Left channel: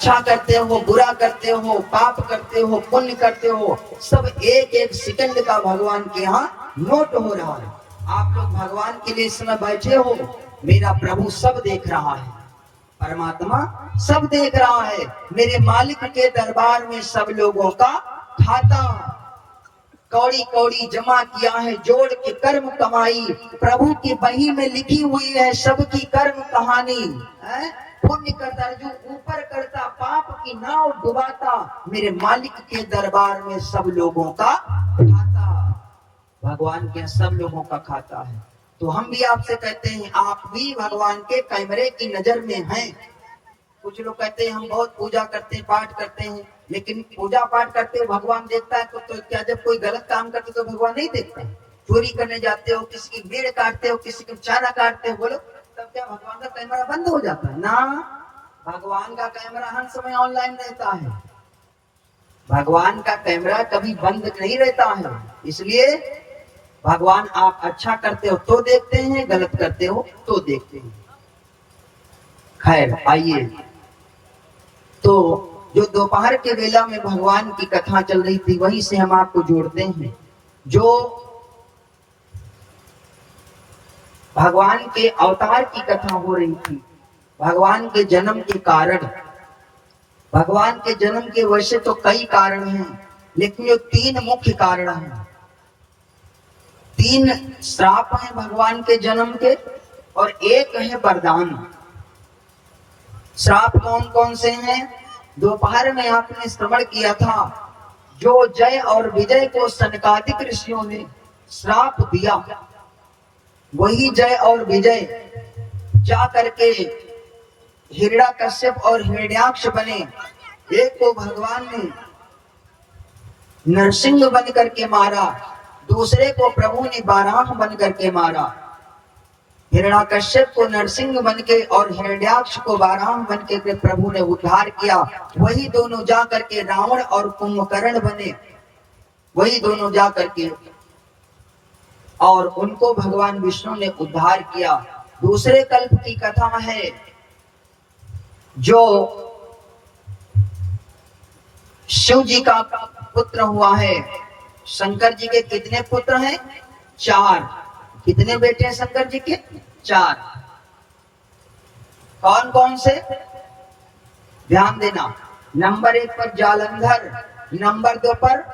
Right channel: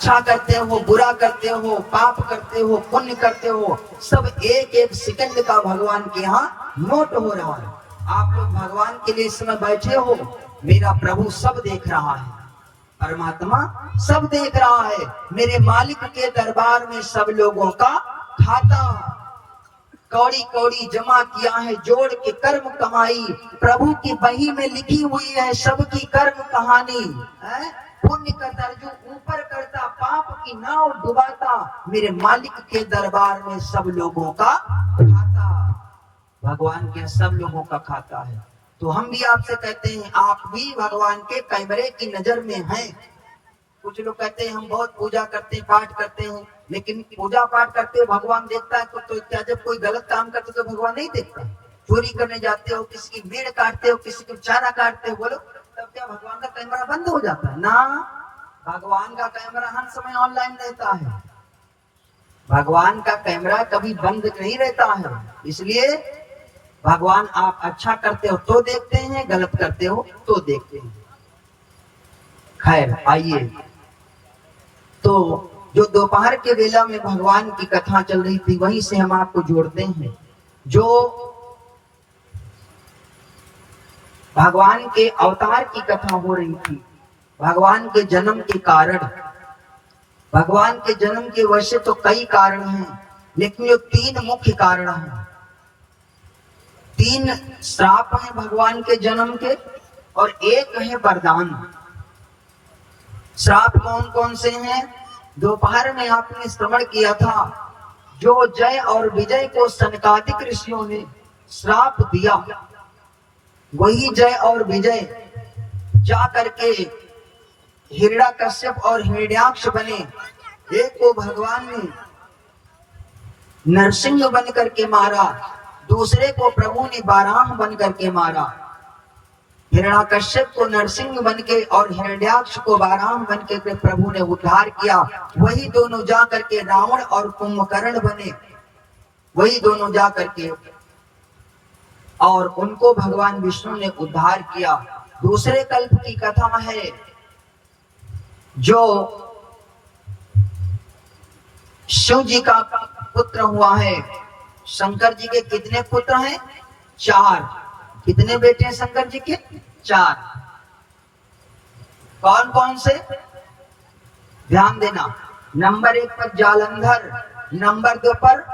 अच्छा करते हो, बुरा करते हो, पाप करते हो, पुण्य करते हो, सब एक एक सेकंड का भगवान के यहाँ नोट हो रहा है। आप लोग भगवान के लिए इस समय बैठे हो, मेरा प्रभु सब देख रहा है, परमात्मा सब देख रहा है। मेरे मालिक के दरबार में सब लोगों का खाता कौड़ी कौड़ी जमा किया है, जोड़ के कर्म कमाई, प्रभु की बही में लिखी हुई है सबकी कर्म कहानी है। पुण्य का दर्जू ऊपर करता, पाप की नाव डुबाता, मेरे मालिक के दरबार में सब लोगों का खाता, भगवान के सब लोगों का खाता है। तो हम भी आपसे कहते हैं, आप भी भगवान के कैमरे की नजर में हैं। कुछ लोग कहते हैं हम बहुत पूजा करते हैं, पाठ करते हैं, लेकिन पूजा पाठ करते हो भगवान देखता है तो क्या जब कोई गलत काम करते तो भगवान नहीं देखता? चोरी करने जाते हो, किसी की भीड़ काटते हो, किसी की चारा काटते हो, बोलो तब क्या भगवान का कैमरा बंद हो जाता है? ना, भगवान का कैमरा हर समय ऑनलाइन रहता है। भगवान का कैमरा कभी बंद नहीं रहता है। इसलिए भगवान आप अच्छा करते हो तो देखते हैं, गलत करते हो तो देखते हैं। खैर आइए, तो जो दोपहर के वेला में भगवान की कथा चल रही थी वहीं से हम आपको जोड़ते हैं। जो भगवान के अवतार की कथा हो रही थी, भगवान के जन्म के कारण, भगवान के जन्म के वैसे तो कई कारण हैं, लेकिन जो 3 मुख्य कारण हैं, 3 श्राप हैं भगवान के जन्म के और एक है वरदान। श्राप कौन कौन से हैं? दोपहर में आपने श्रवण किया था, जो जय और विजय को सनकादिक ऋषियों ने श्राप दिया, वही जय और विजय जा करके हिरण्याकश्यप और हिरण्याक्ष बने। एक को भगवान ने नरसिंह बन करके मारा, दूसरे को प्रभु ने बाराह बन करके मारा। हिरण्याकश्यप को नरसिंह बन के और हिरण्याक्ष को बाराह बन के प्रभु ने उद्धार किया। वही दोनों जा करके रावण और कुंभकर्ण बने, वही दोनों जा करके और उनको भगवान विष्णु ने उद्धार किया। दूसरे कल्प की कथा है, जो शिव जी का पुत्र हुआ है। शंकर जी के कितने पुत्र हैं? 4। कितने बेटे हैं शंकर जी के? 4। कौन कौन से? ध्यान देना, नंबर 1 पर जालंधर, नंबर 2 पर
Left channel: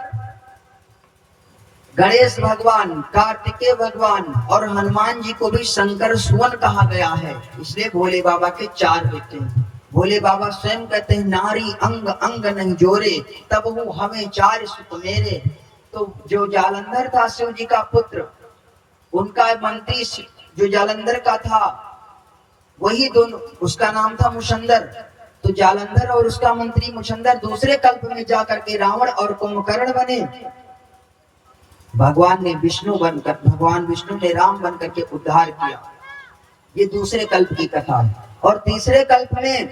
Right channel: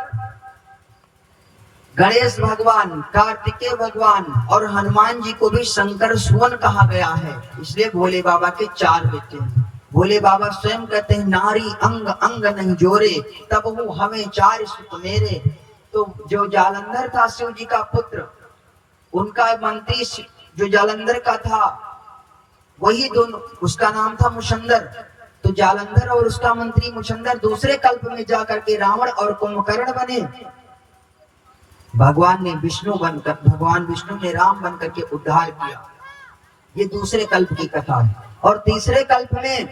गणेश भगवान, कार्तिकेय भगवान और हनुमान जी को भी शंकर सुवन कहा गया है। इसलिए भोले बाबा के 4 बेटे हैं। भोले बाबा स्वयं कहते हैं, नारी अंग अंग नहीं जोरे, तब वो हमें 4 सुत मेरे। तो जो जालंधर था शिव जी का पुत्र, उनका मंत्री जो जालंधर का था, वही दोनों, उसका नाम था मुशंदर। तो जालंधर और उसका मंत्री मुशंदर दूसरे कल्प में जाकर के रावण और कुंभकर्ण बने। भगवान ने भगवान विष्णु ने राम बनकर के उद्धार किया। ये दूसरे कल्प की कथा है। और तीसरे कल्प में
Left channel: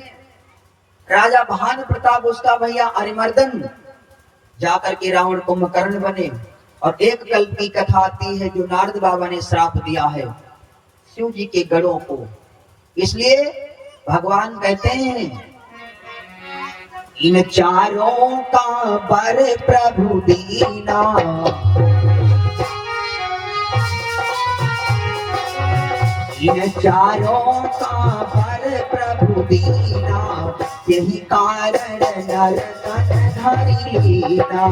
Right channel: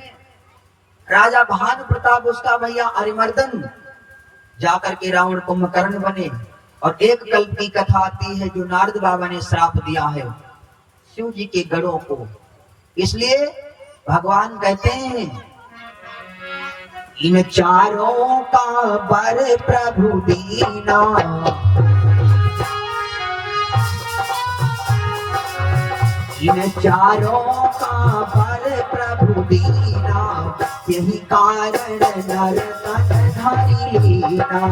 राजा भानु प्रताप, उसका भैया अरिमर्दन, जाकर के रावण कुंभकर्ण बने। और एक कल्प की कथा आती है जो नारद बाबा ने श्राप दिया है शिव जी के गढ़ों को। इसलिए भगवान कहते हैं, इन चारों का बर प्रभु दीना, इन चारों का बर प्रभु दीना, यही कारण नर तन धरि लीना।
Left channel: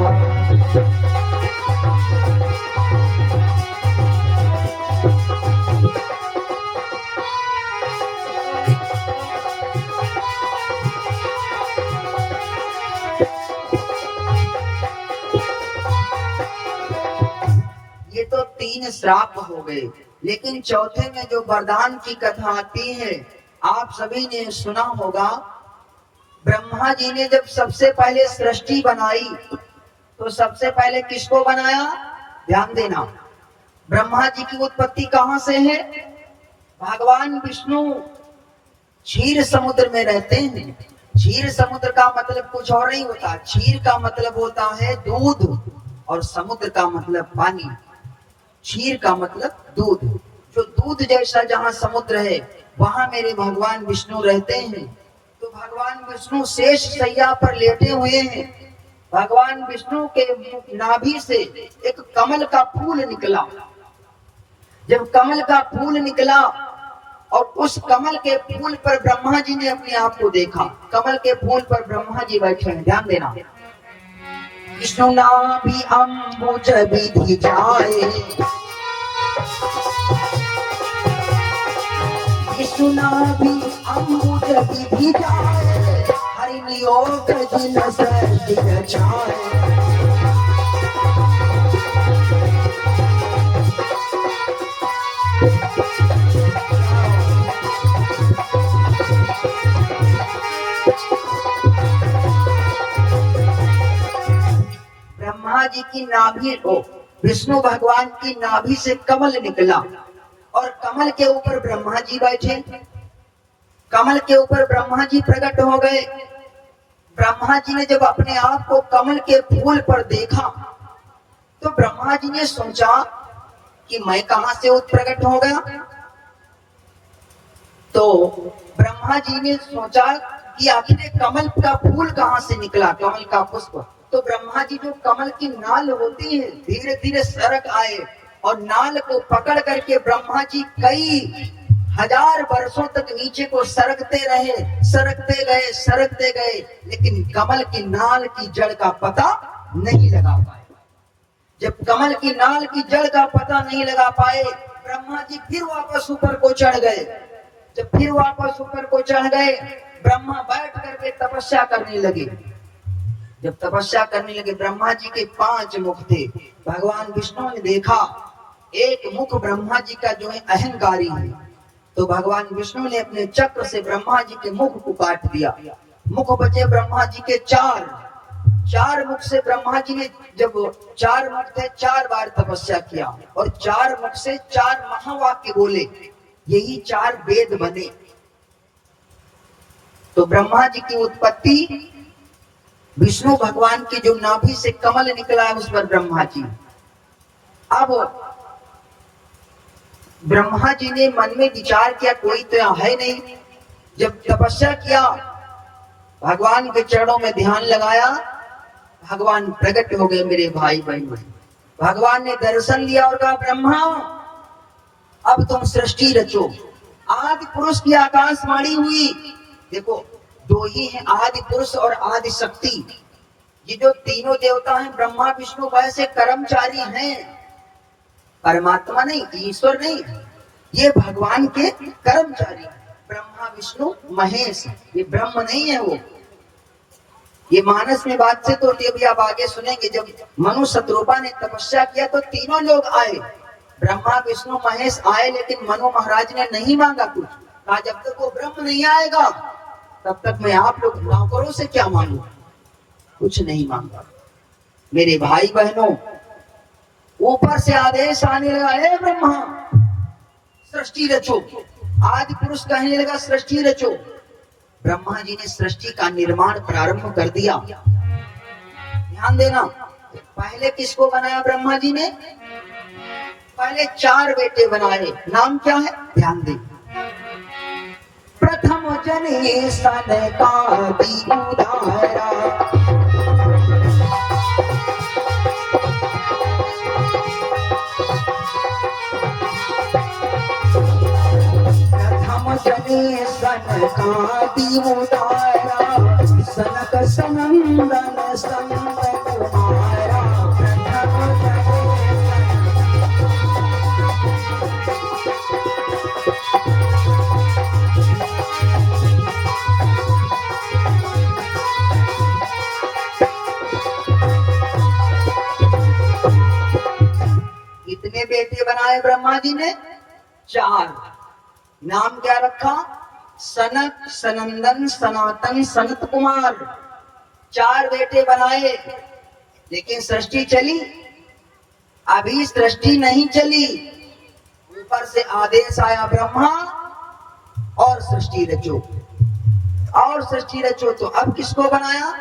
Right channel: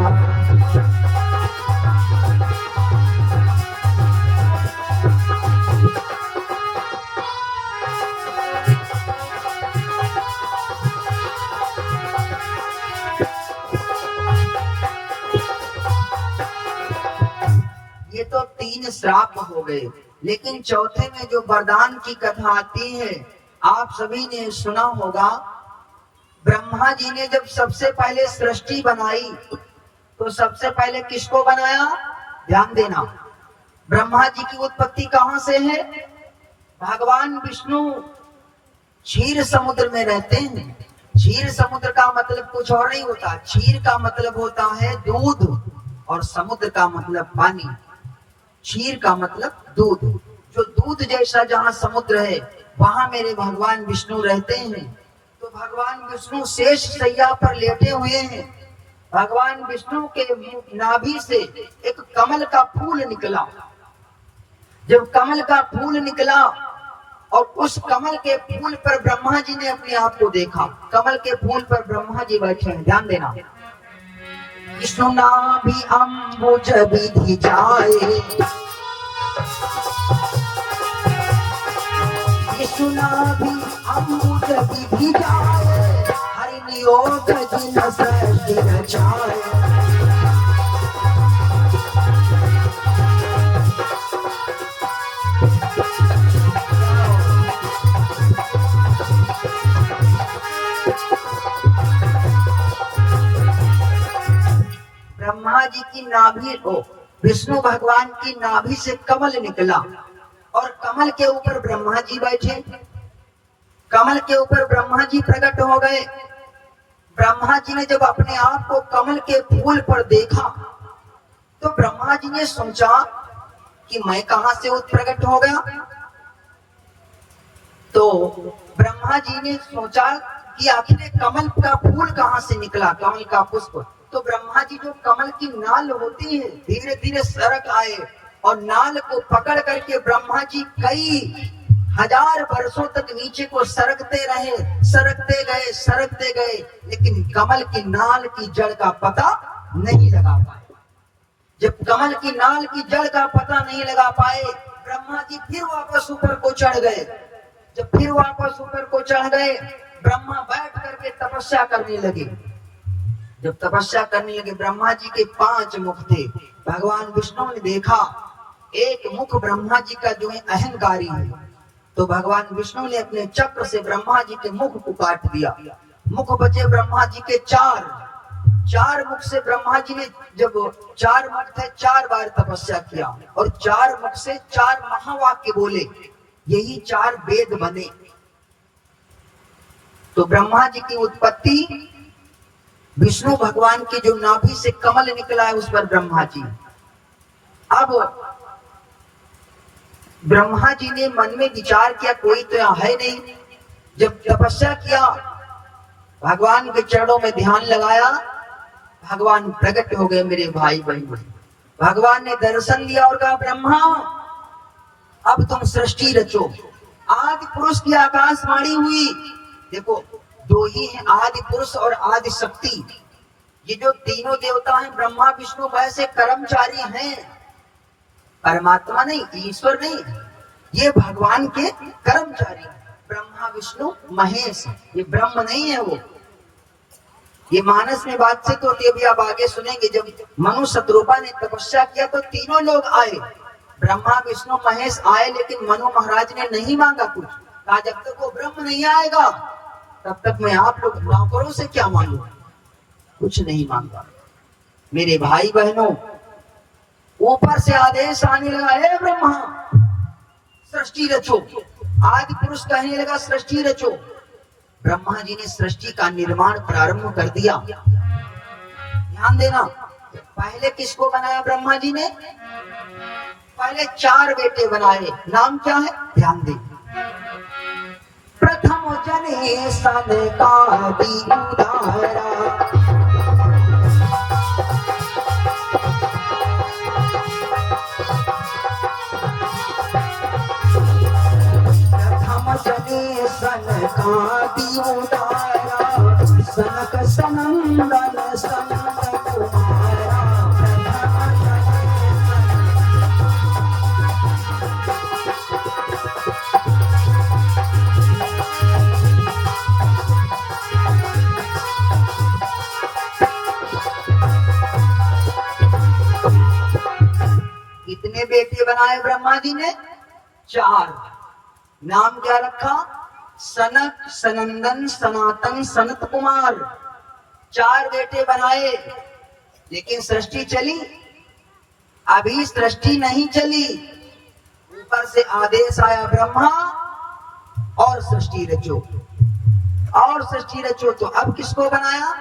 ये तो 3 श्राप हो गए, लेकिन चौथे में जो वरदान की कथा आती है, आप सभी ने सुना होगा। ब्रह्मा जी ने जब सबसे पहले सृष्टि बनाई तो सबसे पहले किसको बनाया? ध्यान देना, ब्रह्मा जी की उत्पत्ति कहां से है? भगवान विष्णु क्षीर समुद्र में रहते हैं। क्षीर समुद्र का मतलब कुछ और नहीं होता, क्षीर का मतलब होता है दूध और समुद्र का मतलब पानी। क्षीर का मतलब दूध, जो दूध जैसा जहां समुद्र है वहां मेरे भगवान विष्णु रहते हैं। तो भगवान विष्णु शेष शैया पर लेटे हुए हैं। भगवान विष्णु के नाभि से एक कमल का फूल निकला। जब कमल का फूल निकला और उस कमल के फूल पर ब्रह्मा जी ने अपने आप को देखा। कमल के फूल पर ब्रह्मा जी बैठे हैं, ध्यान देना। विष्णु नाभि अम्बुज विधि जाए, विष्णु नाभि अम्बुज विधि जाए, हरि नियोग जिन सृष्टि रचाए। ब्रह्मा जी की नाभि हो, विष्णु भगवान की नाभि से कमल निकला और कमल के ऊपर ब्रह्मा जी बैठे। कमल के ऊपर ब्रह्मा जी प्रकट हो गए। ब्रह्मा जी ने जब अपने आप को कमल के फूल पर देखा तो ब्रह्मा जी ने सोचा कि मैं कहां से प्रकट हो गया। तो ब्रह्मा जी ने सोचा कि आखिर कमल का फूल कहां से निकला, कमल का पुष्प। तो ब्रह्मा जी जो कमल की नाल होती है धीरे धीरे सरक आए और नाल को पकड़ करके ब्रह्मा जी कई हजार वर्षों तक नीचे को सरकते रहे, सरकते गए, लेकिन कमल की नाल की जड़ का पता नहीं लगा पाए। जब कमल की नाल की जड़ का पता नहीं लगा पाए, ब्रह्मा जी फिर वापस ऊपर को चढ़ गए। जब फिर वापस ऊपर को चढ़ गए, ब्रह्मा बैठ करके तपस्या करने लगे। जब तपस्या करने लगे, ब्रह्मा जी के 5 मुख थे। भगवान विष्णु ने देखा एक मुख ब्रह्मा जी का जो है अहंकारी है, तो भगवान विष्णु ने अपने चक्र से ब्रह्मा जी के मुख को काट दिया। मुख बचे ब्रह्मा जी के 4 मुख से ब्रह्मा जी ने, जब 4 मुख थे, 4 बार तपस्या किया और 4 मुख से 4 महावाक्य बोले, यही 4 वेद बने। तो ब्रह्मा जी की उत्पत्ति विष्णु भगवान की जो नाभि से कमल निकला है उस पर ब्रह्मा जी। अब ब्रह्मा जी ने मन में विचार किया कोई तो यहाँ है नहीं। जब तपस्या किया, भगवान के चरणों में ध्यान लगाया, भगवान प्रकट हो गए मेरे भाई बहन। भगवान ने दर्शन लिया और कहा ब्रह्मा अब तुम सृष्टि रचो। आदि पुरुष की आकाशवाणी हुई। देखो दो ही हैं, आदि पुरुष और आदि शक्ति। ये जो तीनों देवता हैं ब्रह्मा विष्णु वैसे कर्मचारी हैं, परमात्मा नहीं, ईश्वर नहीं, ये भगवान के कर्मचारी। ब्रह्मा विष्णु महेश, ये ब्रह्म नहीं है वो। ये मानस में बात से तो अभी आप आगे सुनेंगे। जब मनु शत्रुपा ने तपस्या किया तो तीनों लोग आए, ब्रह्मा विष्णु महेश आए, लेकिन मनु महाराज ने नहीं मांगा कुछ। कहा जब तक वो ब्रह्म नहीं आएगा तब तक मैं आप लोग नौकरों से क्या मांगू, कुछ नहीं मांगा। मेरे भाई बहनों, ऊपर से आदेश आने लगा, हे ब्रह्मा सृष्टि रचो। आदि पुरुष कहने लगा सृष्टि रचो। ब्रह्मा जी ने सृष्टि का निर्माण प्रारंभ कर दिया। ध्यान देना, पहले किसको बनाया ब्रह्मा जी ने? पहले 4 बेटे बनाए। नाम क्या है? ध्यान दे। प्रथम जने सनकादि उदारा, प्रथम जने सनकादि उदारा, सनक सनंदन संत कुमारा। कितने बेटे बनाए ब्रह्मा जी ने? 4। नाम क्या रखा? सनक, सनंदन, सनातन, सनत कुमार। 4 बेटे बनाए, लेकिन सृष्टि चली? अभी सृष्टि नहीं चली। ऊपर से आदेश आया ब्रह्मा और सृष्टि रचो, और सृष्टि रचो। तो अब किसको बनाया?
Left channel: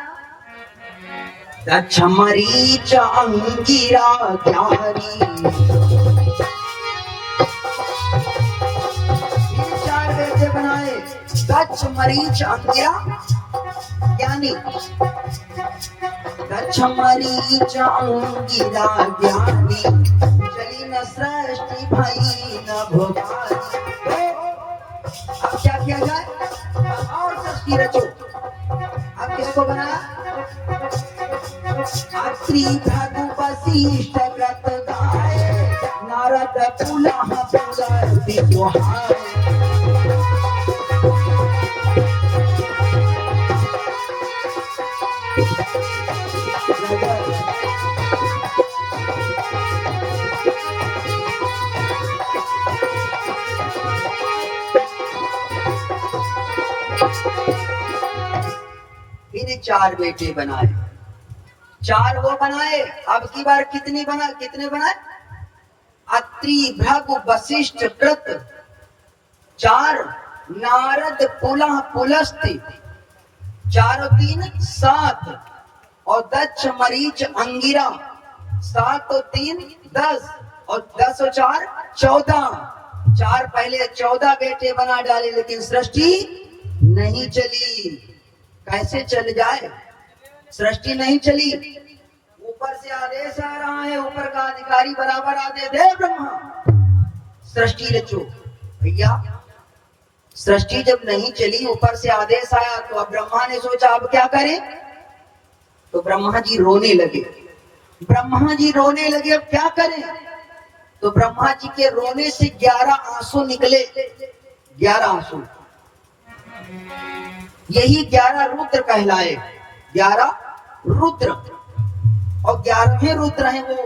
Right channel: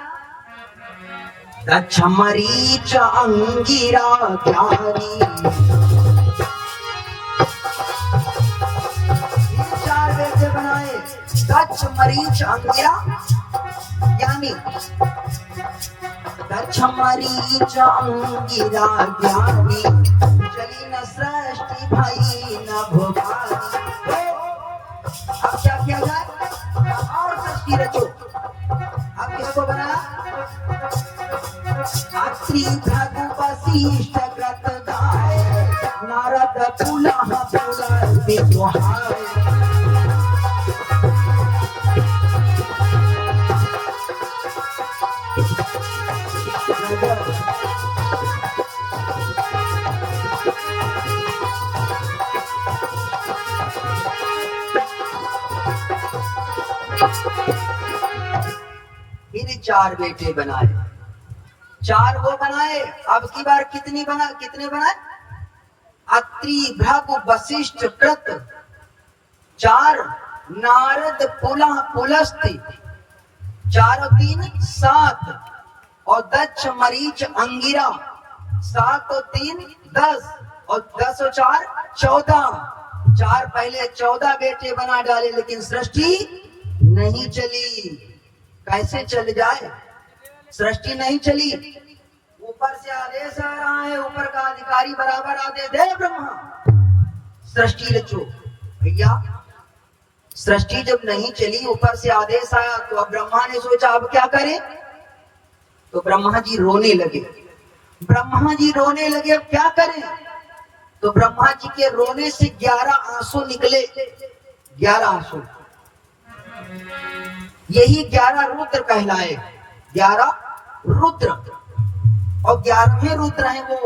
मरीच अंगिरा ज्ञानी। 4 बेटे बनाए, दक्ष मरीच अंगिरा ज्ञानी, दक्ष मरीच अंगिरा ज्ञानी, चली न सृष्टि भई न भोगानी। अब क्या किया जाए, और सृष्टि रचो। अब किसको बनाया, अत्रि भृगु वशिष्ठ कृत गाय, नारद पुलह पुरंदि जोहाय। फिर 4 बेटे बनाए, 4 वो बनाए। अब की बार कितने बनाए, अत्रि भृगु वशिष्ठ कृत, 4, नारद पुलह पुलस्त्य, 4 और 3 7, और दक्ष मरीच अंगिरा, 7 और 3 10, और 10 और 4 14। 4 पहले 14 बेटे बना डाले, लेकिन सृष्टि नहीं चली। कैसे चल जाए, सृष्टि नहीं चली। ऊपर से आदेश आ रहा है, ऊपर का अधिकारी बराबर आदेश दे, ब्रह्मा सृष्टि रचो। भैया सृष्टि जब नहीं चली, ऊपर से आदेश आया, तो अब ब्रह्मा ने सोचा अब क्या करें, तो ब्रह्मा जी रोने लगे। अब क्या करें, तो ब्रह्मा जी के रोने से 11 आंसू निकले, 11 आंसू। यही 11 रुद्र कहलाए, 11 रुद्र। और 11वें रुद्र हैं वो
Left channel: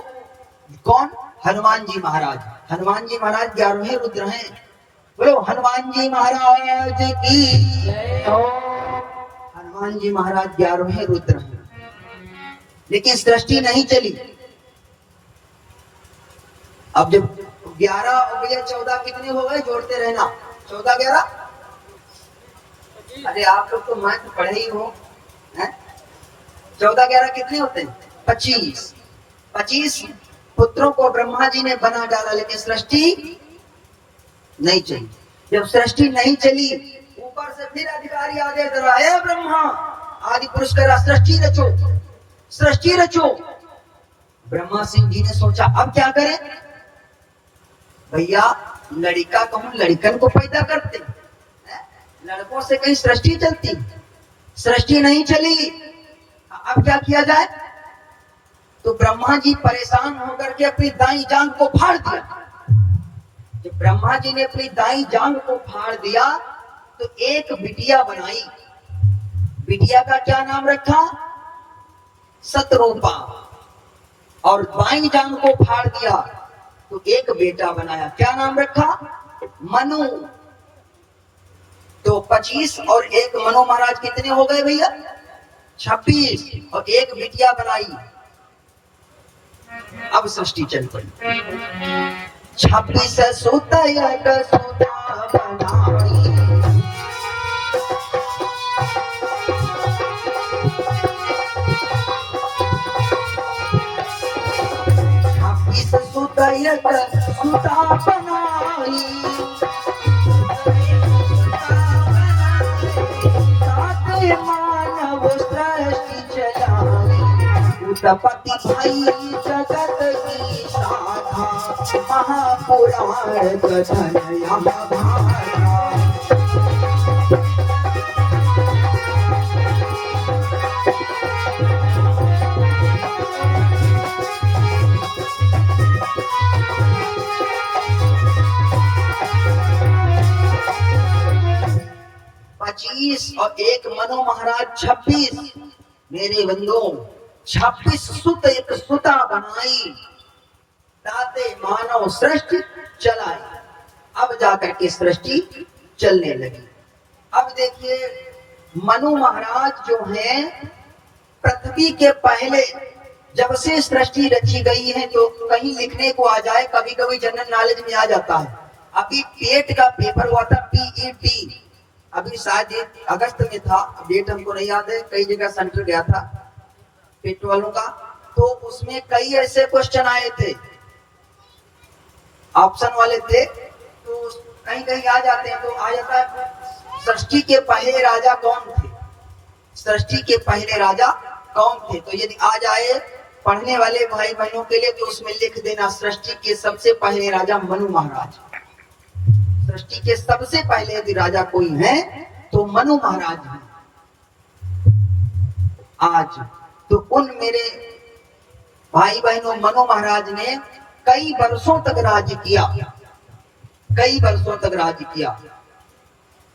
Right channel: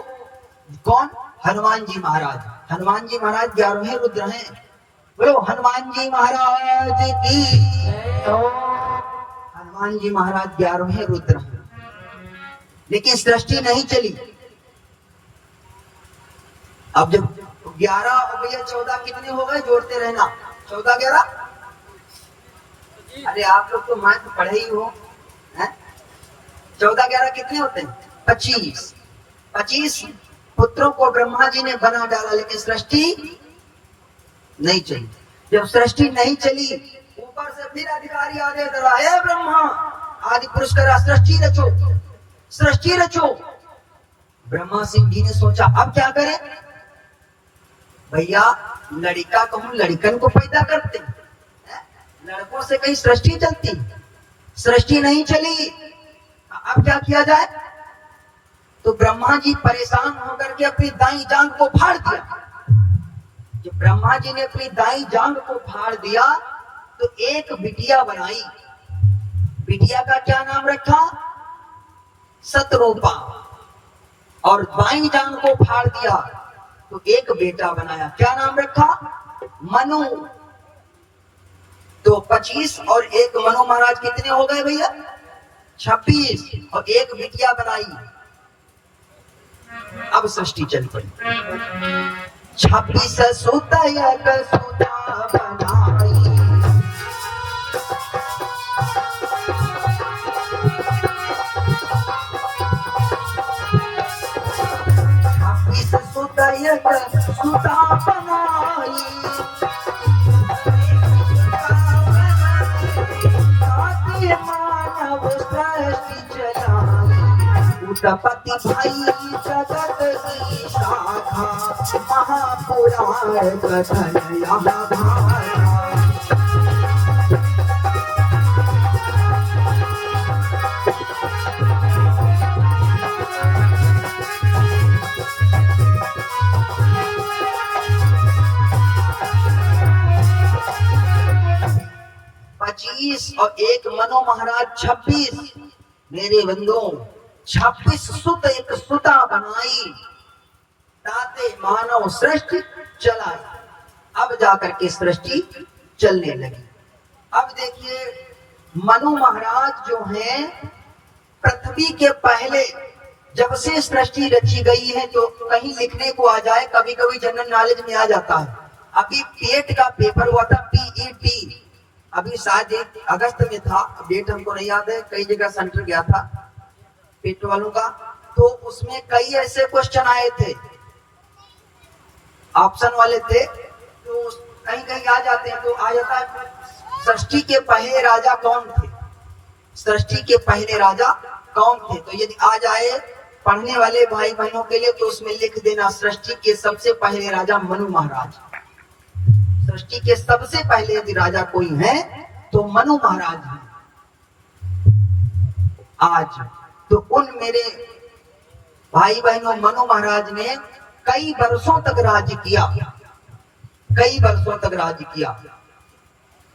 कौन, हनुमान जी महाराज। हनुमान जी महाराज 11वें रुद्र हैं। बोलो हनुमान जी महाराज की। हनुमान जी महाराज 11वें रुद्र हैं, लेकिन सृष्टि नहीं चली। अब जब 11 और 14 कितने हो गए, जोड़ते रहना, 14 11। अरे आप लोग तो मैथ पढ़े ही हो, 14 11 कितने होते हैं, 25। 25 पुत्रों को ब्रह्मा जी ने बना डाला, लेकिन सृष्टि नहीं चली। जब सृष्टि नहीं चली, ऊपर से फिर अधिकारी आदेश दे रहा है, ब्रह्मा आदि पुरुष करा सृष्टि रचो। ब्रह्मा सिंह जी ने सोचा अब क्या करें। भैया लड़का कहूं लड़कन को पैदा करते, लड़कों से कहीं सृष्टि चलती, सृष्टि नहीं चली। अब क्या किया जाए, तो ब्रह्मा जी परेशान होकर के अपनी दाई जांघ को फाड़ दिया। जब ब्रह्मा जी ने अपनी दाई जांघ को फाड़ दिया, तो एक बिटिया बनाई। बिटिया का क्या नाम रखा, सतरूपा। और बाई जांघ को फाड़ दिया, तो एक बेटा बनाया, क्या नाम रखा, मनु। तो 25 और 1 मनु महाराज कितने हो गए भैया, 26। और एक बिटिया बनाई। अब सृष्टि चल पड़ी। 26 सुता बनाई, 26 सुता बनाई, मानव सृष्टि चलाई, उत्पत्ति भाई जगत की शाखा, महापुराण कथन यहाँ भारा। 25 और 1 मनु महाराज 26। मेरे बंधुओं 26 सुत एक सुता बनाई, ताते मानव सृष्टि चलाई। अब जाकर के सृष्टि चलने लगी। अब देखिए मनु महाराज जो हैं, पृथ्वी के पहले जब से सृष्टि रची गई है, जो कहीं लिखने को आ जाए, कभी कभी जनरल नॉलेज में आ जाता है। अभी पेट का पेपर हुआ था, PET, अभी शायद अगस्त में था, डेट हमको नहीं याद है, कई जगह सेंटर गया था पेट वालों का, तो उसमें कई ऐसे क्वेश्चन आए थे, ऑप्शन वाले थे, तो कहीं कहीं आ जाते हैं, तो आ जाता है सृष्टि के पहले राजा कौन थे? सृष्टि के पहले राजा कौन थे? तो यदि आ जाए पढ़ने वाले भाई बहनों के लिए तो उसमें लिख देना सृष्टि के सबसे पहले राजा मनु महाराज। सृष्टि के सबसे पहले यदि राजा कोई है तो मनु महाराज है। आज तो उन मेरे भाई बहनों मनु महाराज ने कई वर्षों तक राज्य किया, कई वर्षों तक राज्य किया।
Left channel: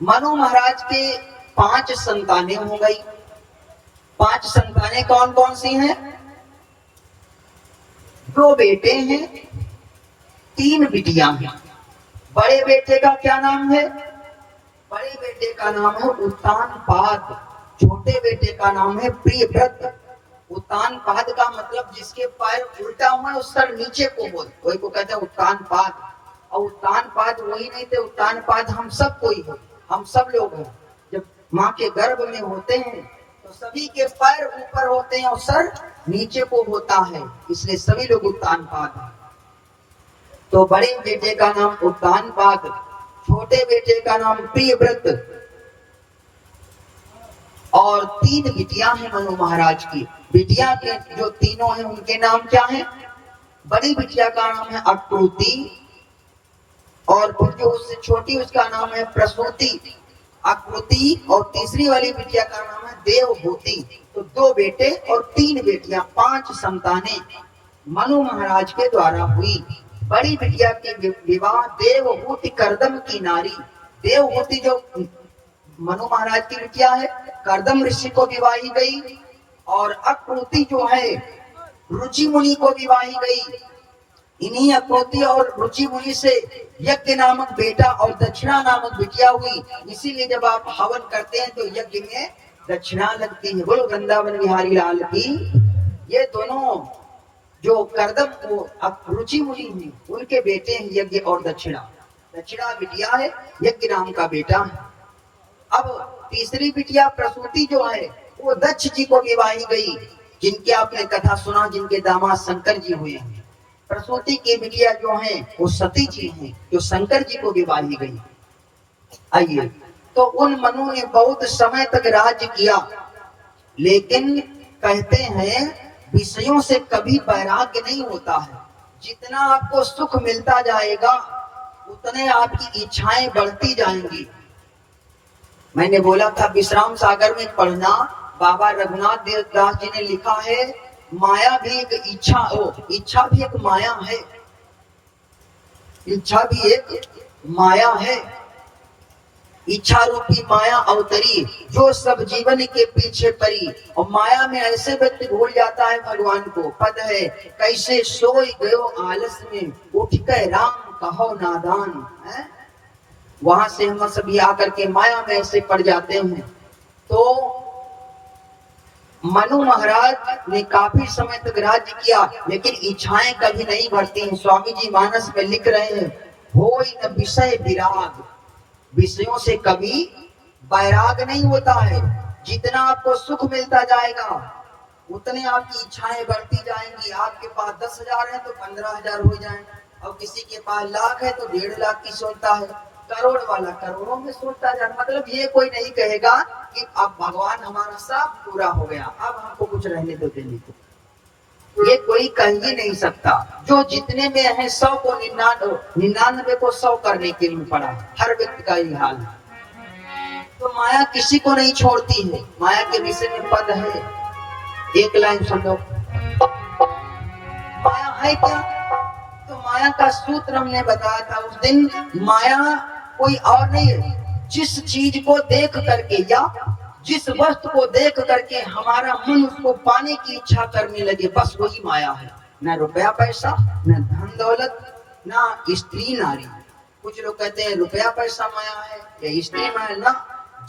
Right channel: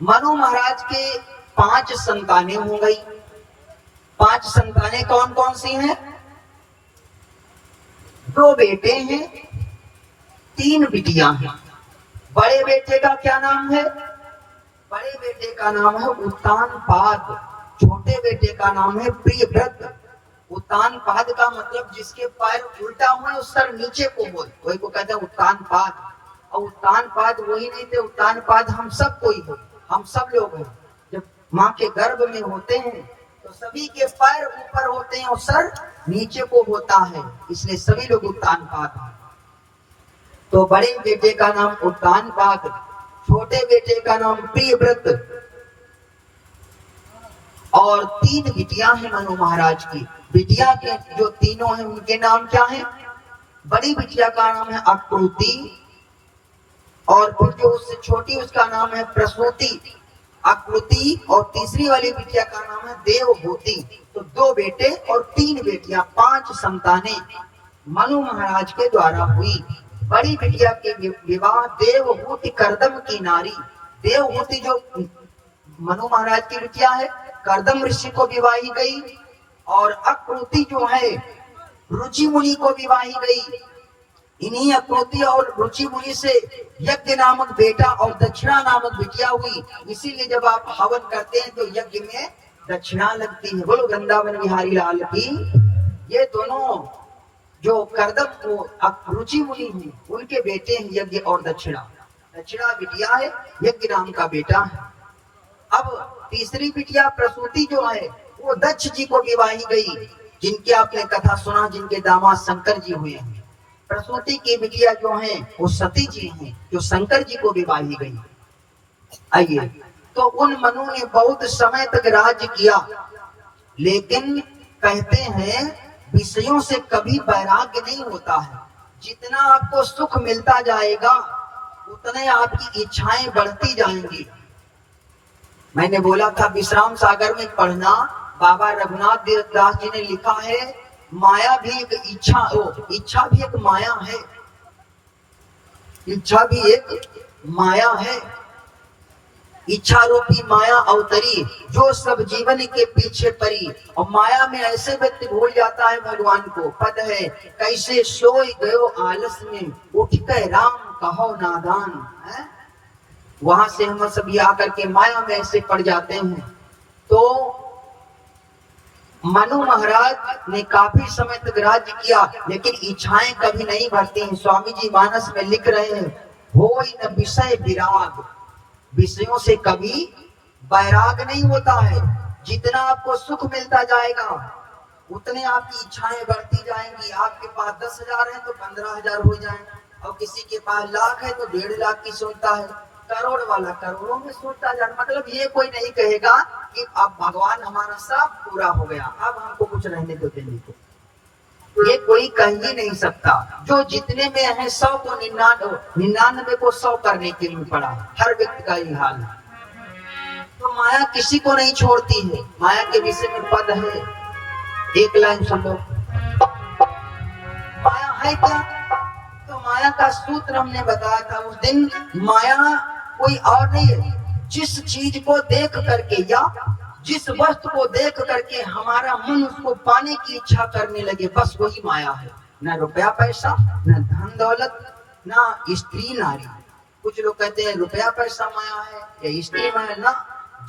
मनु महाराज के 5 संतानें हो गई। 5 संतानें कौन कौन सी हैं? 2 बेटे हैं, 3 बिटियां हैं। बड़े बेटे का क्या नाम है? बड़े बेटे का नाम है उत्तानपाद। छोटे बेटे का नाम है प्रियव्रत। उत्तानपाद का मतलब जिसके पैर उल्टा हुआ उस सर नीचे को हो, वही को कहते हैं उत्तानपाद। और उत्तानपाद वही नहीं थे, उत्तानपाद हम सब कोई हो, हम सब लोग हैं। जब माँ के गर्भ में होते हैं तो सभी के पैर ऊपर होते हैं और सर नीचे को होता है, इसलिए सभी लोग उत्तानपाद हैं। तो बड़े बेटे का नाम उत्तानपाद, छोटे बेटे का नाम प्रियव्रत और 3 बिटियां हैं मनु महाराज की। बिटिया के जो तीनों हैं उनके नाम क्या हैं? बड़ी बिटिया का नाम है आकृति और फिर जो उससे छोटी उसका नाम है प्रसूति। आकृति और तीसरी वाली बिटिया का नाम है देवभूति। तो 2 बेटे और 3 बेटियां, 5 संतानें मनु महाराज के द्वारा हुई। बड़ी बिटिया के विवाह देवहूति करदम की नारी, देवहूति जो मनु महाराज की बिटिया है करदम ऋषि को विवाही गई और आकृति जो है रुचि मुनि को विवाही गई। इन्हीं आकृति और रुचि मुनि से यज्ञ नामक बेटा और दक्षिणा नामक बिटिया हुई। इसीलिए जब आप हवन करते हैं तो यज्ञ में दक्षिणा लगती है। बोलो वृंदावन बिहारी लाल की। ये दोनों जो करदम रुचि मुनि हैं उनके बेटे हैं यज्ञ और दक्षिणा। दक्षिणा बिटिया है, यज्ञ नाम का बेटा है। अब तीसरी बिटिया प्रसूति जो है वो दक्ष जी को विवाही गई, जिनके आपने कथा सुना, जिनके दामाद शंकर जी हुए हैं। प्रसूति की बिटिया जो है वो सती जी हैं, जो शंकर जी को विवाही गई। आइए, तो उन मनु ने बहुत समय तक राज्य किया, लेकिन कहते हैं विषयों से कभी वैराग्य नहीं होता है। जितना आपको सुख मिलता जाएगा उतने आपकी इच्छाएं बढ़ती जाएंगी। मैंने बोला था विश्राम सागर में पढ़ना, बाबा रघुनाथ देवदास जी ने लिखा है माया भी एक इच्छा भी एक माया है। इच्छा भी एक माया है। इच्छा रूपी माया अवतरी जो सब जीवन के पीछे परी। और माया में ऐसे व्यक्ति भूल जाता है भगवान को। पद है कैसे सोई गयो आलस में, उठ के राम कहो नादान है। वहां से हम सभी आकर के माया में ऐसे पड़ जाते हैं। तो मनु महाराज ने काफी समय तक राज्य किया, लेकिन इच्छाएं कभी नहीं बढ़ती हैं। स्वामी जी मानस में लिख रहे हैं होई न विषय विराग, विषयों से कभी वैराग नहीं होता है। जितना आपको सुख मिलता जाएगा उतनी आपकी इच्छाएं बढ़ती जाएंगी। आपके पास 10,000 है तो 15,000 हो जाए, और किसी के पास लाख है तो 1.5 लाख की सोचता है, करोड़ वाला करोड़ों में सोचता जाए। मतलब ये कोई नहीं कहेगा कि अब भगवान हमारा सब पूरा हो गया, अब हमको कुछ रहने दो देने को। ये कोई कह ही नहीं सकता। जो जितने में है 100 को 99 को 100 करने के लिए पड़ा। हर व्यक्ति का यही हाल है। तो माया किसी को नहीं छोड़ती है। माया के विषय में पद है, एक लाइन सुन लो। माया है क्या? तो माया का सूत्र हमने बताया था उस दिन। माया कोई और नहीं है। जिस चीज को देख करके या जिस वस्तु को देख करके हमारा मन उसको पाने की इच्छा करने लगे, बस वही माया है। न रुपया पैसा, न धन दौलत, न स्त्री नारी। कुछ लोग कहते हैं रुपया पैसा माया है या स्त्री माया। ना,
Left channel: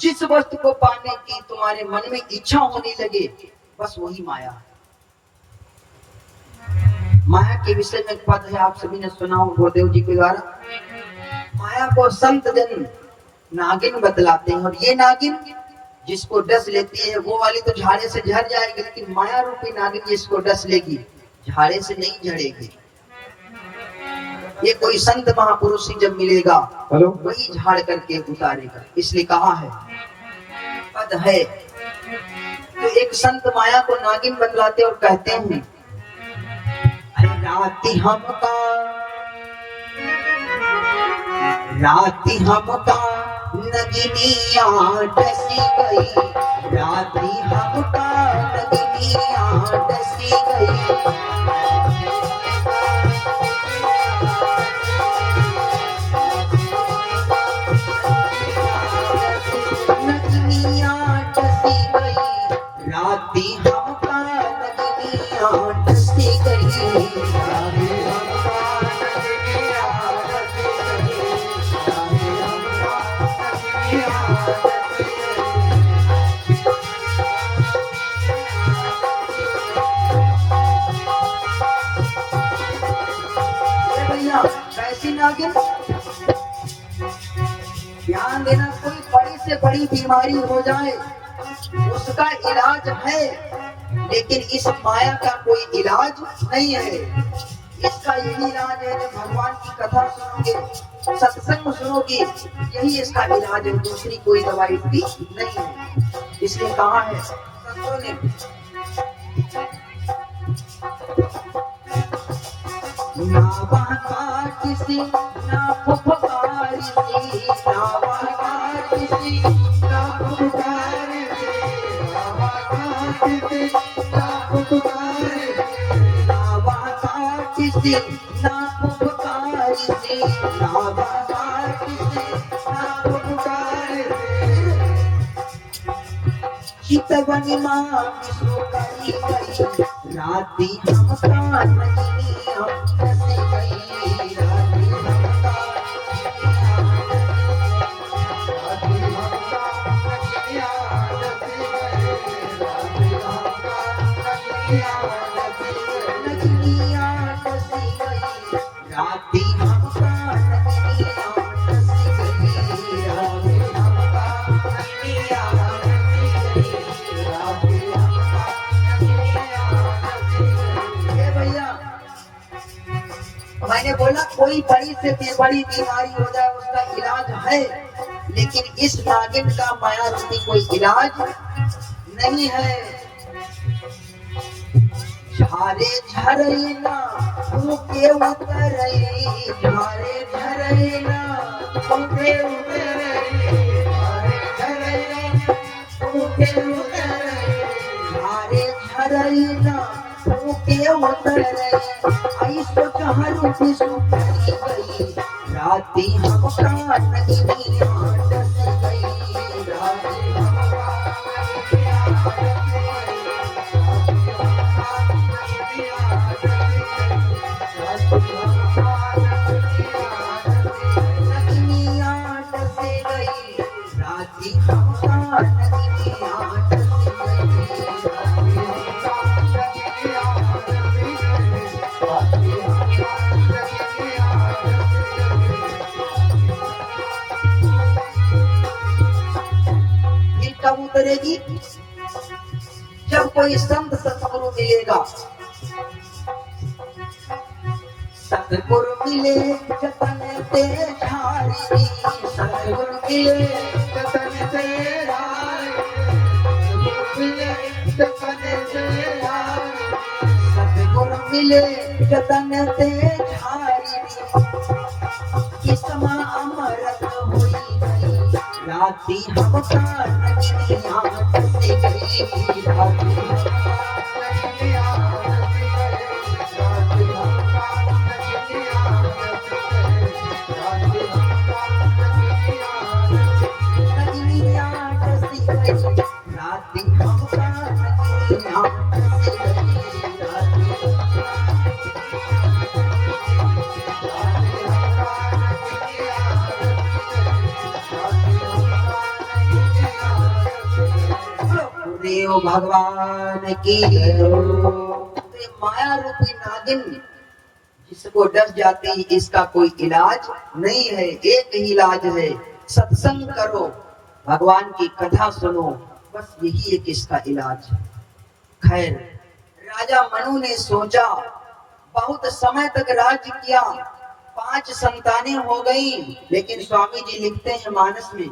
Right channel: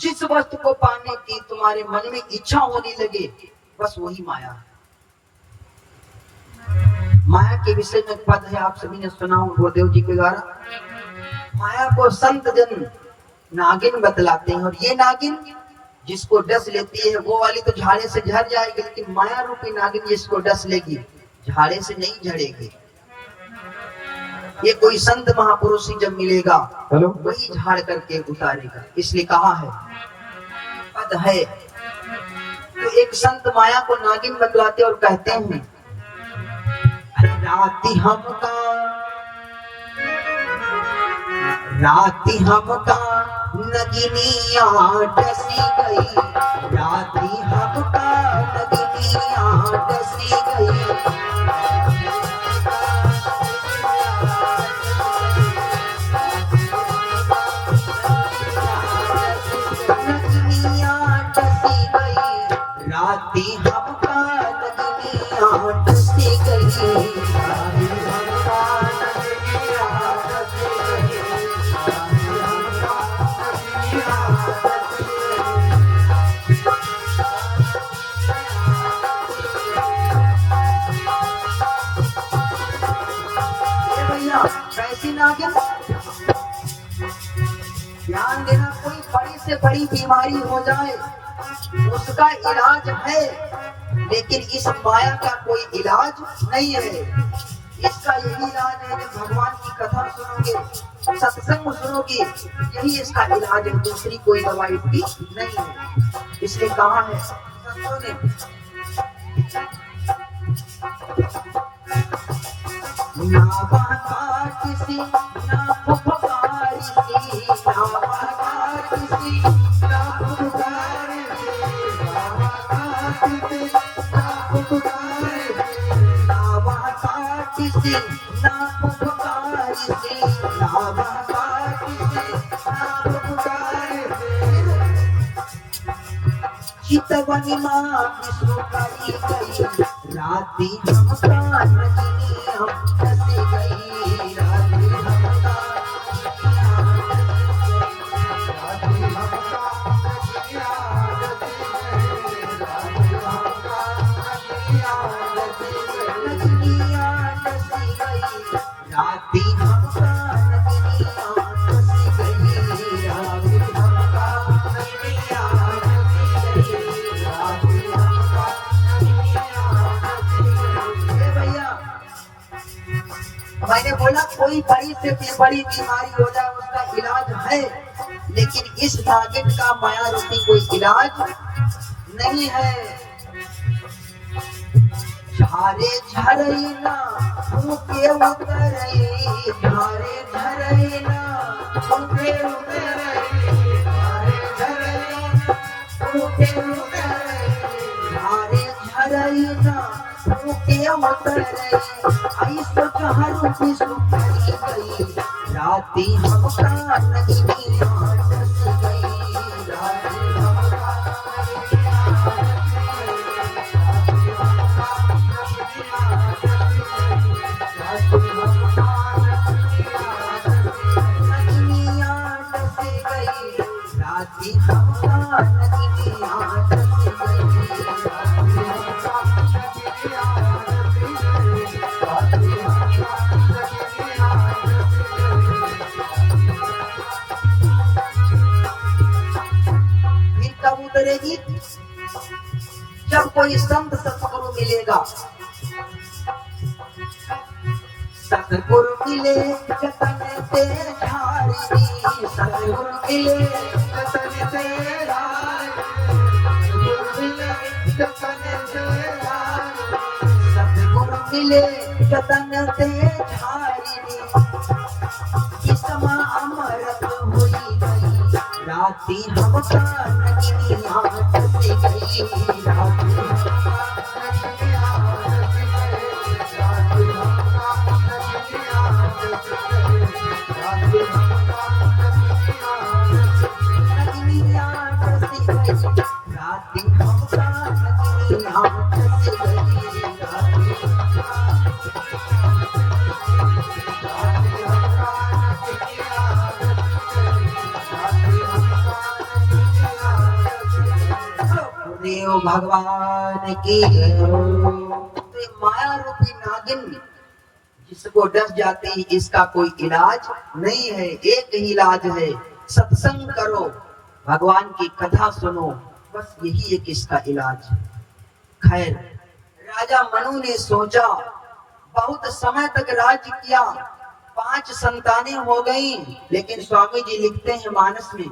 जिस वस्तु को पाने की तुम्हारे मन में इच्छा होने लगे, बस वही माया है। माया के विषय में पद है, आप सभी ने सुना हो गुरुदेव जी के द्वारा। माया को संत जन नागिन बतलाते हैं। और ये नागिन जिसको डस लेती है वो वाली तो झाड़े से झड़ जाएगी, लेकिन माया रूपी नागिन जिसको डस लेगी झाड़े से नहीं झड़ेगी। ये कोई संत महापुरुष ही जब मिलेगा हेलो वही झाड़ करके उतारेगा। इसलिए कहा है पद है। तो एक संत माया को नागिन बतलाते और कहते हैं राती हमका नगिनिया डसी गई, राती हमका नगिनिया डसी गई। नगिनिया डसी गई, राती हमका नगिनिया डसी गई। कैसी नागिन? ध्यान देना, कोई बड़ी से बड़ी बीमारी हो जाए उसका इलाज है, लेकिन इस माया का कोई इलाज नहीं है। इसका यही इलाज है कि भगवान की कथा सुनोगे, सत्संग सुनोगे, यही इसका इलाज है। दूसरी कोई दवाई इसकी नहीं है। इसलिए कहा है संतों ने ना बहका किसी ना फुफकार सी, ना बहका किसी ना फुफकार सी, ना बहका किसी ना फुफकार सी, ना बहका किसी ना फुफकार सी, ना बहका किसी ना फुफकार सी। चितवनी माँ विष्णु करी गई, राती हमका नगिनिया डसी गई, राती हमका नगिनिया डसी गई, राती हमका नगिनिया डसी गई, राती हमका नगिनिया मैंने बोला कोई बड़ी से बड़ी बीमारी हो जाए उसका इलाज है, लेकिन इस नागिन का माया रूपी कोई इलाज नहीं है। झारे झरेला फूके उतरे, झारे झरेला फूके उतरे, झारे झरेला फूके उतरे, झारे झरेला फूके उतरे। ऐसो जहर विष्णु करी गई, राती हमका नगिनिया डसी गई, राती हमका नगिनिया डसी गई, राती हमका नगिनिया डसी गई। उतरेगी जब कोई संत सतगुरु मिलेगा। सतगुरु मिले जतन ते झारी, सतगुरु मिले जतन ते सतगुरु मिले जतन ते झारी, किस्मा अमरत हुई गई, राती हमका नगिनिया डसी गई, राती हमका नगिनिया डसी गई, राती हमका नगिनिया डसी गई, राती हमका नगिनिया डसी गई, राती हमका नगिनिया डसी गई, राती देव भगवान की। माया रूपी नागिन जिसको डस जाती है इसका कोई इलाज नहीं है। एक ही इलाज है, सत्संग करो, भगवान की कथा सुनो, बस यही एक इसका इलाज। खैर राजा मनु ने सोचा, बहुत समय तक राज्य किया, 5 संतानें हो गई, लेकिन स्वामी जी लिखते हैं मानस में,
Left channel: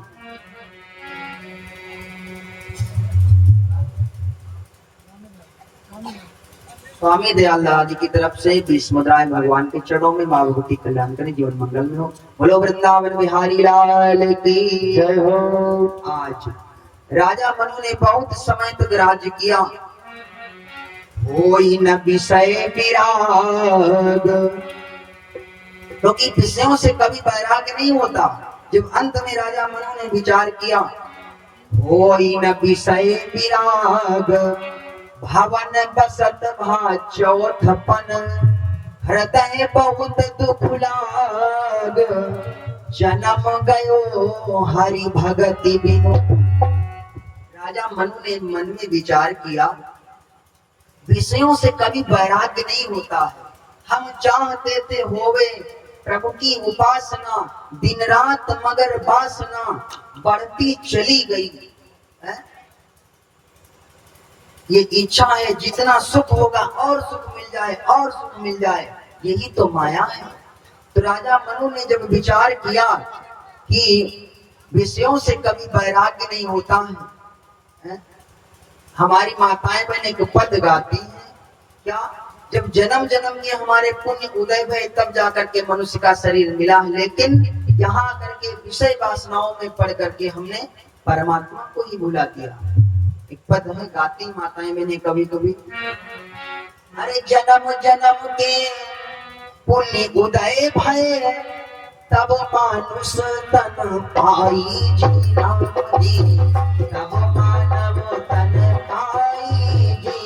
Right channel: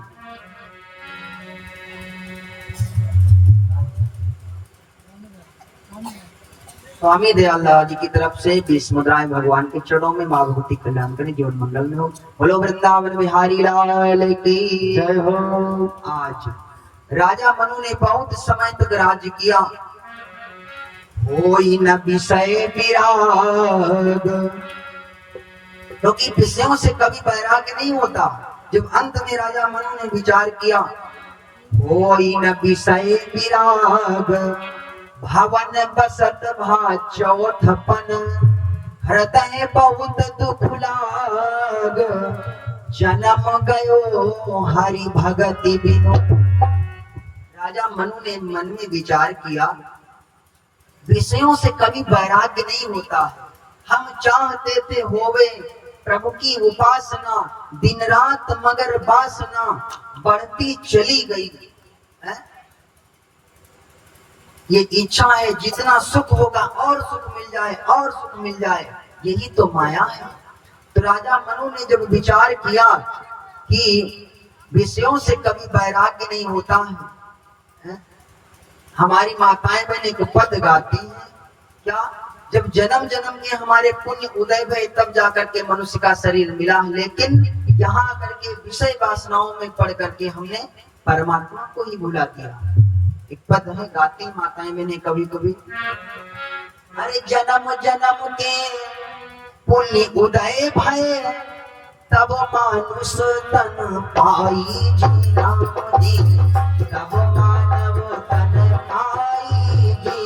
स्वामी दयालदास जी की तरफ से 20 मुद्राएं भगवान के चरणों में। माँ भगवती कल्याण करें, जीवन मंगल में हो। बोलो वृंदावन बिहारी लाल की जय हो। आज राजा मनु ने बहुत समय तक राज्य किया, कोई न विषय विराग, क्योंकि विषयों से कभी वैराग्य नहीं होता। जब अंत में राजा मनु ने विचार किया, कोई न विषय विराग, भवन बसत भा चौथपन, हृदय बहुत दुख लाग, जन्म गयो हरि भगति बिनु। राजा मनु ने मन में विचार किया, विषयों से कभी वैराग्य नहीं होता। हम चाहते थे होवे प्रभु की उपासना, दिन रात मगर वासना बढ़ती चली गई है? ये इच्छा है जितना सुख होगा और सुख मिल जाए और सुख मिल जाए, यही तो माया है। तो राजा मनु ने जब विचार किया कि विषयों से कभी वैराग्य नहीं होता है? हमारी माताएं बहन एक पद गाती है, क्या? जब जन्म जन्म के हमारे पुण्य उदय हुए तब जाकर के मनुष्य का शरीर मिला, लेकिन यहाँ आकर के विषय वासनाओं में पड़ करके हमने परमात्मा को ही भुला दिया। एक पद है, गाती माताएं मैंने कभी कभी, अरे जन्म जन्म के पुण्य उदय भय, तब मानुष तन पाई जी, तब मानव तन पाई जी।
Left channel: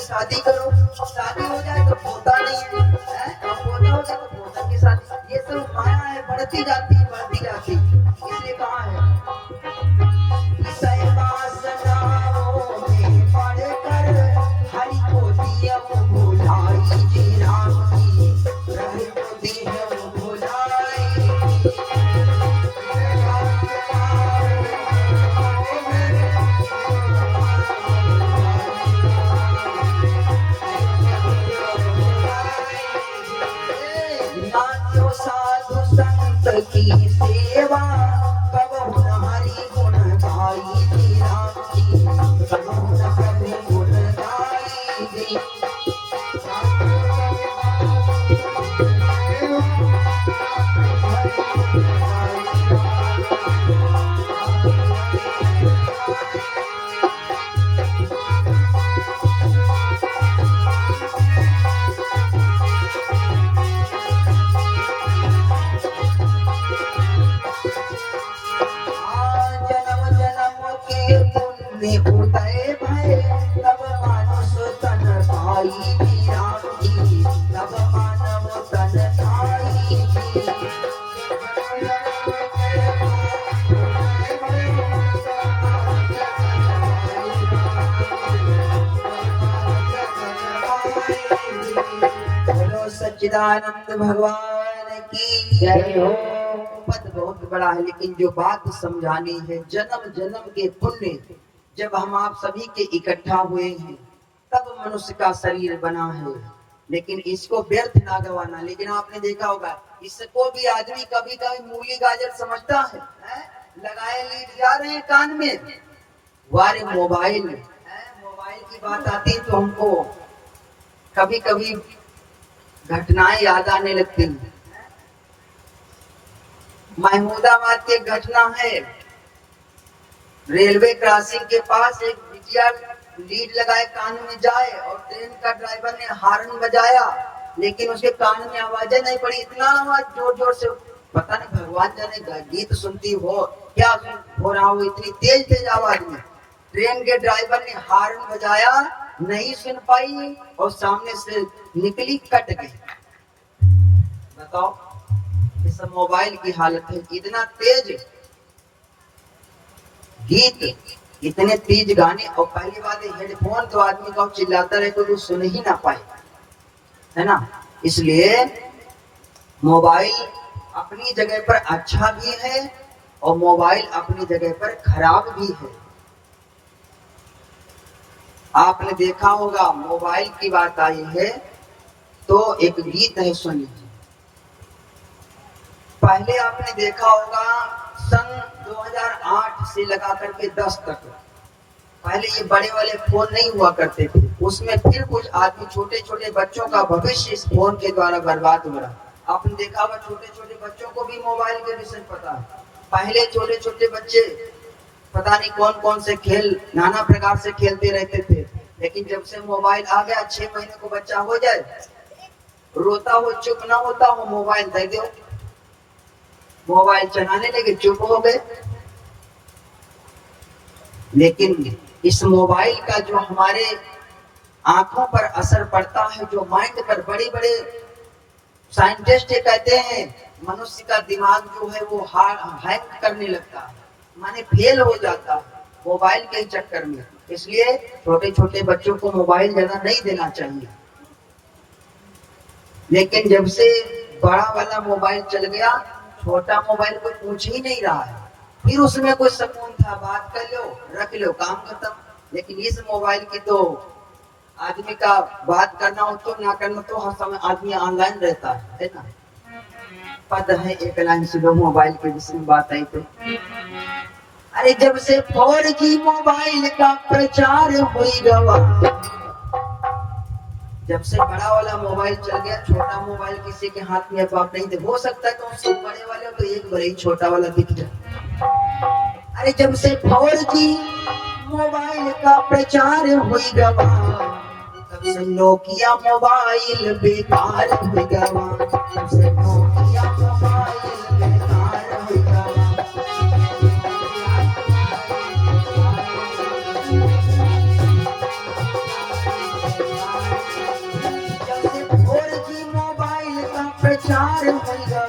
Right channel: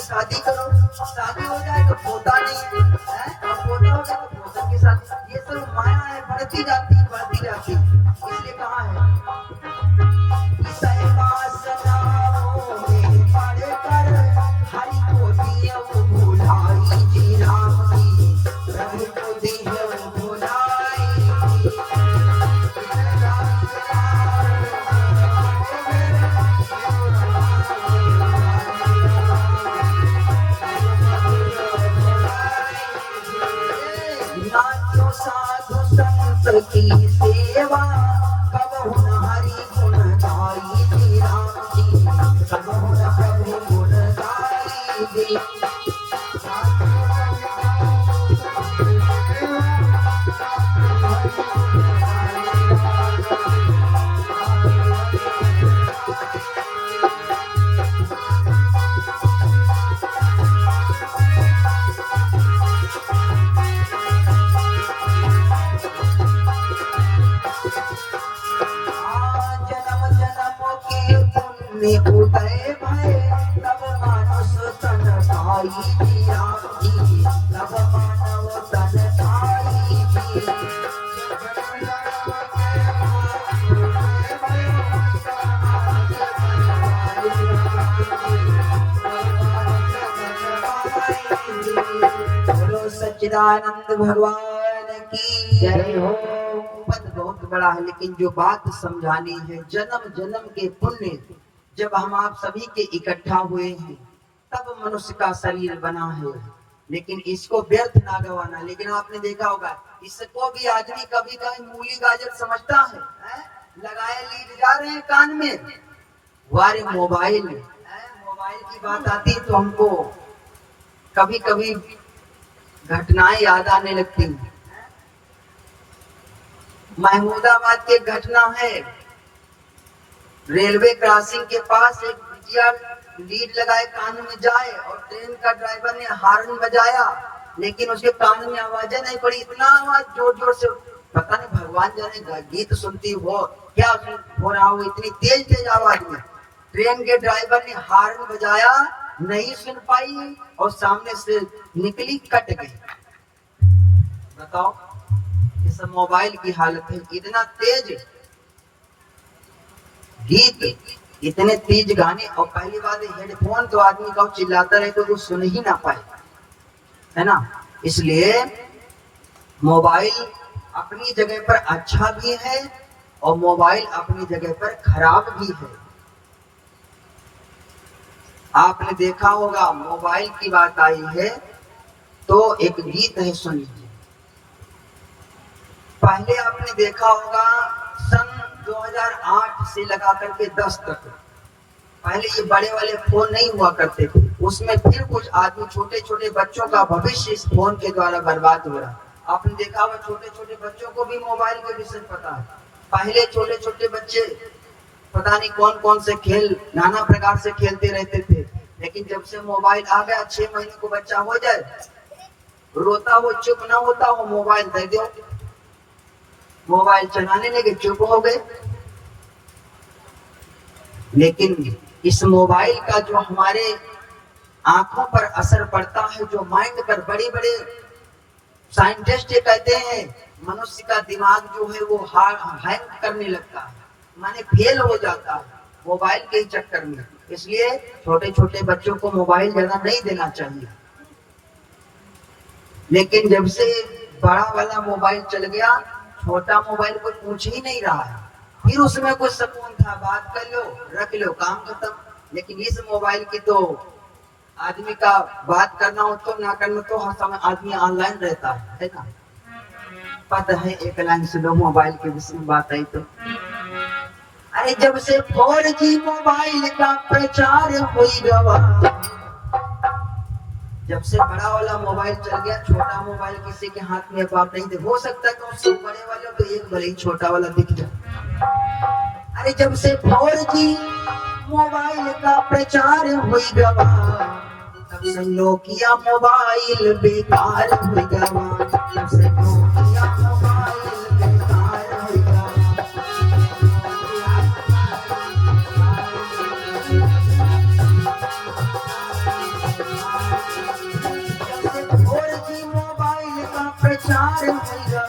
शादी करो, शादी हो जाए तो पोता नहीं है, पोता हो जाए तो पोता के साथ, ये सब माया है, बढ़ती जाती है बढ़ती जाती। इसलिए कहा है, हरि को दिया वो भुलाई जी, राम की प्रभु को दिया वो भुलाई। साधु संत की सेवा, कब हरि गुण गाई जी, राम जी कब प्रभु गुण गाई जी। उदय भय, तब मानुष तन पाई जी, राम जी तब मानव तन पाई जी। बोलो सच्चिदानंद भगवान की जय हो। पद बहुत बड़ा है, लेकिन जो बात समझानी है, जन्म जन्म के पुण्य जब हम आप सभी के इकट्ठा हुए हैं तब मनुष्य का शरीर बना है, लेकिन इसको व्यर्थ ना गवाना। लेकिन आपने देखा होगा, इसको भी आदमी कभी कभी मूली गाजर समझता है? लगाए लीड जा रहे हैं कान में, वारे मोबाइल की बात आती है तो हमको कभी कभी घटनाएं याद आने लगती हैं। महमूदाबाद की घटना है, रेलवे क्रॉसिंग के पास एक बिटिया लीड लगाए कान में जाए और ट्रेन का ड्राइवर ने हॉर्न बजाया, लेकिन उसके कान में आवाजें नहीं पड़ी, इतना आवाज जोर जोर से, पता नहीं भगवान जाने गीत सुनती हो क्या हो रहा हो, इतनी तेज तेज आवाज में ट्रेन के ड्राइवर ने हॉर्न बजाया, नहीं सुन पाई और सामने से निकली, कट गई। बताओ इस मोबाइल की हालत है, इतना तेज गीत, इतने तेज गाने, और पहली बात हेडफोन तो आदमी का चिल्लाता रहे तो वो सुन ही ना पाए, है ना। इसलिए मोबाइल अपनी जगह पर अच्छा भी है और मोबाइल अपनी जगह पर खराब भी है। आपने देखा होगा मोबाइल की बात आई है तो एक गीत है, सुनिए। पहले आपने देखा होगा सन 2008 से लगा करके 10 तक, पहले ये बड़े वाले फोन नहीं हुआ करते थे, उसमें फिर कुछ आदमी छोटे छोटे बच्चों का भविष्य इस फोन के द्वारा बर्बाद हो रहा। आपने देखा होगा छोटे छोटे बच्चों को भी मोबाइल के विषय पता है। पहले छोटे छोटे बच्चे पता नहीं कौन कौन से खेल नाना प्रकार से खेलते रहते थे, लेकिन जब से मोबाइल आ गया 6 महीने को बच्चा हो जाए, रोता हो चुप ना होता हो, मोबाइल दे दो, मोबाइल चलाने लगे, चुप हो गए। लेकिन इस मोबाइल का जो हमारे आंखों पर असर पड़ता है, जो माइंड पर, बड़े बड़े साइंटिस्ट ये कहते हैं मनुष्य का दिमाग जो है वो हैंग करने लगता है, माने फेल हो जाता है मोबाइल के चक्कर में। इसलिए छोटे छोटे बच्चों को मोबाइल ज्यादा नहीं देना चाहिए। लेकिन जब से बड़ा वाला मोबाइल चल गया, छोटा मोबाइल कोई पूछ ही नहीं रहा है, फिर उसमें कोई सुकून था, बात कर लो रख लो काम खत्म। लेकिन इस मोबाइल की तो आदमी का बात करना हो तो ना करना तो हर समय आदमी ऑनलाइन रहता है ना। पता है एक लाइन सुनो मोबाइल के विषय में बात आई तो, अरे जब से 4G मोबाइल का प्रचार हो गया, जब से बड़ा वाला मोबाइल चल गया, छोटा मोबाइल किसी के हाथ में अब आप नहीं दे, हो सकता है तो सब बड़े वाले तो एक बड़े छोटा वाला दिख जाए। अरे जब से 4G मोबाइल का प्रचार हो गया, तब से नोकिया मोबाइल बेकार हो गया, तब से नोकिया मोबाइल बेकार हो गया। प्रचार हो गया,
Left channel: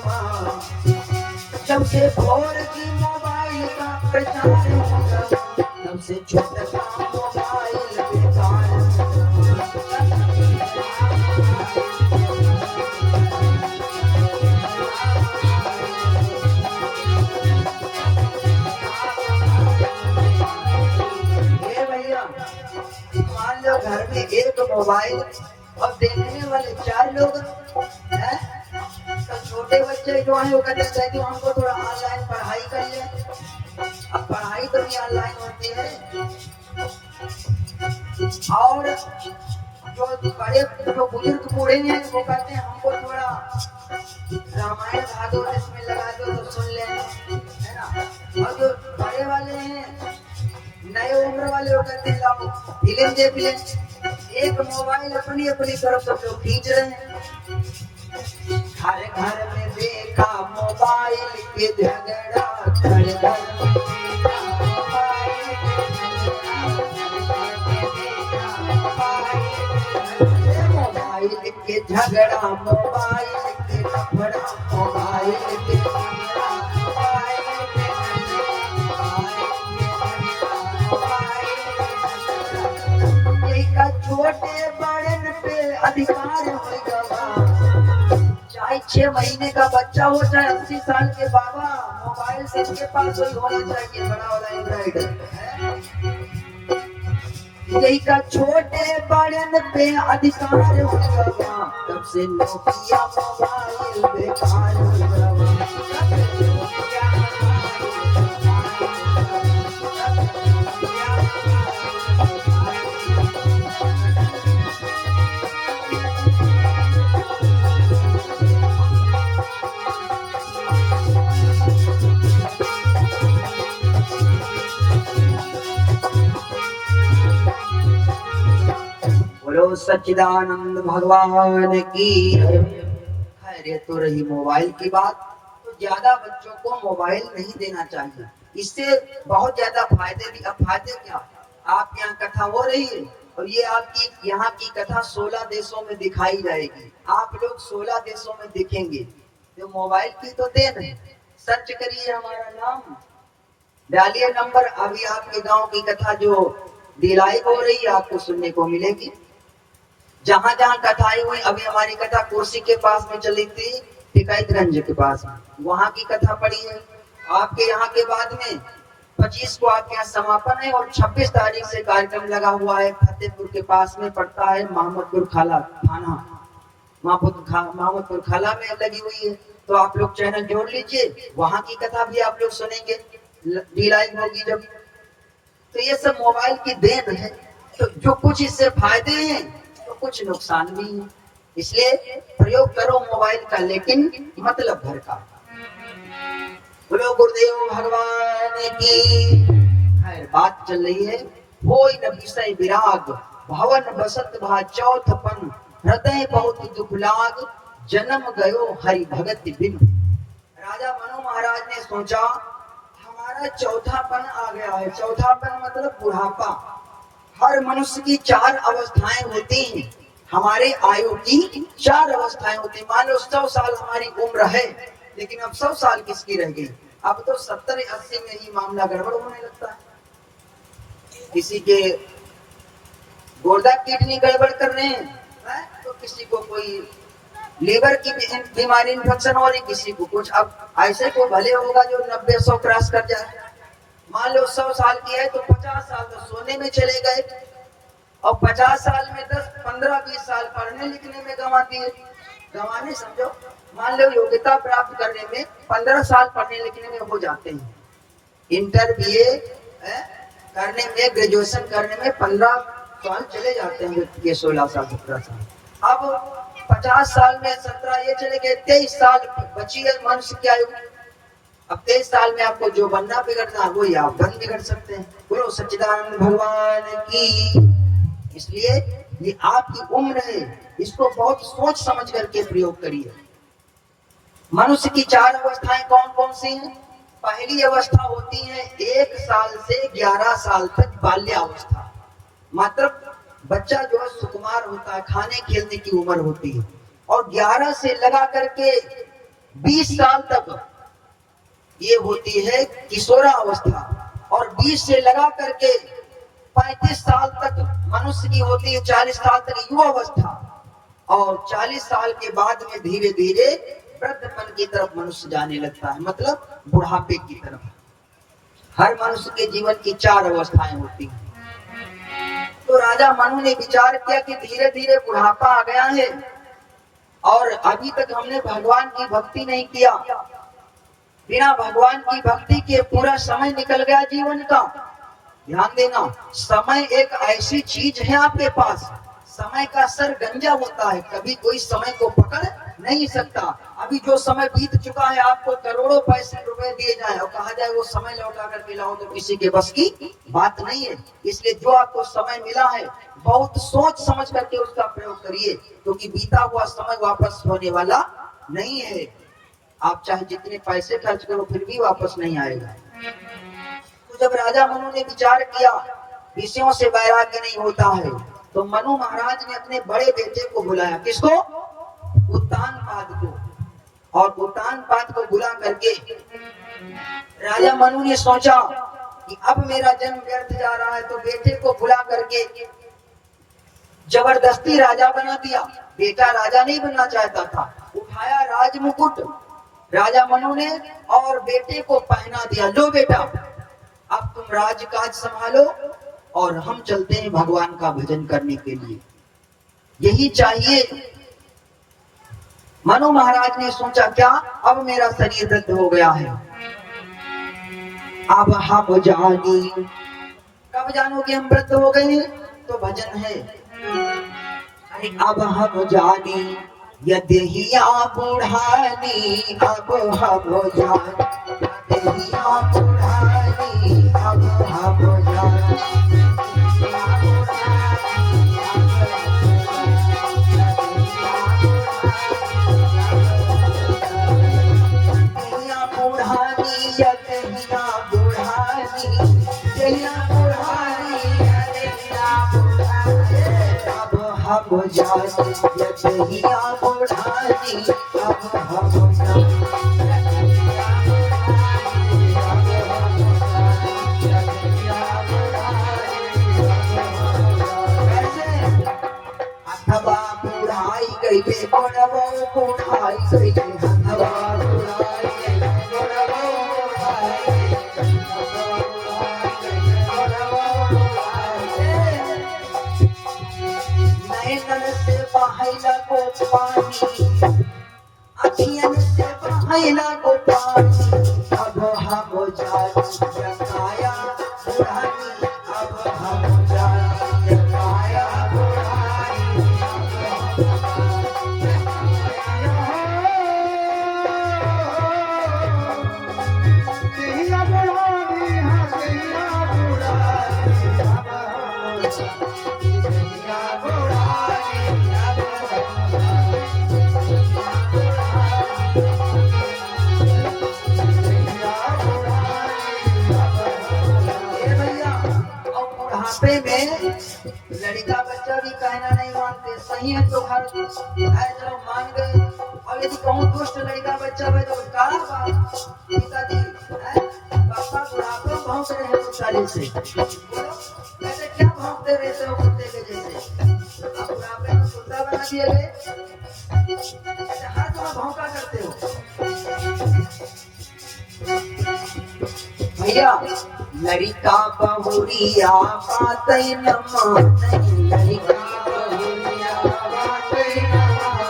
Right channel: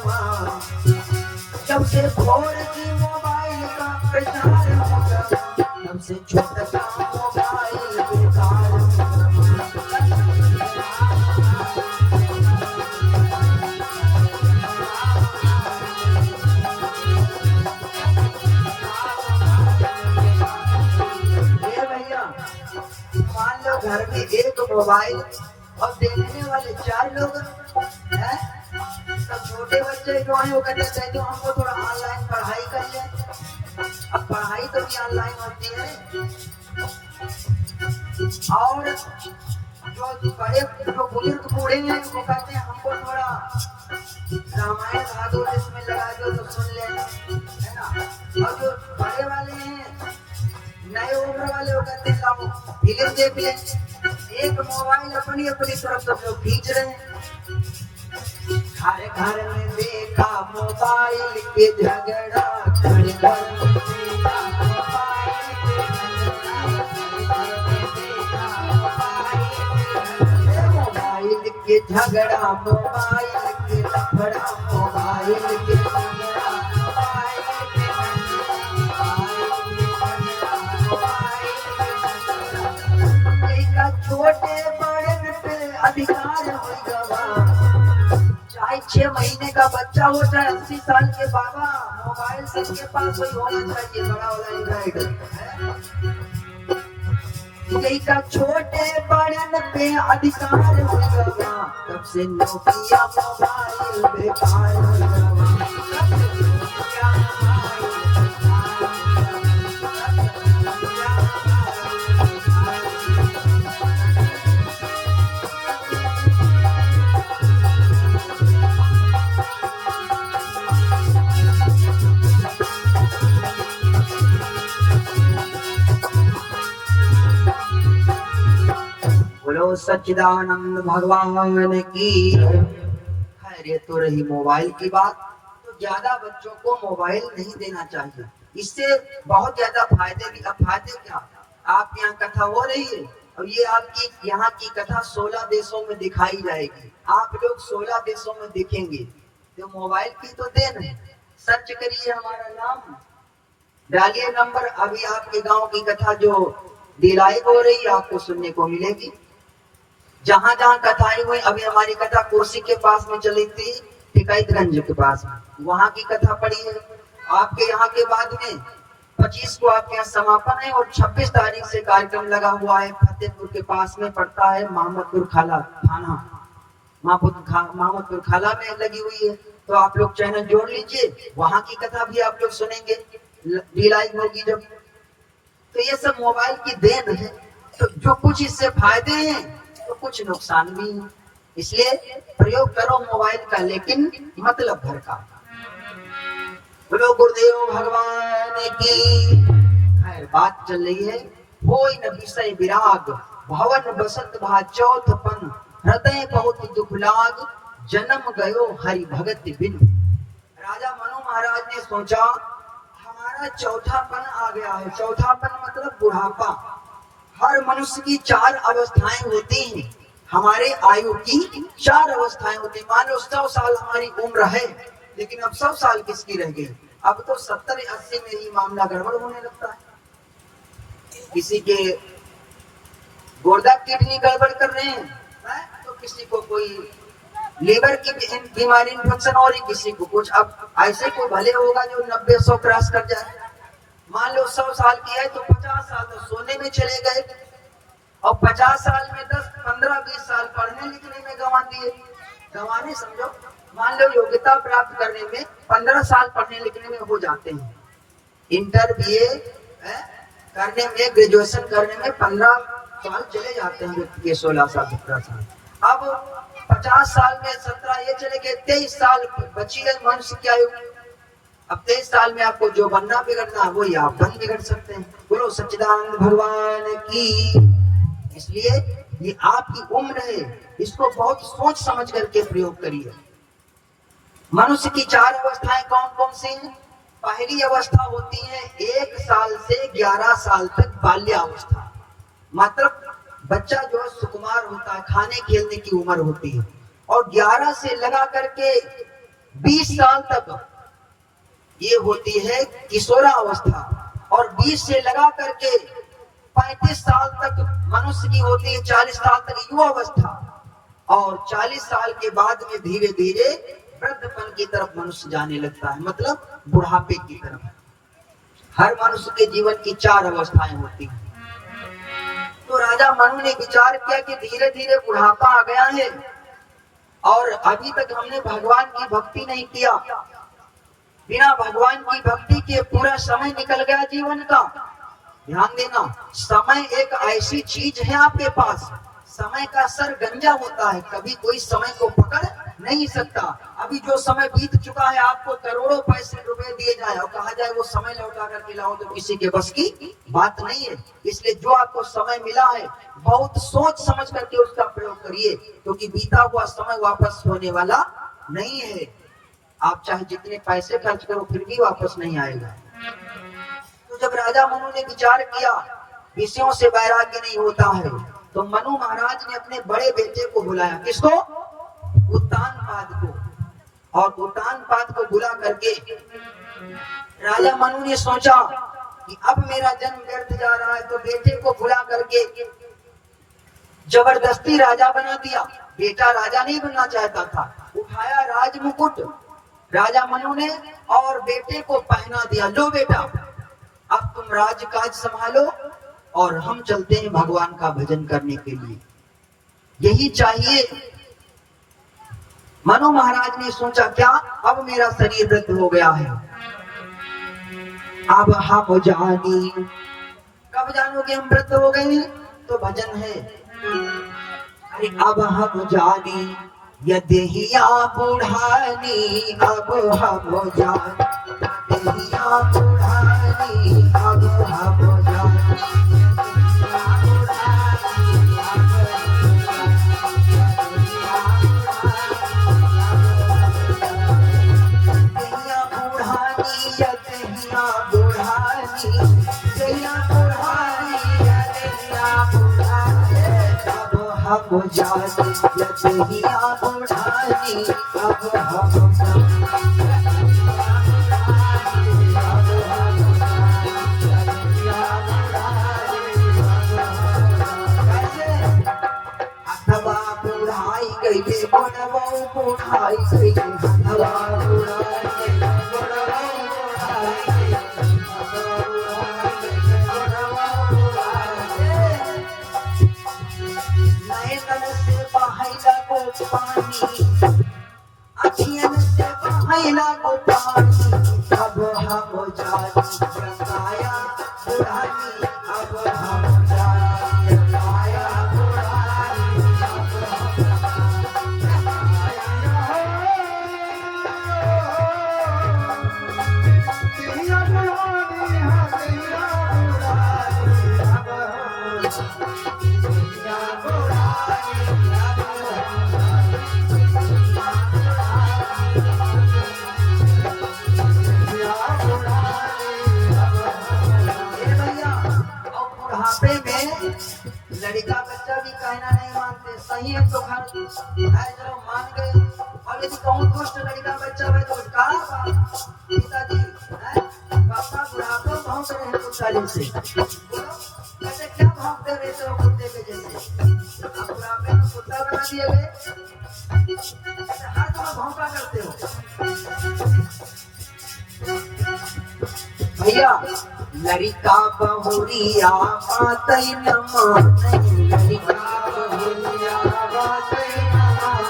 जब से 4G मोबाइल का प्रचार हो गया, तब से छोटा मोबाइल बेकार हो गया। भैया मान लो घर में एक मोबाइल और देखने वाले 4 लोग हैं, तो छोटे बच्चे जो है वो कहते हैं जो हमको थोड़ा ऑनलाइन पढ़ाई कर ले। अब पढ़ाई तो भी ऑनलाइन होती है, और जो बड़े जो बुजुर्ग बूढ़े हैं वो कहते हैं हमको थोड़ा रामायण भागवत इसमें लगा दो तो सुन ले, है ना। और जो बड़े वाले हैं, नए उम्र वाले वो कहते हैं फिल्म देख ले। एक मोबाइल अपनी अपनी तरफ सब लोग खींच रहे हैं। हर घर में देखा मोबाइल के झगड़ा, घर घर में देखा मोबाइल के झगड़ा, मोबाइल के लफड़ा, मोबाइल के झगड़ा, मोबाइल के छोटे बड़े पे अधिकार हो गया। चाहे 6 महीने का बच्चा हो, चाहे 80 साल के बाबा, मोबाइल से इसके पास कोई होना चाहिए बड़ा वाला एंड्रॉइड है। यही का छोटे बड़े पे अधिकार हो गया, तब से नोकिया मोबाइल बेकार हो गया। बोलो सच्चिदानंद भगवान की। खैर ये तो रही मोबाइल की बात। तो ज्यादा बच्चों को मोबाइल नहीं देना चाहिए, इससे बहुत ज्यादा फायदे भी। अब फायदे क्या, आप यहाँ कथा हो रही है और ये आपकी यहाँ की कथा 16 देशों में दिखाई जाएगी, आप लोग 16 देशों में दिखेंगे। तो मोबाइल की तो देन है। सर्च करिए हमारा नाम, डालिए नंबर, अभी आपके गांव की कथा जो दिलाई हो रही है आपको सुनने को मिलेगी। जहां जहां कथाएं हुई, अभी हमारी कथा कोसी के पास में चली थी, टिकैतगंज के पास में, वहां की कथा पड़ी है। आपके यहाँ के बाद में 25 को आपके यहाँ समापन है और 26 तारीख से कार्यक्रम लगा हुआ है। फतेहपुर के पास में पड़ता है, मोहम्मदपुर खाला थाना, मोहम्मदपुर खाला में लगी हुई है। तो आप लोग चैनल जोड़ लीजिए, वहां की कथा भी आप लोग सुनेंगे, लाइव होगी जब। तो ये सब मोबाइल की देन है। तो जो कुछ इससे फायदे हैं तो कुछ नुकसान भी है, इसलिए प्रयोग करो मोबाइल का, लेकिन मतलब भर का। बोलो गुरुदेव भगवान की। खैर बात चल रही है, होई न विषय विराग, भवन बसत भा चौथपन, हृदय बहुत दुख लाग, जन्म गयो हरि भगत बिन। राजा मनु महाराज ने सोचा हमारा चौथापन आ गया है। चौथापन मतलब बुढ़ापा। हर मनुष्य की 4 अवस्थाएं होती हैं, हमारे आयु की 4 अवस्थाएं होती हैं। मान लो 100 साल हमारी उम्र है, लेकिन अब 100 साल किसकी रह गई? अब तो 70-80 में ही मामला गड़बड़ होने लगता है। किसी के गुर्दा किडनी गड़बड़ कर रहे हैं, तो किसी को कोई लीवर की बीमारी इन्फेक्शन हो रही, किसी को कुछ। अब ऐसे को भले होगा जो 90-100 क्रॉस कर जाए। मान लो 100 साल की है तो 50 साल तो सोने में चले गए, और 50 साल में 10-15-20 साल पढ़ने लिखने में गंवा दिए। गंवाने समझो, मान लो योग्यता प्राप्त करने में 15 साल पढ़ने लिखने में हो जाते हैं। इंटर BA करने में, ग्रेजुएशन करने में 15 साल चले जाते हैं व्यक्ति के, 16 साल 17 साल। अब 50 साल में 17 ये चले गए, 23 साल बची है मनुष्य की आयु। अब 23 साल में आपको जो बनना बिगड़ना वही आप बन बिगड़ सकते हैं। बोलो सच्चिदानंद भगवान की। इसलिए ये आपकी उम्र है, इसको बहुत सोच समझ करके प्रयोग करिए। मनुष्य की 4 अवस्थाएं कौन कौन सी हैं? पहली अवस्था होती है 1 साल से 11 साल तक बाल्यावस्था। मतलब बच्चा जो सुकुमार होता है, खाने खेलने की उम्र होती है। और 11 से लगा करके 20 साल तक ये होती है किशोरावस्था। और 20 से लगा करके 35 साल तक मनुष्य की होती है, 40 साल तक युवावस्था। और 40 साल के बाद में धीरे धीरे वृद्धपन की तरफ मनुष्य जाने लगता है, मतलब बुढ़ापे की तरफ। हर मनुष्य के जीवन की 4 अवस्थाएं होती हैं। तो राजा मनु ने विचार किया कि धीरे धीरे बुढ़ापा आ गया है और अभी तक हमने भगवान की भक्ति नहीं किया। बिना भगवान की भक्ति के पूरा समय निकल गया जीवन का। ध्यान देना, समय एक ऐसी चीज है आपके पास, समय का सर गंजा होता है, कभी कोई समय को पकड़ नहीं सकता। अभी जो समय बीत चुका है, आपको करोड़ों पैसे रुपए दिए जाए और कहा जाए वो समय लौटा करके लाओ, तो किसी के बस की बात नहीं है। इसलिए जो आपको समय मिला है बहुत सोच समझ करके उसका प्रयोग करिए, क्योंकि बीता हुआ समय वापस होने वाला नहीं है। आप चाहे जितने पैसे खर्च करो फिर भी वापस नहीं आएगा। तो जब राजा मनु ने विचार किया विषयों से वैराग्य नहीं होता है, तो मनु महाराज ने अपने बड़े बेटे को बुलाया। किसको? उत्तानपाद को। और उत्तानपाद को बुला करके राजा मनु ने सोचा कि अब मेरा जन्म व्यर्थ जा रहा है, तो बेटे को बुला करके जबरदस्ती राजा बना दिया। बेटा राजा नहीं बनना चाहता था। उठाया राजमुकुट राजा मनु ने और बेटे को पहना दिया। लो बेटा, अब तुम राजकाज संभालो और हम चलते हैं भगवान का भजन करने के लिए। यही चाहिए। मनु महाराज ने सोचा क्या, अब मेरा शरीर वृद्ध हो गया है, अब हम जानी। कब जानोगे हम वृद्ध हो गए? तो भजन है, अब हम जानी यदेहिया बुढ़ानी, अब हम जानी यदेहिया बुढ़ानी, अब हम जानी। हम जाने लतहिया बुढ़ानी, अब हम जाने हवा बुढ़ाई गई बुढ़वा बुढ़ाई गई हवा बुढ़ाई गई बुढ़वा बुढ़ाई गई नैनन से बहैला को पानी, अखियन से बहैला को पानी, अब हम जाने रंगाया बुढ़ानी, अब हम जाने रंगाया लड़का बच्चा भी कहना नहीं मानते, सही है तो घर है चलो मान गए। अब यदि कहूँ दुष्ट लड़का बच्चा है तो पिताजी पापा बुढ़ापा भौंक रहे हैं कुत्ते से, बोलो कैसे क्या भौंकते रहते हो कुत्ते के जैसे, अब बुढ़ापे में कुत्ता बना दिए गए, ऐसे हर जगह भौंका करते हो। भैया लड़का बहुरिया बातै न मानै, लड़का बहुरिया बातै न मानै,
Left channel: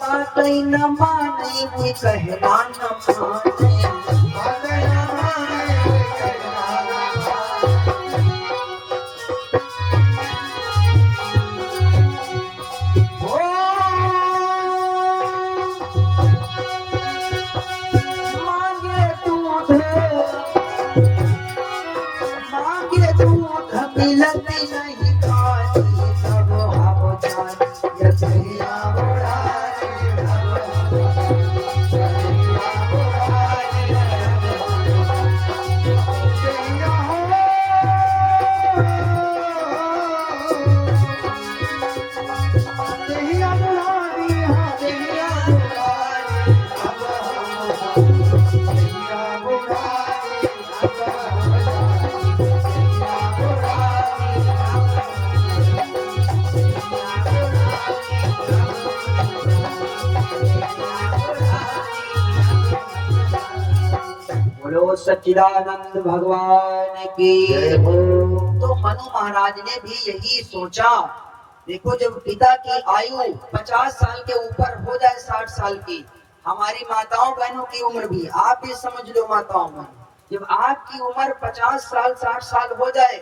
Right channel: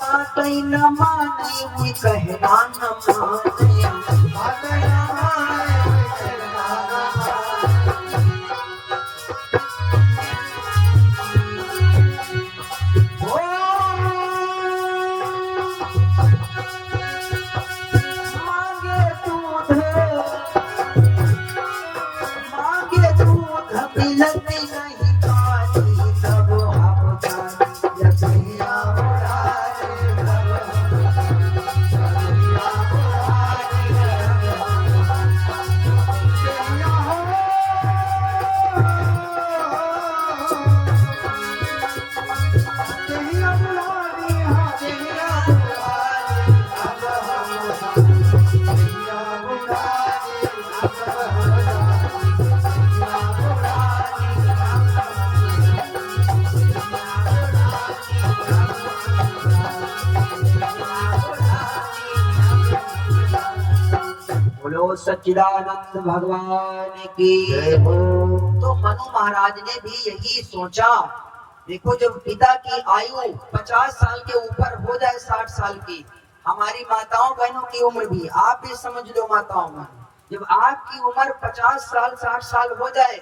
बातै न मानै मुई कहना न मानै, बातै न मानै मुई कहना न मिलती नहीं पानी, तब हम जाने लतहिया बुढ़ानी, सच्चिदानंद भगवान की जय हो। तो मनु महाराज ने भी यही सोचा, देखो जब पिता की आयु 50 साल के ऊपर हो जाए 60 साल की, हमारी माताओं बहनों की उम्र भी, आप भी समझ लो माताओं में, जब आपकी उम्र 50 साल 60 साल हो जाए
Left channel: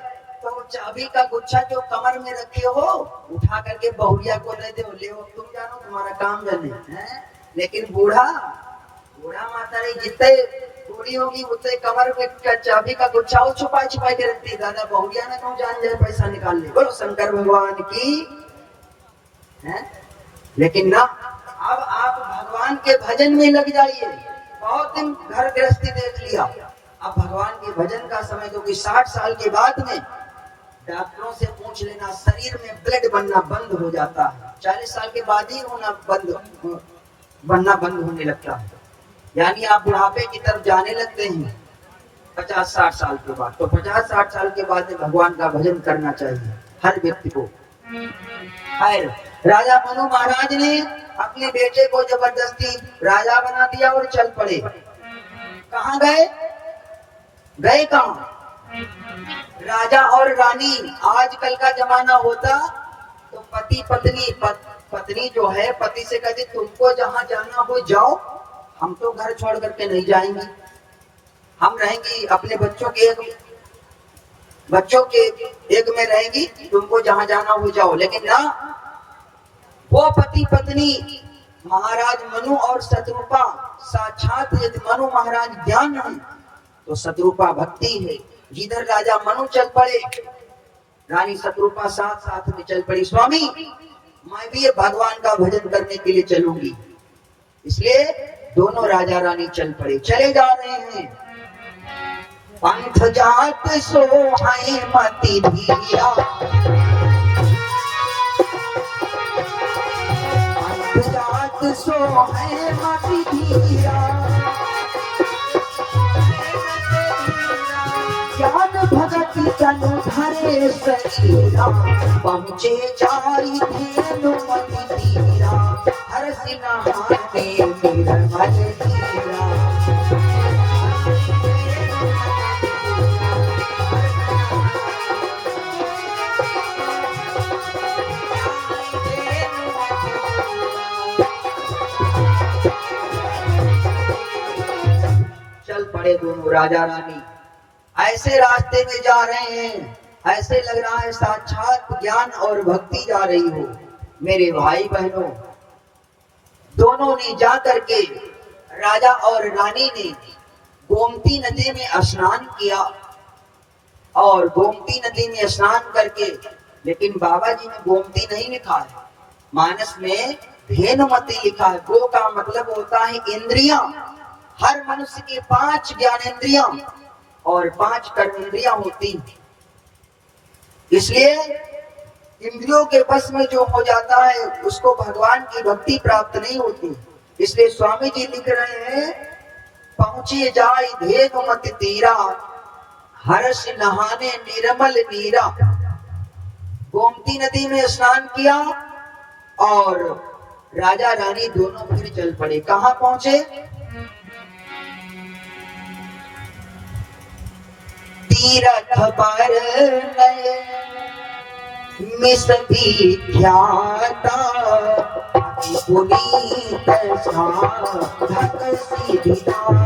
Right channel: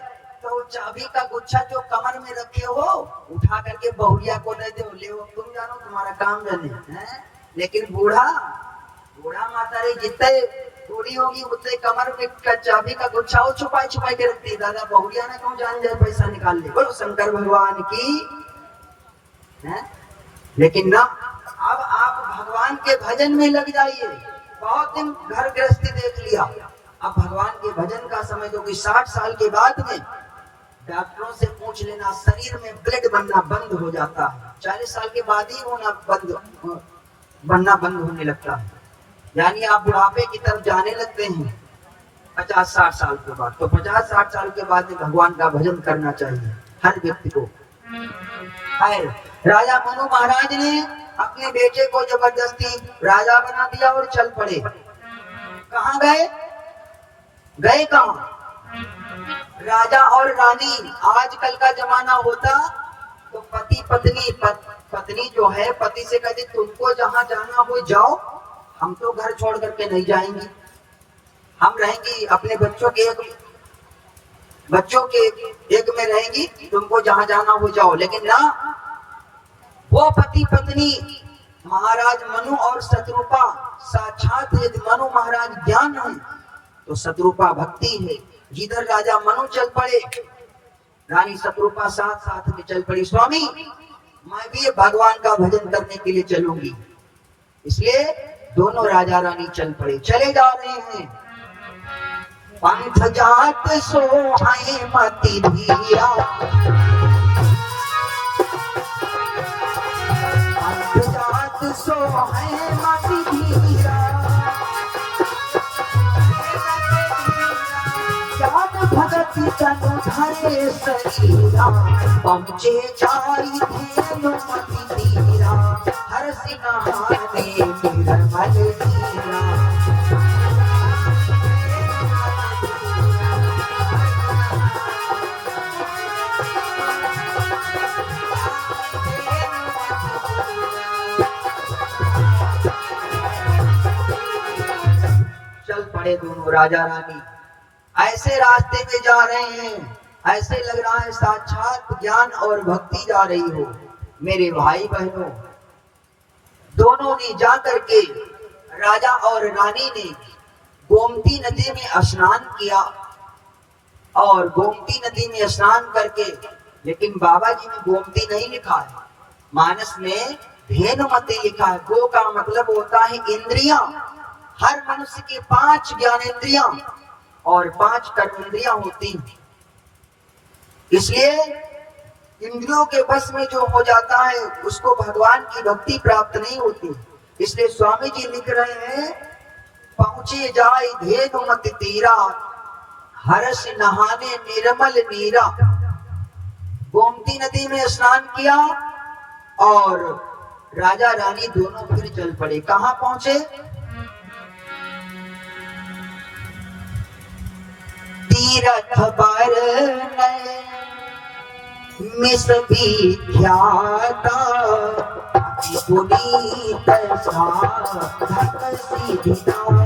तो चाबी का गुच्छा जो कमर में रखे हो उठा करके बहुरिया को दे दो, ले तुम जानो तुम्हारा काम जाने है। लेकिन बूढ़ा माता रे जितने बूढ़ी होगी उतने कमर में चाबी का गुच्छा वो छुपाई छुपाई के रखती है, दादा बहुरिया ना क्यों जान जाए पैसा निकाल ले। बोलो शंकर भगवान की है। लेकिन ना अब आप भगवान के भजन में लग जाइए, बहुत दिन घर गृहस्थी देख लिया, अब भगवान के भजन का समय, क्योंकि 60 साल के बाद में डॉक्टरों से पूछ लेना शरीर में ब्लड बनना बंद हो जाता है, 40 साल के बाद ही बनना बंद होने लगता है, यानी आप बुढ़ापे की तरफ जाने लगते हैं 50-60 साल के बाद। तो 50-60 साल के बाद में भगवान का भजन करना चाहिए हर व्यक्ति को। खैर राजा मनु महाराज ने अपने बेटे को जबरदस्ती राजा बना दिया और चल पड़े। कहाँ गए कहाँ? राजा और रानी, आजकल का जमाना होता तो पति पत्नी जो है पति से कहती तुमको जहां जाना हो जाओ, हम तो घर छोड़ करके नहीं जाएंगे, हम रहेंगी अपने बच्चों के एक में रहेंगी, तुमको जहां जाना हो जाओ। लेकिन ना, वो पति पत्नी महाराज मनु और शत्रुपा साक्षात यदि मनु महाराज ज्ञान है तो शत्रुपा भक्ति है। जिधर राजा मनु चल पड़े रानी शत्रुपा साथ साथ में चल पड़ी, स्वामी मैं भी भगवान का भजन करने के लिए चलूंगी। इसलिए दोनों राजा रानी चल पड़े। चले जा रहे हैं, पंथ जात सोहाय मति धीरा, पंथ जात सोहाय मति धीरा, ज्ञान भगत तनु धरे शरीरा, पहुँचे जाई धेनु मति धीरा, हर सिंगार में निर्मल धीरा। चल पड़े दोनों राजा रानी, ऐसे रास्ते में जा रहे हैं, ऐसे लग रहा है साक्षात ज्ञान और भक्ति जा रही हो। मेरे भाई बहनों, दोनों ने जा करके, राजा और रानी ने गोमती नदी में स्नान किया, और गोमती नदी में स्नान करके, लेकिन बाबा जी ने गोमती नहीं लिखा है, मानस में धेनुमति लिखा है। गो का मतलब होता है इंद्रियां। हर मनुष्य के 5 ज्ञानेंद्रियां और 5 कर्मेंद्रियां होती हैं। इसलिए इंद्रियों के बस में जो हो जाता है उसको भगवान की भक्ति प्राप्त नहीं होती। इसलिए स्वामी जी लिख रहे हैं, पहुंचे जाए धेनुमति तीरा, हर्ष नहाने निर्मल नीरा। गोमती नदी में स्नान किया और राजा रानी दोनों फिर चल पड़े। कहां पहुंचे? तीरथ पर मिस विख्याता, पुनीत साधक सिद्धिदाता।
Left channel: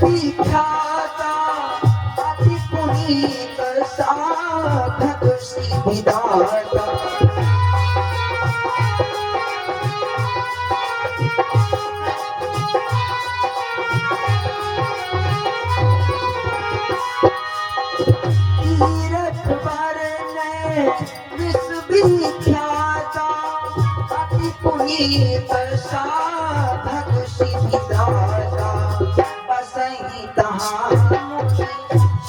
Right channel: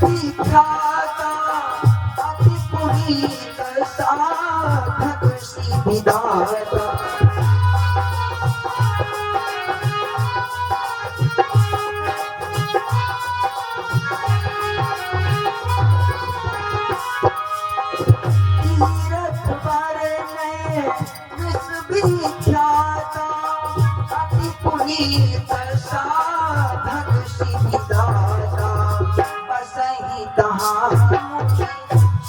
विख्याता अति पुनीत साधक सिद्धिदाता। तीरथ पर विश्वविख्याता अति पुनीत साधक सिद्धिदाता।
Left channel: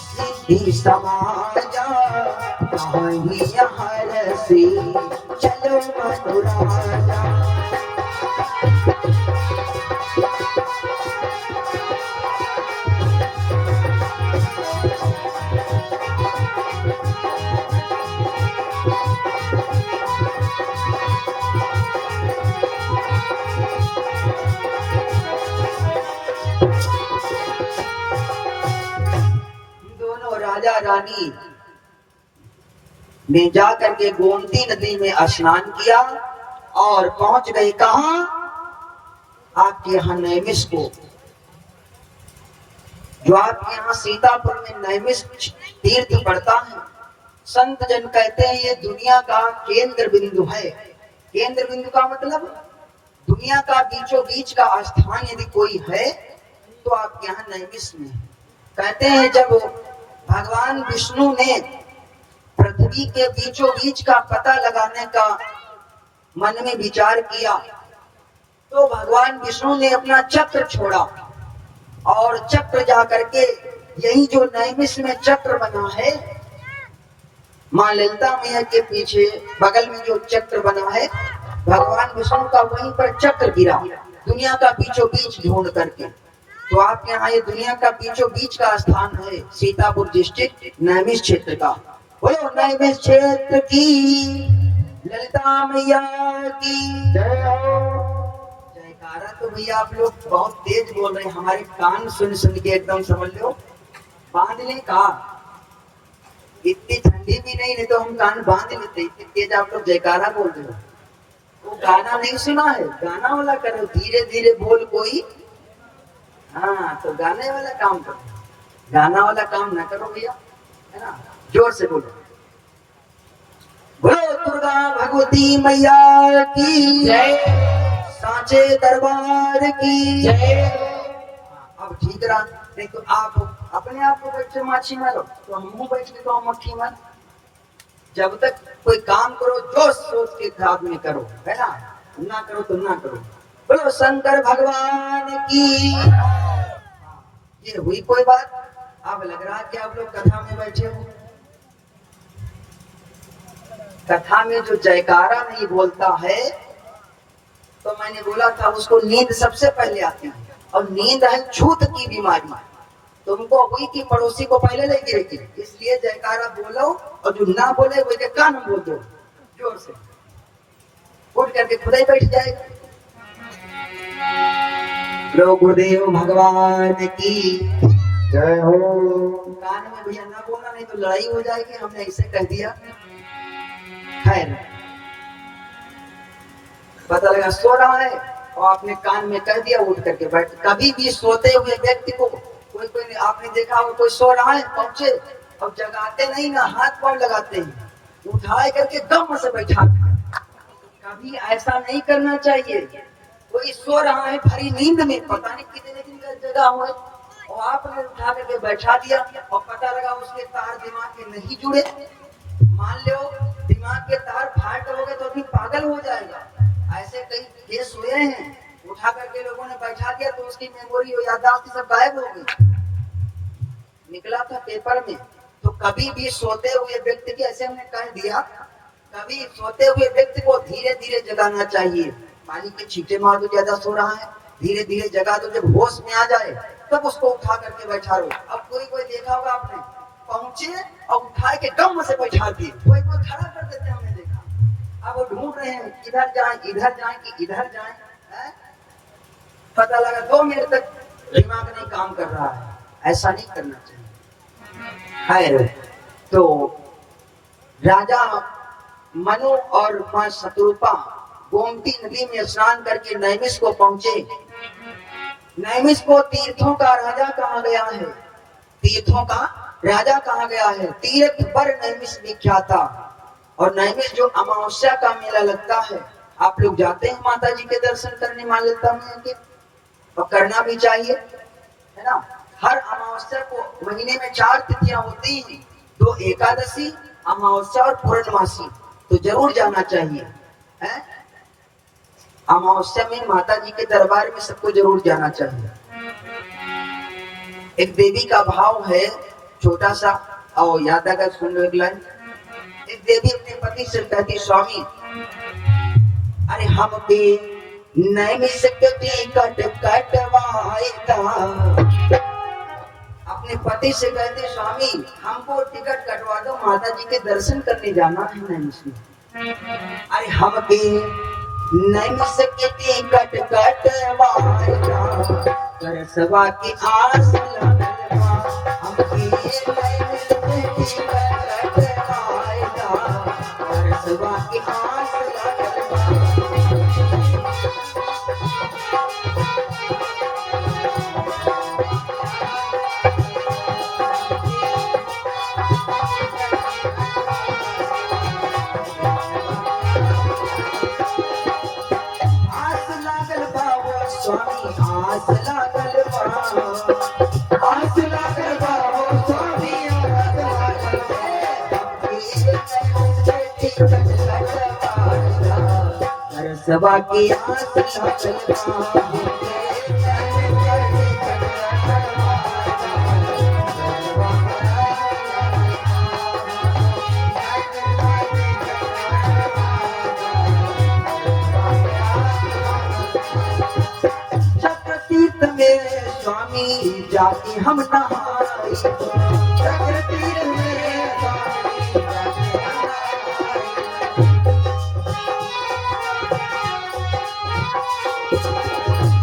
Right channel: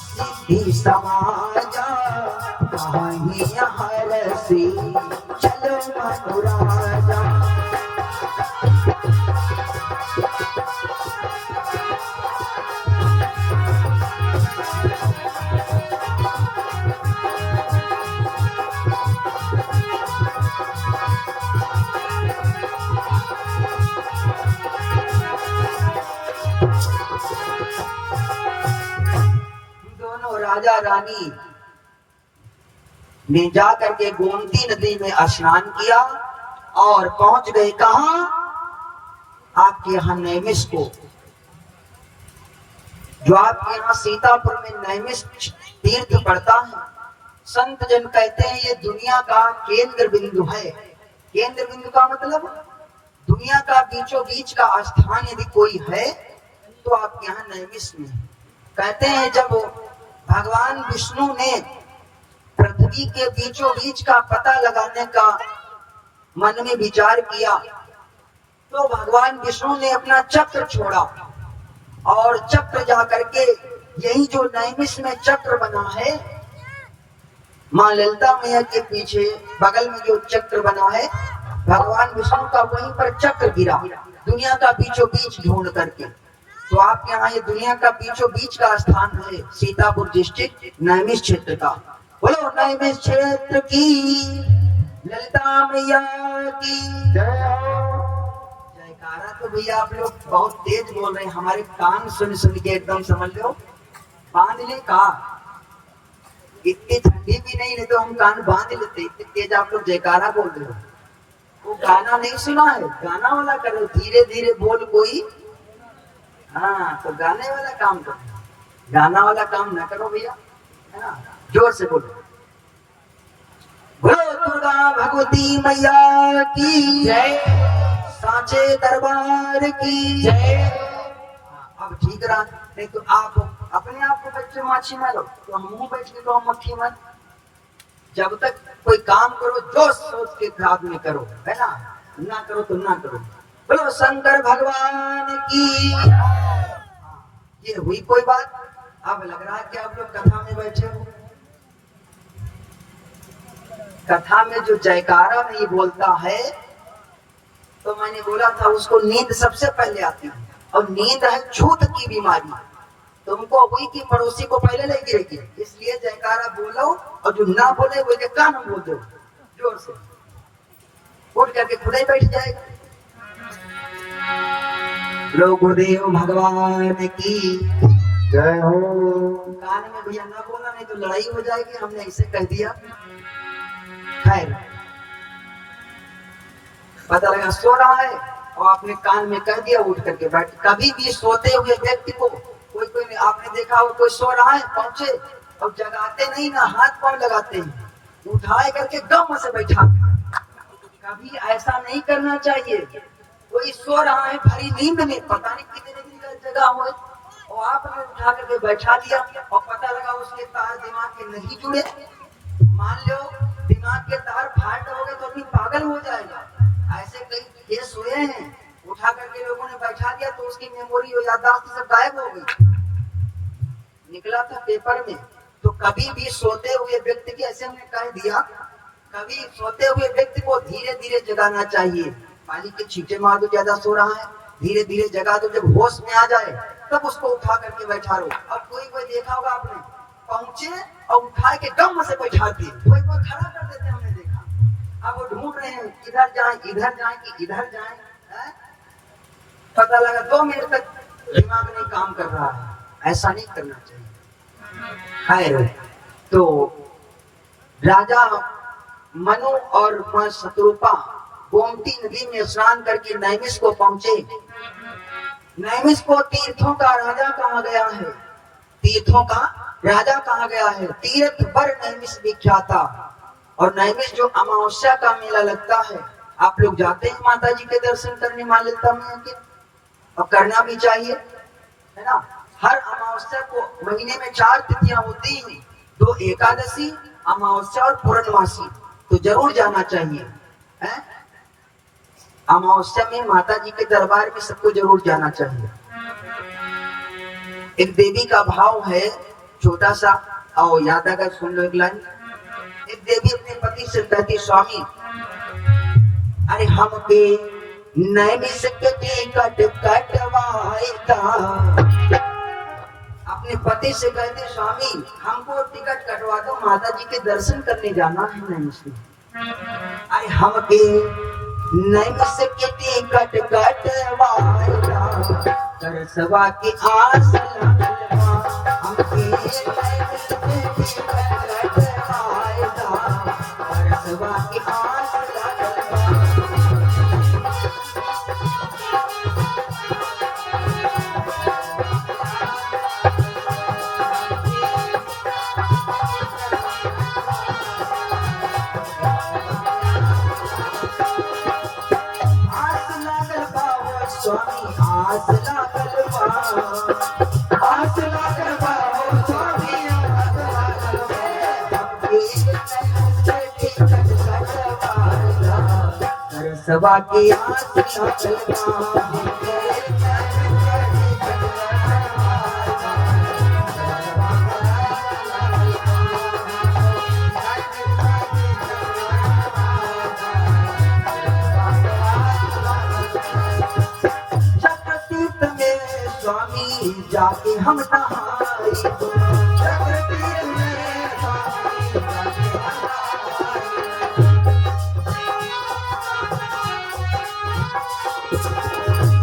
सिद्धि समाजा कहीं हर से चल मनुराजा। राजा रानी ने जाकर के गोमती नदी में स्नान किया और पहुंच गई कहां? आपके यहाँ नैमिष को। जो आपके यहाँ सीतापुर में नैमिष तीर्थ पड़ता है, संत जन कहते हैं ये दुनिया का केंद्र बिंदु है। केंद्र बिंदु का मतलब दुनिया का बीचों बीच का स्थान यदि कोई है तो आपके यहाँ नैमिष में। कहते हैं जब भगवान विष्णु ने पृथ्वी के बीचों बीच का पता लगाने का मन में विचार किया तो भगवान विष्णु ने अपना चक्र छोड़ा और चक्र जाकर के यही जो नैमिष में चक्र बना है, मां ललिता मैया के पीछे बगल में जो चक्र बना है, भगवान विष्णु का वहीं पर चक्र गिरा दुनिया का बीचों बीच ढूंढ करके। तो आप यहाँ ये दुनिया का बीचों बीच का स्थान है सीतापुर डिस्ट्रिक्ट नैमिष क्षेत्र का। बोलो नैमिष क्षेत्र की ललिता मैया की जयकारा। तो भैया आप लोग बहुत तेज बोल रहे हैं, हमारे कान सुन सुन के एकदम समझ लो बांध ले का। इतनी ठंडी भी नहीं तो हम कान बांध लेते, इतनी तेज आप लोग जयकारा बोल रहे हो। वो गाना नहीं सुना है? गाना वाला करो, धीरे धीरे बोल कोई। हाँ, तो गाने वाला काम करो, गाना वाला काम ना करो भैया, है ना। जोर से बोलो बोलो दुर्गा भगवती मैया की जय। सांचे दरबार की जय। अब ठीक रहा, नहीं तो आप अपने आप को बैठ के माछी मारो, तो हम बैठ के तो मक्खी मार। जब तक कोई काम करो जो सोच के खराब में करो, है ना करो तो ना करो। बोलो शंकर भगवान की। ये हुई कोई बात। अब लग रहा है कि आप लोग कथा में बैठे हो। कथा में जो जयकारा नहीं बोलता है, तो मैंने बोला था उसको नींद सबसे पहले आती है, और नींद है छूत की बीमारी। तुमको हुई कि पड़ोसी को पहले ले गिरेगी, इसलिए जयकारा बोलो, और जो ना बोले वो कान में बोल दो जोर से, उठ करके खुदा ही बैठ जाएगा। गुरुदेव भगवान की जय हो। कान में भैया ना बोलना, नहीं तो लड़ाई हो जाएगी, हमने इसे कह दिया। खैर, पता लगा सो रहा है और आपने कान में कह दिया, उठ करके बैठ। कभी भी सोते हुए व्यक्ति को कोई आपने देखा हो, कोई सो रहा है पहुंचे और जगाते नहीं ना, हाथ पांव लगाते हैं, उठाए करके गम से बैठाते हैं। कभी ऐसा नहीं करना चाहिए। कोई सो रहा है भरी नींद में, पता नहीं कितने दिन का जगा हुआ है, और आपने उठा करके बैठा दिया, और पता लगा उसके तार दिमाग के नहीं जुड़े। मान लो दिमाग के तार फाट हो गए तो अभी पागल हो जाएगा। ऐसे कई केस हुए हैं, उठा करके लोगों ने बैठा दिया तो उसकी मेमोरी और याददाश्त सब गायब हो गई। निकला था पेपर में। तो कभी भी सोते हुए व्यक्ति के, ऐसे हमने कह दिया, कभी सोते हुए व्यक्ति को धीरे धीरे जगाना चाहिए। पानी के छींटे मार दो, ज्यादा सो रहा है, धीरे धीरे जगा दो, जब होश में आ जाए तब उसको उठा करके बैठा लो। अब कोई देखा होगा आपने, पहुंचे और उठा के गम से बैठा दिए, कोई खड़ा कर देते हमने देखा। अब वो ढूंढ रहे हैं इधर जाए कि इधर जाए, पता लगा 2 मिनट तक दिमाग नहीं काम कर रहा है। ऐसा नहीं करना चाहिए। खैर, तो राजा मनु और मां शत्रुपा गोमती नदी में स्नान करके नैमिष को पहुंचे। नैमिष को तीर्थों का राजा कहा गया है। तीर्थों का राजा कहा गया है। तीर्थ पर नैमिष विख्यात। और नैमिष जो अमावस्या का मेला लगता है, आप लोग जाते हैं माता जी के दर्शन करने, मां ललिता मैया के, और करना भी चाहिए, है ना। हर अमावस्या को महीने में 4 तिथियां होती हैं, 2 एकादशी, अमावस्या और पूर्णमासी, तो जरूर जाना चाहिए, है। अमावस्या में माता जी के दरबार में सबको जरूर जाना चाहिए। एक देवी का भाव है छोटा सा, और याद आएगा, सुन लो एक लाइन। एक देवी अपने पति से कहती, स्वामी अरे हम पे नैमिष के टिकट कटवाएगा। अपने पति से कहते, स्वामी हमको टिकट कटवा दो, माता जी के दर्शन करने जाना है नैमिष में। अरे हम पे नैमिष के टिकट कटवाएगा, करसवा की आस लगलवा। हम पे नैमिष के टिकट कटवाएगा, करसवा की आस लगलवा। सभा की जगतीत में स्वामी जाके हम नहाए, जगतीत में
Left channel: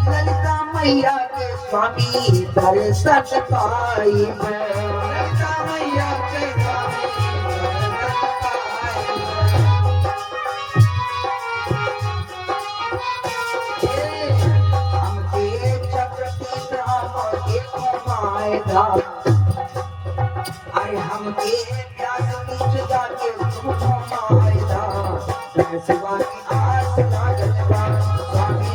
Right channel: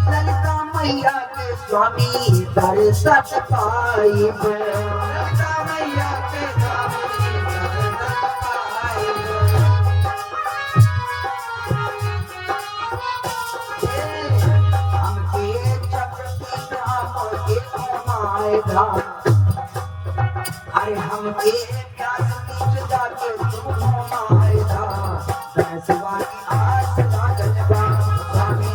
ललिता मैया के स्वामी दर्शन पाए। ललिता मैया के अरे हम के प्यास मीठ जाके तुम हमारा बैसवा की आस लागत बा स्वामी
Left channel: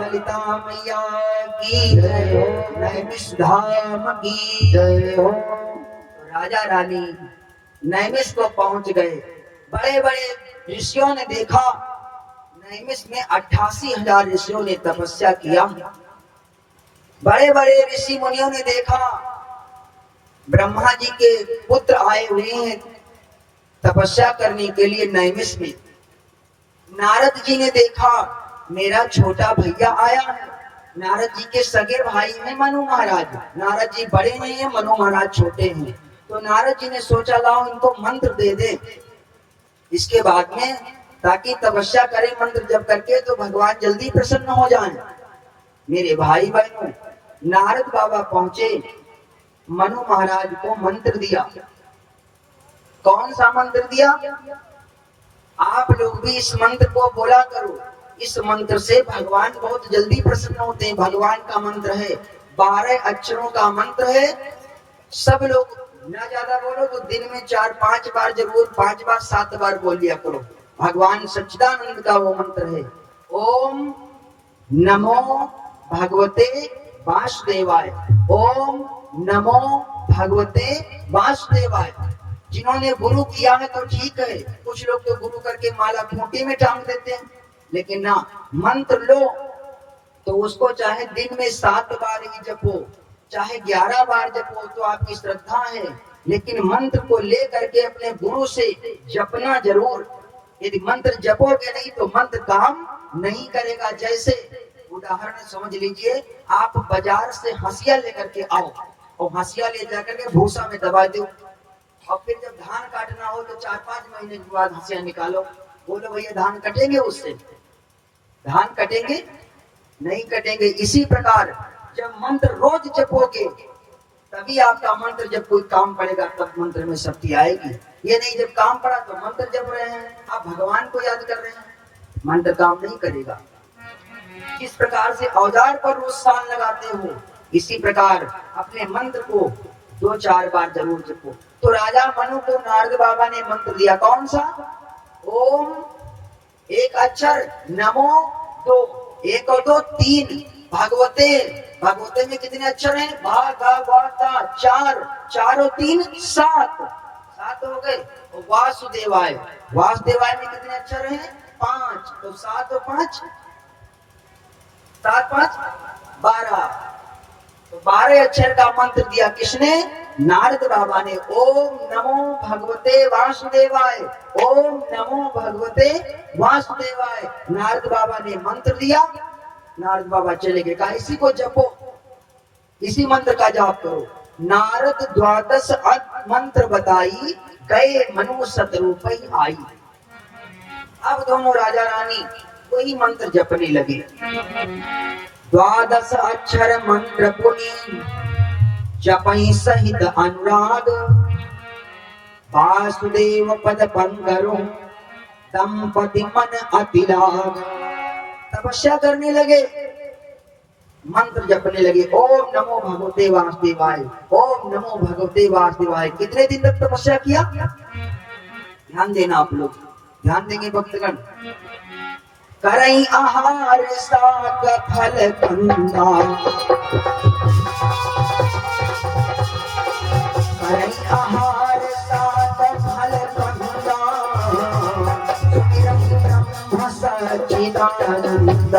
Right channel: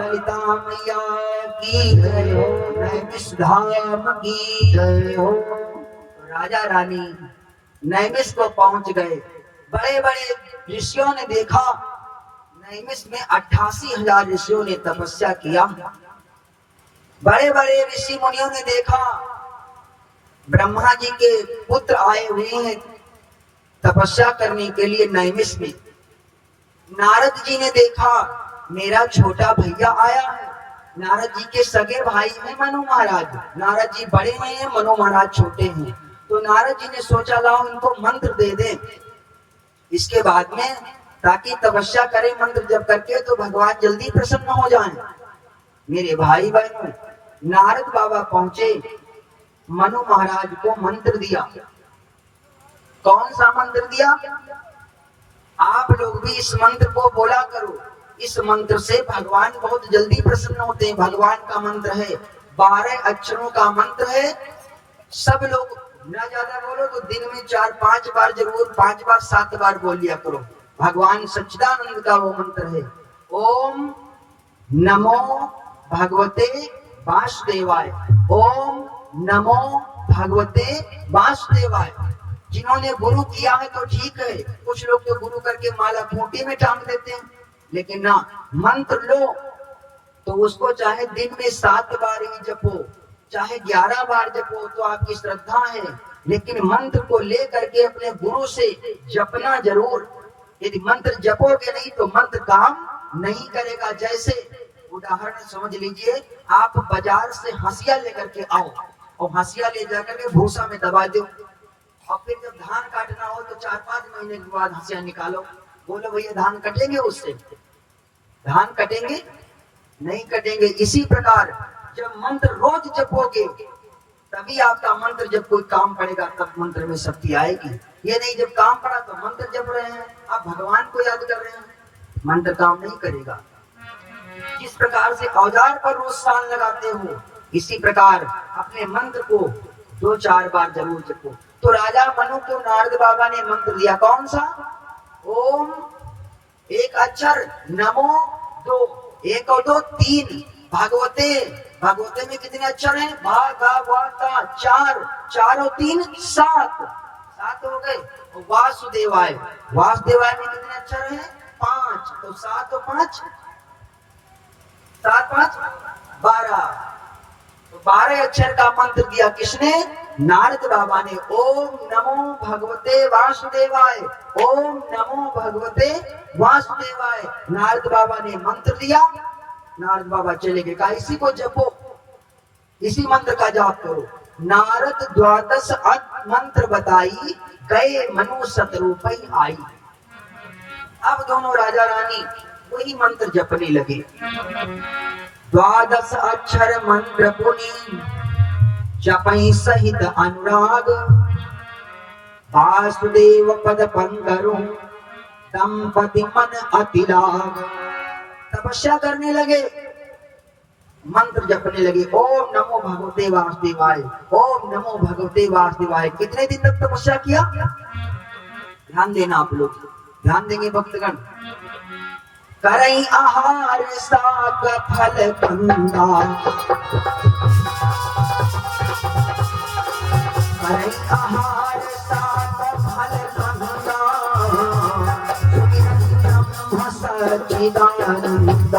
ललिता मैया की जय हो, नैमिषधाम की जय हो। राजा रानी नैमिष को पहुंच गए। बड़े बड़े ऋषियों ने देखा, नैमिष में 88,000 ऋषियों ने तपस्या किया। बड़े बड़े ऋषि मुनियों ने देखा, ब्रह्मा जी के पुत्र आए हुए हैं तपस्या करने के लिए नैमिष में। नारद जी ने देखा, मेरा छोटा भैया आया है। नारद जी के सगे भाई हैं मनु महाराज। नारद जी बड़े हैं, मनु महाराज छोटे हैं। तो नारद जी ने सोचा लाओ इनको मंत्र दे दे, इसके बाद में ताकि तपस्या करें मंत्र जप करके तो भगवान जल्दी प्रसन्न हो जाएं। मेरे भाई बहनों, नारद बाबा पहुंचे, मनु महाराज को मंत्र दिया। कौन सा मंत्र दिया? आप लोग भी इस मंत्र को बोला करो। इस मंत्र से भगवान बहुत जल्दी प्रसन्न होते हैं। भगवान का मंत्र है, 12 अक्षरों का मंत्र है। सब लोग ना ज्यादा बोलो तो दिन में 4-5 बार जरूर, 5 बार 7 बार बोल लिया करो। भगवान सच्चिदानंद का वो मंत्र है, ओम नमो भगवते वासुदेवाय। ओम नमो भगवते वासुदेवाय। जिन्होंने गुरु किया है तो ठीक है, कुछ लोग तो गुरु करके माला खूंटी में टांग देते हैं, लेकिन ना, मंत्र लो तो उसको चाहे दिन में 7 बार ही जपो, चाहे 11 बार जपो, तो आपकी श्रद्धा है। लेकिन मंत्र को ले करके अपने गुरु से जपना जरूर। यदि मंत्र जपोगे नहीं तो मंत्र काम नहीं करेगा। जैसे उदाहरण समझ लीजिए, आप बाजार से हंसिया लेकर के आओ और हंसिया ले जाकर के भूसा में दबा दो, और फिर जब धान काटना हो तो 4-5 महीने के बाद हंसिया निकालो। बोलो भैया धान कटेंगे? उससे धान कटेंगे? नहीं कटेंगे। इसी प्रकार जब मंत्र रोज जपोगे तभी आपका मंत्र जब कोई काम पड़ेगा तब मंत्र में शक्ति आएगी। ये नहीं जब काम पड़ा तो मंत्र जप रहे हैं, आप भगवान को याद कर रहे हैं, मंत्र काम नहीं करेगा। जिस प्रकार से औजार पर रोज सान लगाते हो, इसी प्रकार अपने मंत्र को 2-4 बार जरूर जपो। तो राजा मनु को नारद बाबा ने मंत्र दिया, कौन सा? ओम 1 अक्षर, नमो 2, 1 और 2 3, भगवते, भगवते में कितने अक्षर हैं? भागवता 4, 4 और 3 7, 7 हो गए। तो वासुदेवाय, वासुदेवाय में कितने अक्षर हैं? 5, तो 7 और 5, 7 5 12, तो 12 अक्षर का मंत्र दिया। किसने? नारद बाबा ने। ओम नमो भगवते वासुदेवाय, ओम नमो भगवते वासुदेवाय। नारद बाबा ने मंत्र दिया, नारद बाबा चले गए। कहा इसी को जपो, इसी मंत्र का जाप करो। नारद 12 मंत्र बताई, गए मनु शतरूपै आई। अब दोनों राजा रानी वही मंत्र जपने लगे। 12 अक्षर मंत्र पुनि जपई सहित अनुराग, वासुदेव पद पंकरो दंपति मन अति लाभ। तपस्या करने लगे, मंत्र जपने लगे, ओम नमो भगवते वासुदेवाय, ओम नमो भगवते वासुदेवाय। कितने दिन तक तपस्या किया? ध्यान देना आप लोग, ध्यान देंगे भक्तगण। करई आहार साग फल कंदा, करई आहार साग फल कंदा, ब्रह्म सच्चिदानंद।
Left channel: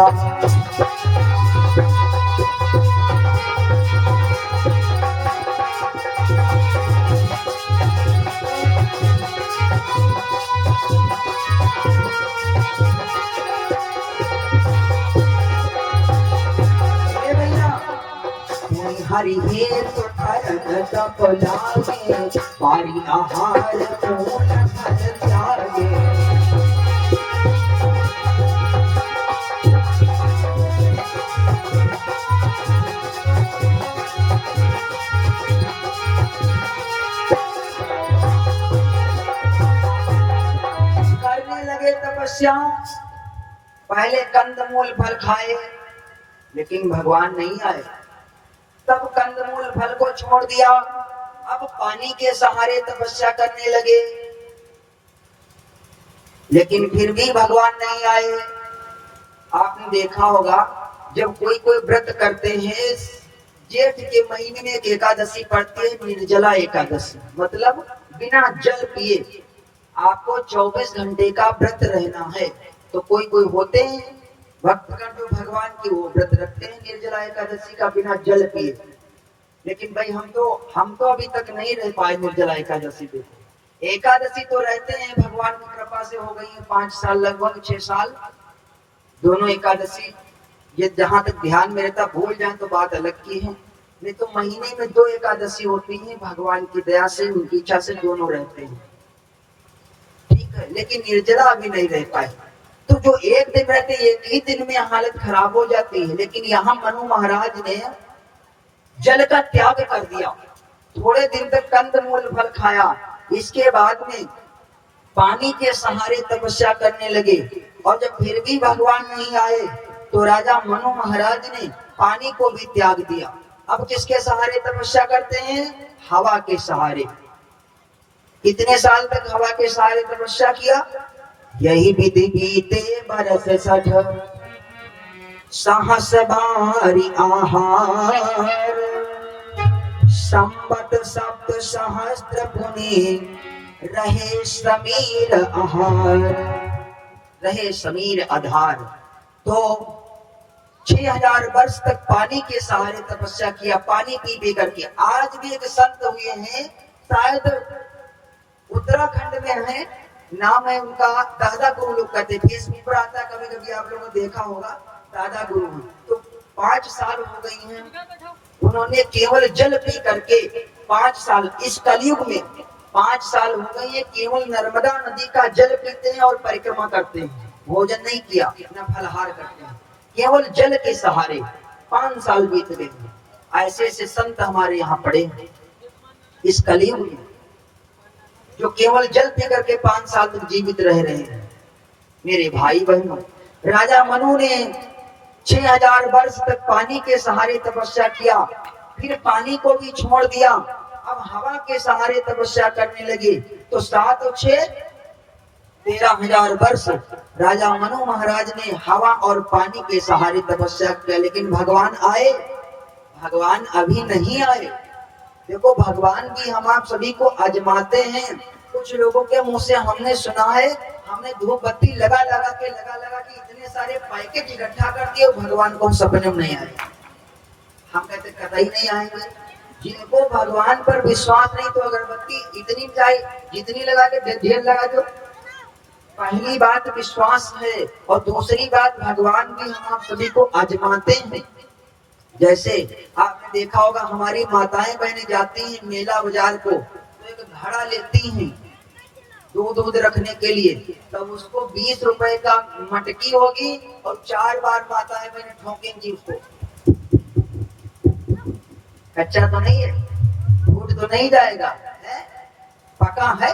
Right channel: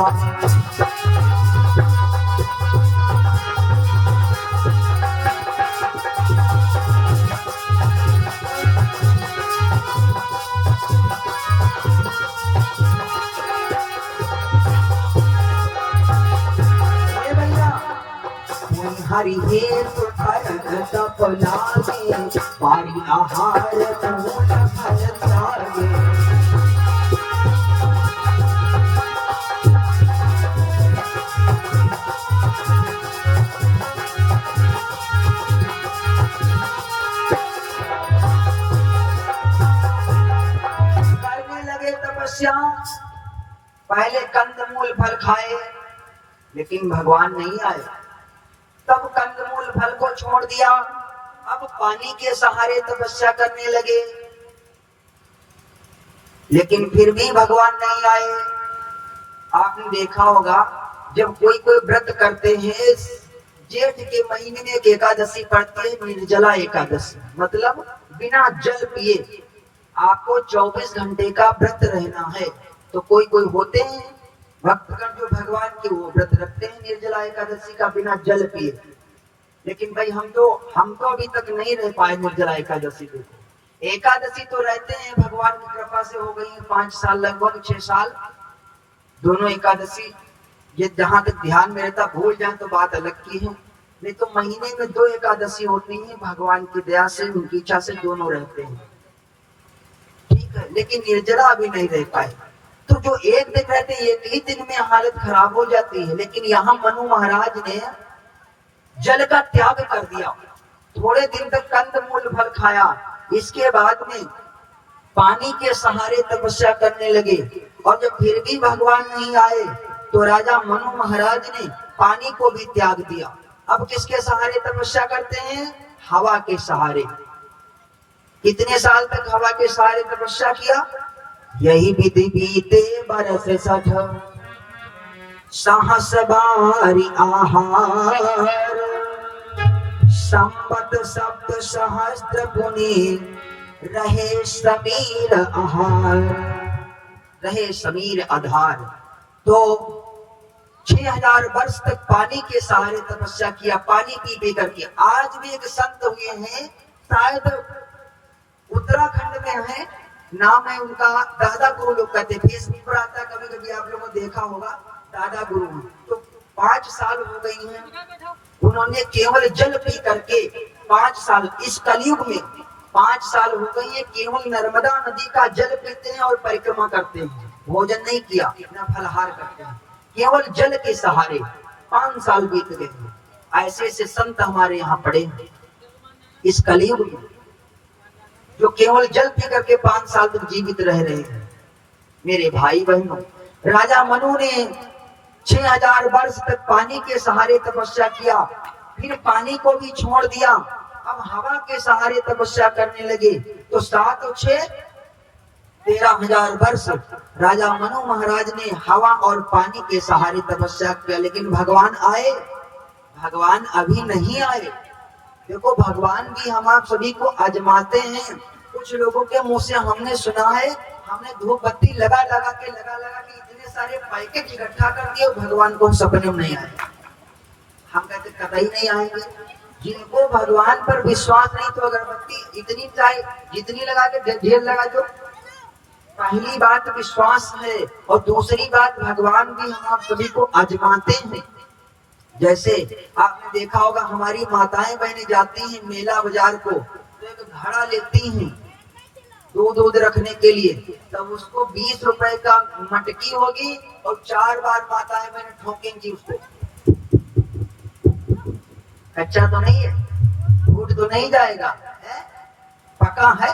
हरि हेतु भरत लागे, पारी आहार पूर्ण फल त्यागे। करने लगे तपस्या। पहले कंदमूल फल खाए, लेकिन भगवान नहीं आए। तब कंदमूल फल को छोड़ दिया, अब पानी के सहारे तपस्या करने लगे, लेकिन फिर भी भगवान नहीं आए। आपने देखा होगा जब कोई कोई व्रत करते हैं, जेठ के महीने में एक एकादशी पड़ती है, निर्जला एकादशी, मतलब बिना जल पिए आपको 24 घंटे का व्रत रहना है। तो कोई कोई होते हैं भक्तगण जो भगवान के, वो व्रत रखते हैं निर्जला एकादशी का बिना जल पिए। लेकिन भाई हम तो अभी तक नहीं रह पाए निर्जला एकादशी। देखो एकादशी तो रहते हैं, भगवान की कृपा से हो गई है 5 साल, लगभग 6 साल दोनों एकादशी। ये जहां तक ध्यान में रहता, भूल जाए तो बात अलग की है, नहीं तो महीने में 2 एकादशी होती है, भगवान की दया से उनकी इच्छा से दोनों रहते हैं, ठीक है। लेकिन निर्जला अभी नहीं रह पाए। तो जो एक दिन रहते, एक ही दिन में हालत खराब हो जाती है। लेकिन यहाँ मनु महाराज ने जल का त्याग कर दिया, थोड़े दिन तक कंदमूल फल खाया, इसके बाद में पानी के सहारे तपस्या करने लगे। और जब फिर भी भगवान नहीं आए तो राजा मनु महाराज ने पानी को भी त्याग दिया। अब किसके सहारे तपस्या करते हैं? हवा के सहारे। कितने साल तक हवा के सहारे तपस्या किया? यही विधि बीते बरस 60, सहस बारी आहार, संपत सप्त सहस्त्र पुनि, रहे समीर आहार, रहे समीर आधार। तो 6000 वर्ष तक पानी के सहारे तपस्या किया, पानी पी पी करके। आज भी एक संत हुए हैं, शायद उत्तराखंड में है, नाम है उनका दादा गुरु, लोग कहते हैं, फेसबुक पर आता, कभी कभी आप लोगों ने देखा होगा, दादा गुरु हैं। तो 5 साल हो गई हैं, उन्होंने केवल जल पी करके 5 साल, इस कलयुग में 5 साल हो गई है, केवल नर्मदा नदी का जल पीते हैं और परिक्रमा करते हैं, भोजन नहीं किया, न फलहार करते हैं, केवल जल के सहारे 5 साल बीत गए। ऐसे ऐसे संत हमारे यहाँ पड़े हैं इस कलयुग में, जो केवल जल पी करके 5 साल तक जीवित रह रहे हैं। मेरे भाई बहनों, राजा मनु ने 6000 वर्ष तक पानी के सहारे तपस्या किया, फिर पानी को भी छोड़ दिया, अब हवा के सहारे तपस्या करने लगे। तो 7 और 6 13,000 वर्ष राजा मनु महाराज ने हवा और पानी के सहारे तपस्या किया। लेकिन भगवान आए? भगवान अभी नहीं आए। देखो भगवान भी हम आप सभी को आजमाते हैं। कुछ लोगों के मुंह से हमने सुना है, हमने धूप बत्ती लगा लगा के इतने सारे पैकेट इकट्ठा कर दिए, भगवान को सपने में नहीं आए। हम कहते कतई नहीं आएंगे। जिनको भगवान पर विश्वास नहीं, तो अगरबत्ती इतनी चाहिए जितनी लगा के ढेर लगा दो। पहली बात विश्वास है, और दूसरी बात भगवान भी हम आप सभी को आजमाते हैं। जैसे आपने देखा होगा, हमारी माताएं बहनें जाती हैं मेला बाजार को, तो एक घड़ा लेती हैं दूध रखने के लिए, तब उसको 20 रुपए का मटकी होगी और 4 बार माताएं बहनें ठोकेंगी उसको। कच्चा तो नहीं है, टूट तो नहीं जाएगा, है? पका है।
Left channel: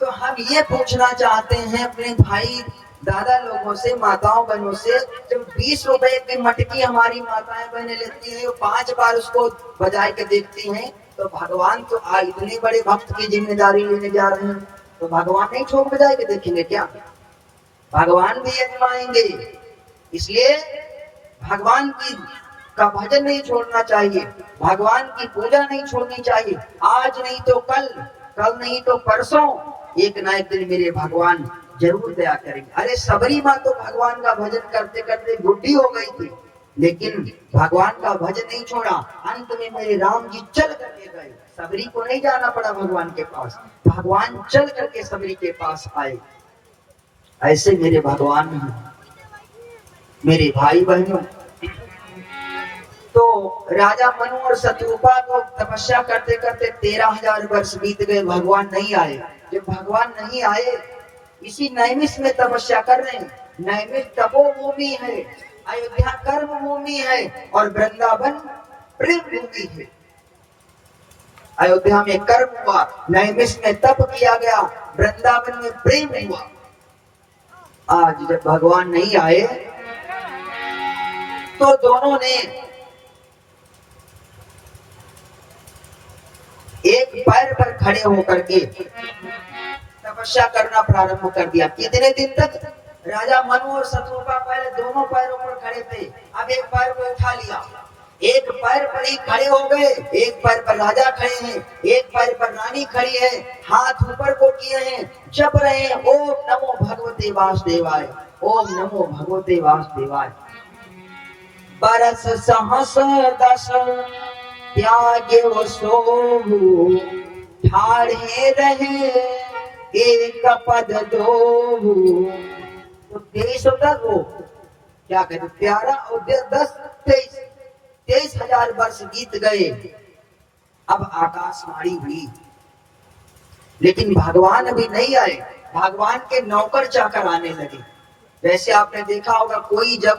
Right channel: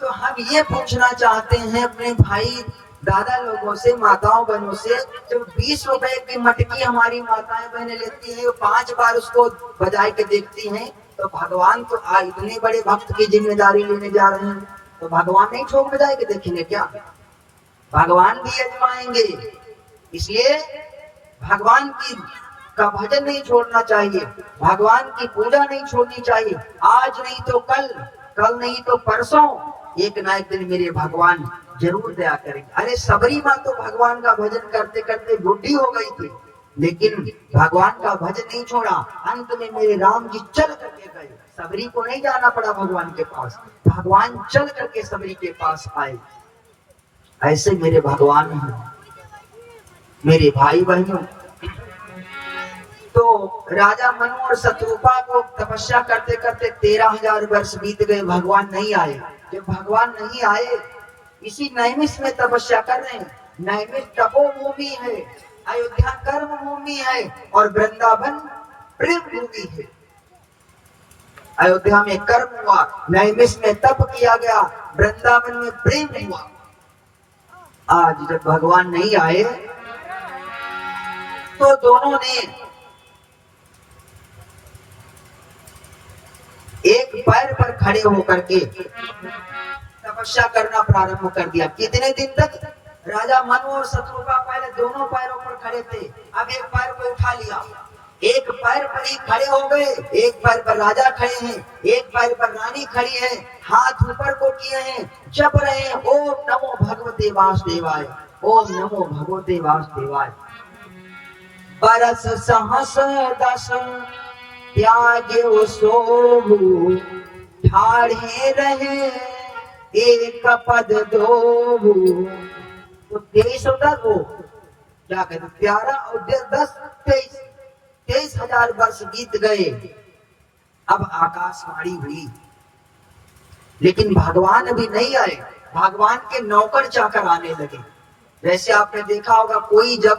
तो हम ये पूछना चाहते हैं अपने भाई दादा लोगों से, माताओं बहनों से, जब 20 रुपए की मटकी हमारी माताएं बहनें लेती हैं, 5 बार उसको बजा के देखती हैं, तो भगवान तो इतने बड़े भक्त की जिम्मेदारी लेने जा रहे हैं, तो भगवान नहीं ठोक बजा के देखेंगे क्या? भगवान भी आजमाएंगे। इसलिए भगवान की का भजन नहीं छोड़ना चाहिए, भगवान की पूजा नहीं छोड़नी चाहिए। आज नहीं तो कल, कल नहीं तो परसों, एक ना एक दिन मेरे भगवान जरूर दया करेंगे। अरे सबरी माँ तो भगवान का भजन करते करते बुढ़ी हो गई थी, लेकिन भगवान का भजन नहीं छोड़ा। अंत में मेरे राम जी चल करके गए, सबरी को नहीं जाना पड़ा भगवान के पास, भगवान चल करके सबरी के पास आए। ऐसे मेरे भगवान हैं। मेरे भाई बहनों, तो राजा मनु और शत्रुपा को तपस्या करते करते 13,000 वर्ष बीत गए, भगवान नहीं आए। जब भगवान नहीं आए, इसी नैमिष में तपस्या कर रहे हैं। नैमिष तपोभूमि है, अयोध्या कर्म भूमि है और वृंदावन प्रेम भूमि है। अयोध्या में कर्म हुआ, नैमिष में तप किया गया, वृंदावन में प्रेम हुआ। आज जब भगवान नहीं आए तो दोनों ने एक पैर पर खड़े होकर के तपस्या करना प्रारंभ कर दिया। कितने दिन तक? राजा मनु और शत्रुपा पहले दोनों पैरों पर खड़े थे, अब एक पैर को उठा लिया। एक पैर पर ही खड़े हो गए, एक पैर पर राजा खड़े हैं, एक पैर पर रानी खड़ी है, हाथ ऊपर को किए हैं, जप रहे हैं ओम नमो भगवते वासुदेवाय, ओम नमो भगवते वासुदेवाय। बरस सहस दस त्यागे सोहु, ठाढ़े रहे एक पद दोहु। तो 23 होता वो क्या कहते, 11 और 10 23,000 वर्ष बीत गए। अब आकाशवाणी हुई, लेकिन भगवान अभी नहीं आए। भगवान के नौकर चाकर आने लगे। वैसे आपने देखा होगा, कोई जब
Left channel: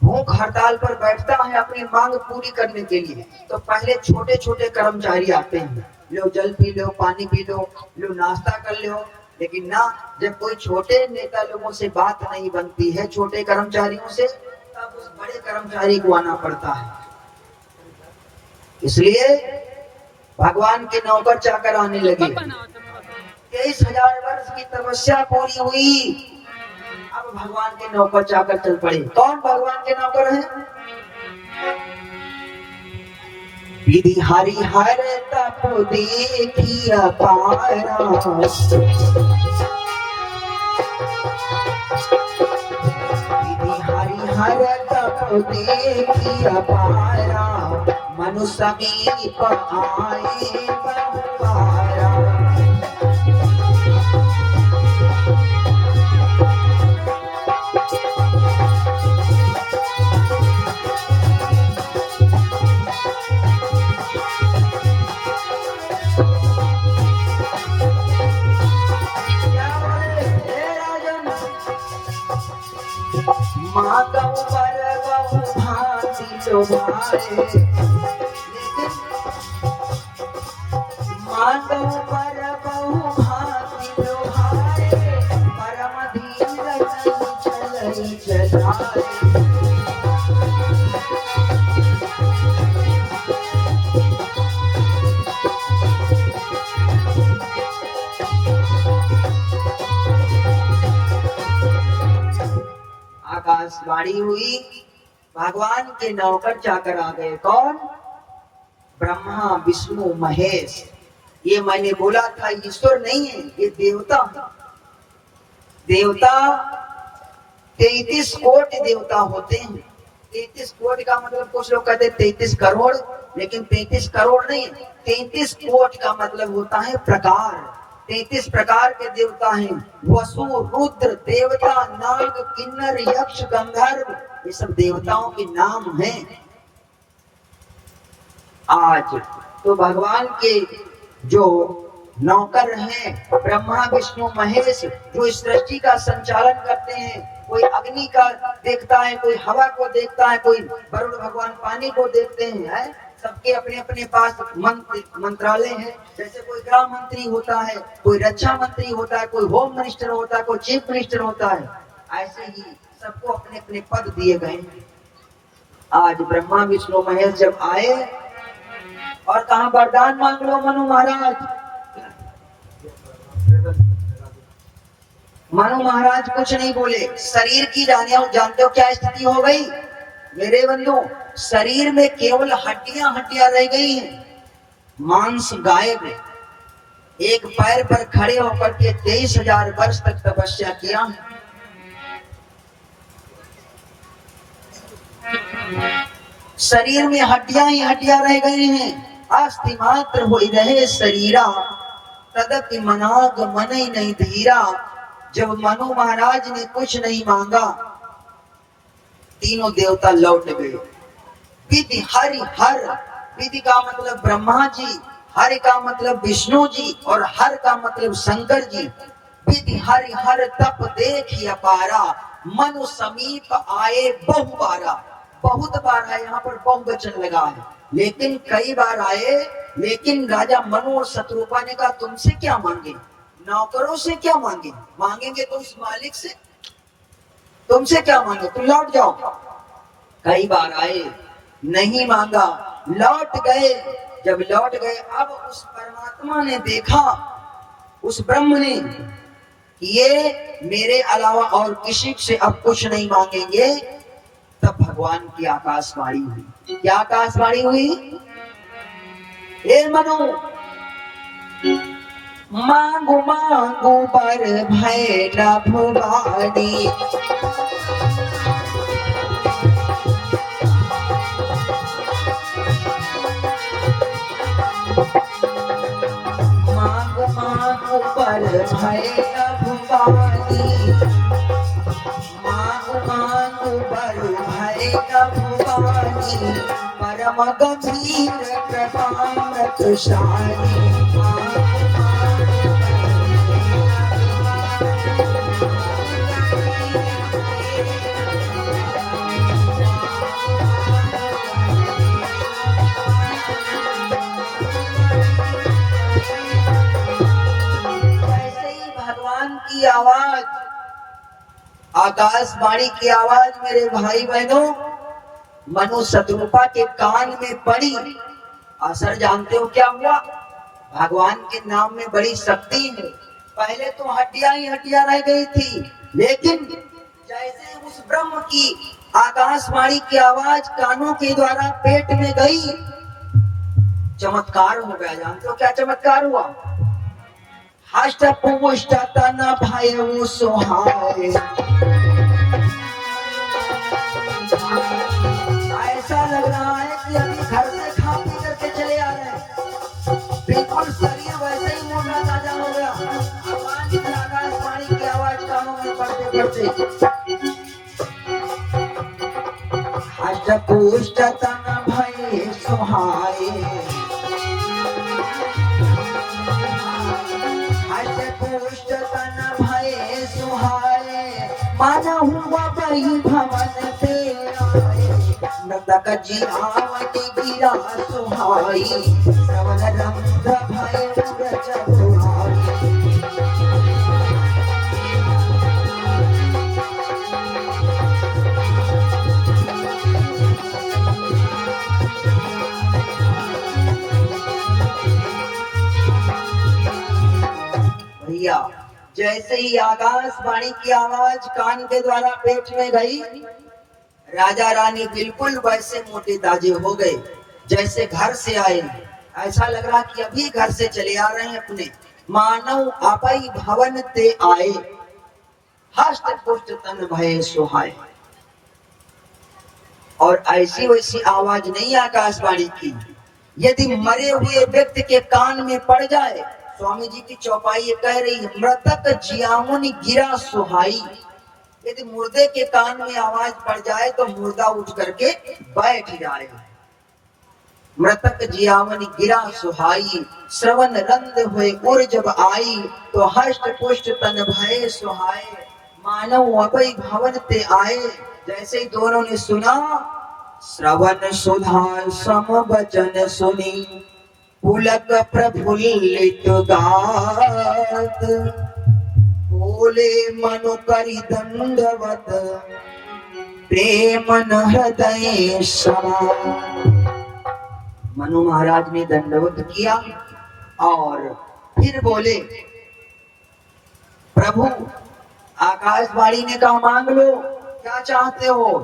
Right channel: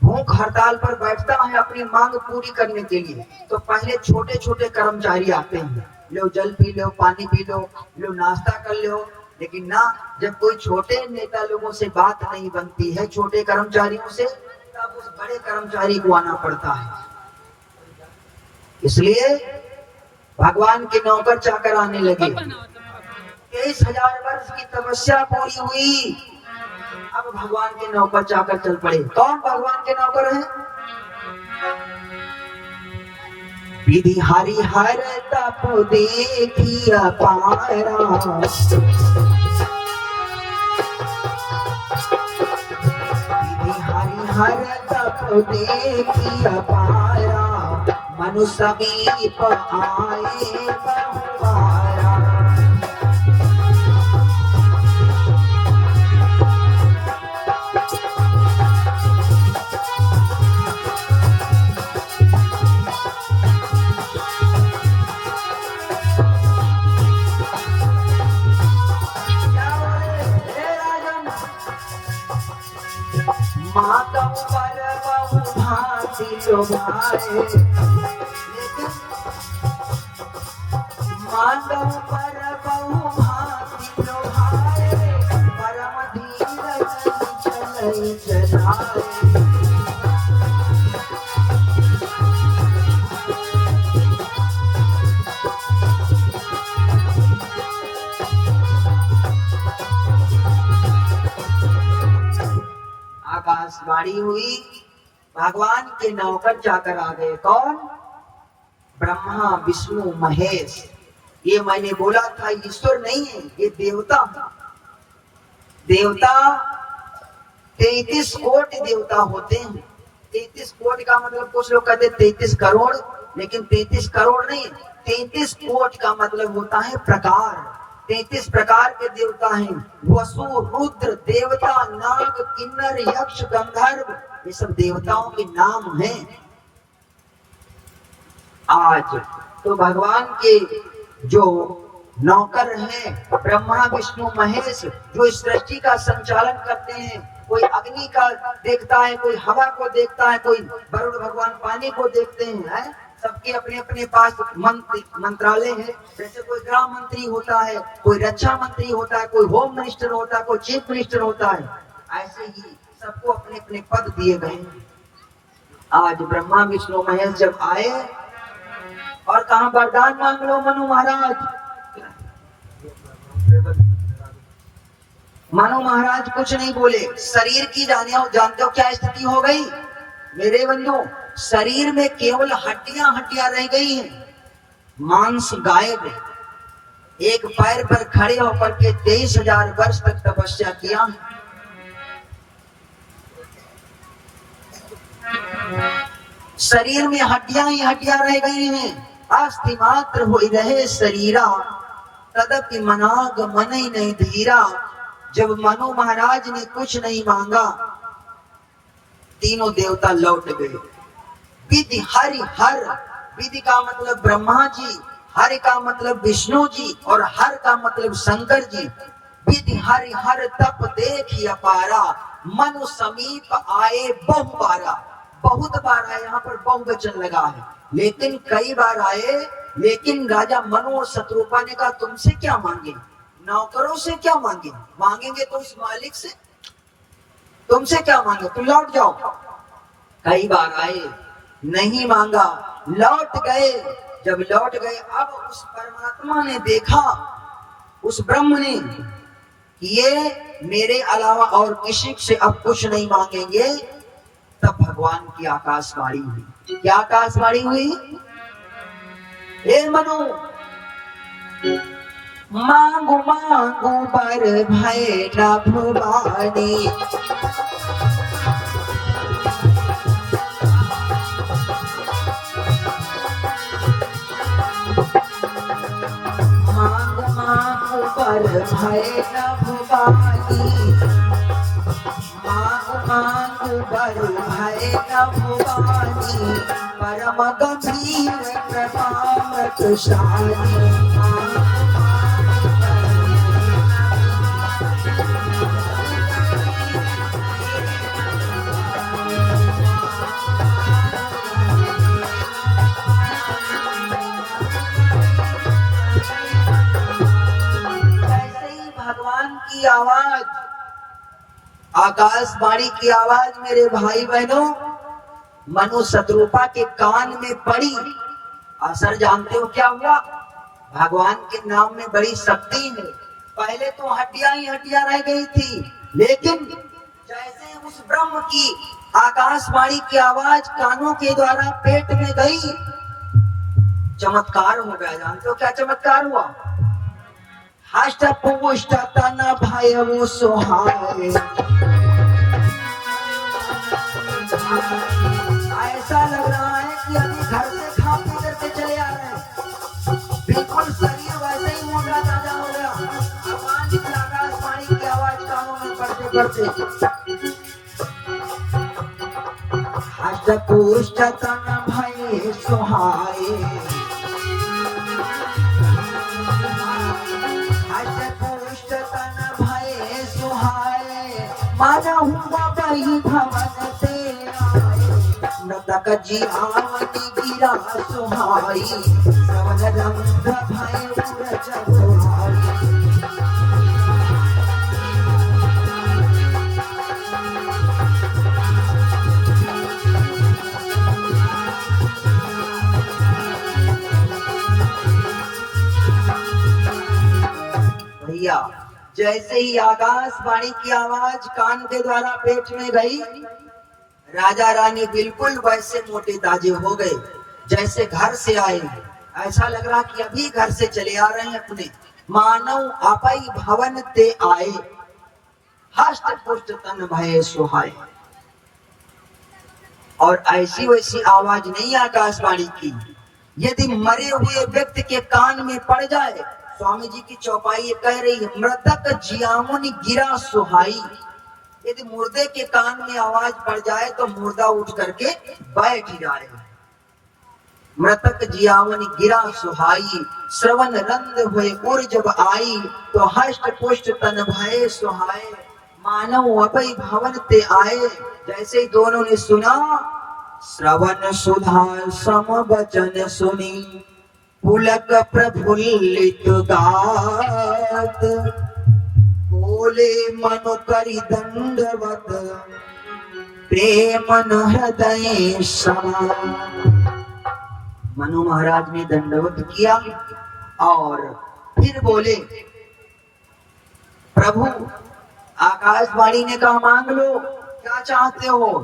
भूख हड़ताल पर बैठता है अपनी मांग पूरी करने के लिए, तो पहले छोटे छोटे कर्मचारी आते हैं, लो जल पी लो, पानी पी लो, लो नाश्ता कर लो। लेकिन ना, जब कोई छोटे नेता लोगों से बात नहीं बनती है, छोटे कर्मचारियों से, तब उस बड़े कर्मचारी को आना पड़ता है। इसलिए भगवान के नौकर चाकर आने लगे। 23,000 वर्ष की तपस्या पूरी हुई, अब भगवान के नौकर चाकर चल पड़े। कौन भगवान के नौकर हैं? विधि हरिहर तप देखी अपारा, हर तप देखी अपारा, मनु समीप आए बहुवारा। माधव पर बहु भांति लोभाए, माधव पर बहु भांति लोभाए, परम धीरज चलई चलाए। आकाशवाणी हुई, भगवान के नौकर चाकर आ गए। कौन? ब्रह्मा विष्णु महेश। ये मैंने बोला था, ईश्वर नहीं है, ये देवता है। देवता 33 कोटि देवता होते हैं। 33 कोटि का मतलब, कुछ लोग कहते हैं 33 करोड़, लेकिन 33 करोड़ नहीं, 33 कोटि का मतलब होता है प्रकार। 33 प्रकार के देवता हैं। वसु, रुद्र, देवता, नाग, किन्नर, यक्ष, गंधर्व, ये सब देवताओं के नाम हैं। आज तो भगवान के जो नौकर हैं, ब्रह्मा विष्णु महेश, जो इस सृष्टि का संचालन करते हैं, कोई अग्नि का देखता है, कोई हवा को देखता है, कोई वरुण भगवान पानी को देखते हैं। सबके अपने अपने पास मंत्रालय है। जैसे कोई गृह मंत्री होता है, कोई रक्षा मंत्री होता है, कोई होम मिनिस्टर होता है, कोई चीफ मिनिस्टर होता है, ऐसे ही सबको अपने अपने पद दिए गए। आज ब्रह्मा विष्णु महेश जब आए और कहा वरदान मांग लो मनु महाराज, मनु महाराज कुछ नहीं बोले। शरीर की जानते हो क्या स्थिति हो गई मेरे बंधु? शरीर में केवल हड्डियां हड्डियां रह गई हैं, मांस गायब है। एक पैर पर खड़े होकर के 23,000 वर्ष तक तपस्या किया। शरीर में हड्डियां ही हड्डियां रह गई हैं। अस्थि मात्र हो रहे शरीरा, तदपि मनाग मन ही नहीं धीरा। जब मनु महाराज ने कुछ नहीं मांगा, तीनों देवता लौट गए। विधि हरि हर, विधि का मतलब ब्रह्मा जी, हरि का मतलब विष्णु जी, और हर का मतलब शंकर जी। विधि हरि हर तप देखी अपारा, मनु समीप आए बहु बारा, बहुत बार आए, यहाँ पर बहुवचन लगा है, लेकिन कई बार आए। लेकिन राजा मनु और शत्रुपा ने कहा तुमसे क्या मांगे, नौकरों से क्या मांगे, मांगेंगे तो उस मालिक से, तुमसे क्या मांगे, तुम लौट जाओ। कई बार आए, नहीं मांगा, लौट गए। जब लौट गए, अब उस परमात्मा ने देखा, उस ब्रह्म ने, ये मेरे अलावा और किसी से अब कुछ नहीं मांगेंगे। तब भगवान की आकाशवाणी हुई। क्या आकाशवाणी हुई? हे मनु, मांगो मांगो बर भय न भुवानी, मांगो मांगो बर भय न भुवानी, मांगो मांगो बर भय न भुवानी, परम गंभीर प्रभाव तुषारी। की आवाज, आकाशवाणी की आवाज मेरे भाई बहनों मनु शत्रुपा के कान में पड़ी। असर जानते हो क्या हुआ? भगवान के नाम में बड़ी शक्ति है। पहले तो हड्डियां ही हड्डियां रह गई थी, लेकिन जैसे उस ब्रह्म की आकाशवाणी की आवाज कानों के द्वारा पेट में गई, चमत्कार हो गया। जानते हो क्या चमत्कार हुआ? हष्ट पुष्ट तन भय सुहाए। ऐसा लग रहा है कि अभी घर से खा पी करके चले आ रहे हैं, बिल्कुल शरीर वैसे ही मोटा ताजा हो गया। भगवान की आकाशवाणी की आवाज कानों में पड़ते पड़ते। हष्ट पुष्ट तन भय सुहाए, माना हुआ बही भवन तेरा, नतक जियावती गिरा सुहाई, सवन रंग भय उरज बुहाई। भैया जैसे ही आकाशवाणी की आवाज कान के द्वारा पेट में गई, राजा रानी बिल्कुल वैसे मोटे ताजे हो गए जैसे घर से आए। ऐसा लग रहा कि अभी घर से चले आ रहे हैं अपने। मानव अपई भवन ते आए, हष्ट पुष्ट तन भय सुहाए। और ऐसी वैसी आवाज नहीं आकाशवाणी की। यदि मरे हुए व्यक्ति के कान में पड़ जाए, स्वामी जी की चौपाई ये कह रही है, मृतक जियामुनि गिरा सुहाई। यदि मुर्दे के कान में आवाज पड़ जाए तो मुर्दा उठ करके बैठ जाएगा। मृतक जियामुनि गिरा सुहाई, श्रवण रंद हुए उर जब आई, तो हष्ट पुष्ट तन भय सुहाए, मानव अपई भवन ते आए। जैसे ही दोनों ने सुना, श्रवण सुधा सम वचन सुनी, पुलक प्रफुल्लित गात, बोले मनु करि दंडवत, प्रेम हृदय समा। मनु महाराज ने दंडवत किया और फिर बोले, प्रभु आकाशवाणी ने कहा मांग लो, क्या चाहते हो?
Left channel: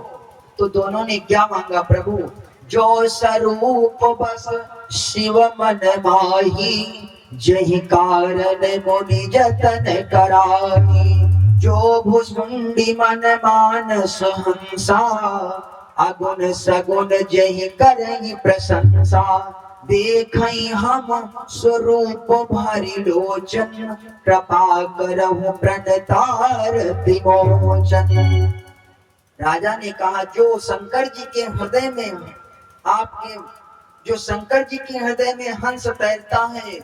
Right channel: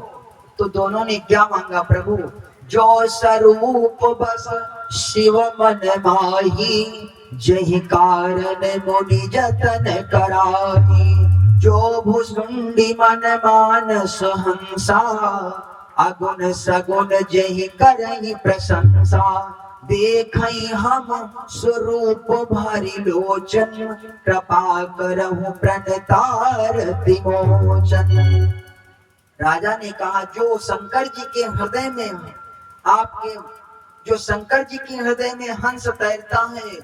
तो दोनों ने क्या मांगा? प्रभु जो स्वरूप बस शिव मन माही, जहि कारण मुनि जतन कराही, जो भुसुंडी मन मानस हंसा, अगुण सगुण जहि करहि प्रशंसा, देखई हम स्वरूप भरि लोचन, कृपा करहु प्रणतार विमोचन। राजा ने कहा, जो शंकर जी के हृदय में, आपके जो शंकर जी के हृदय में हंस तैरता है,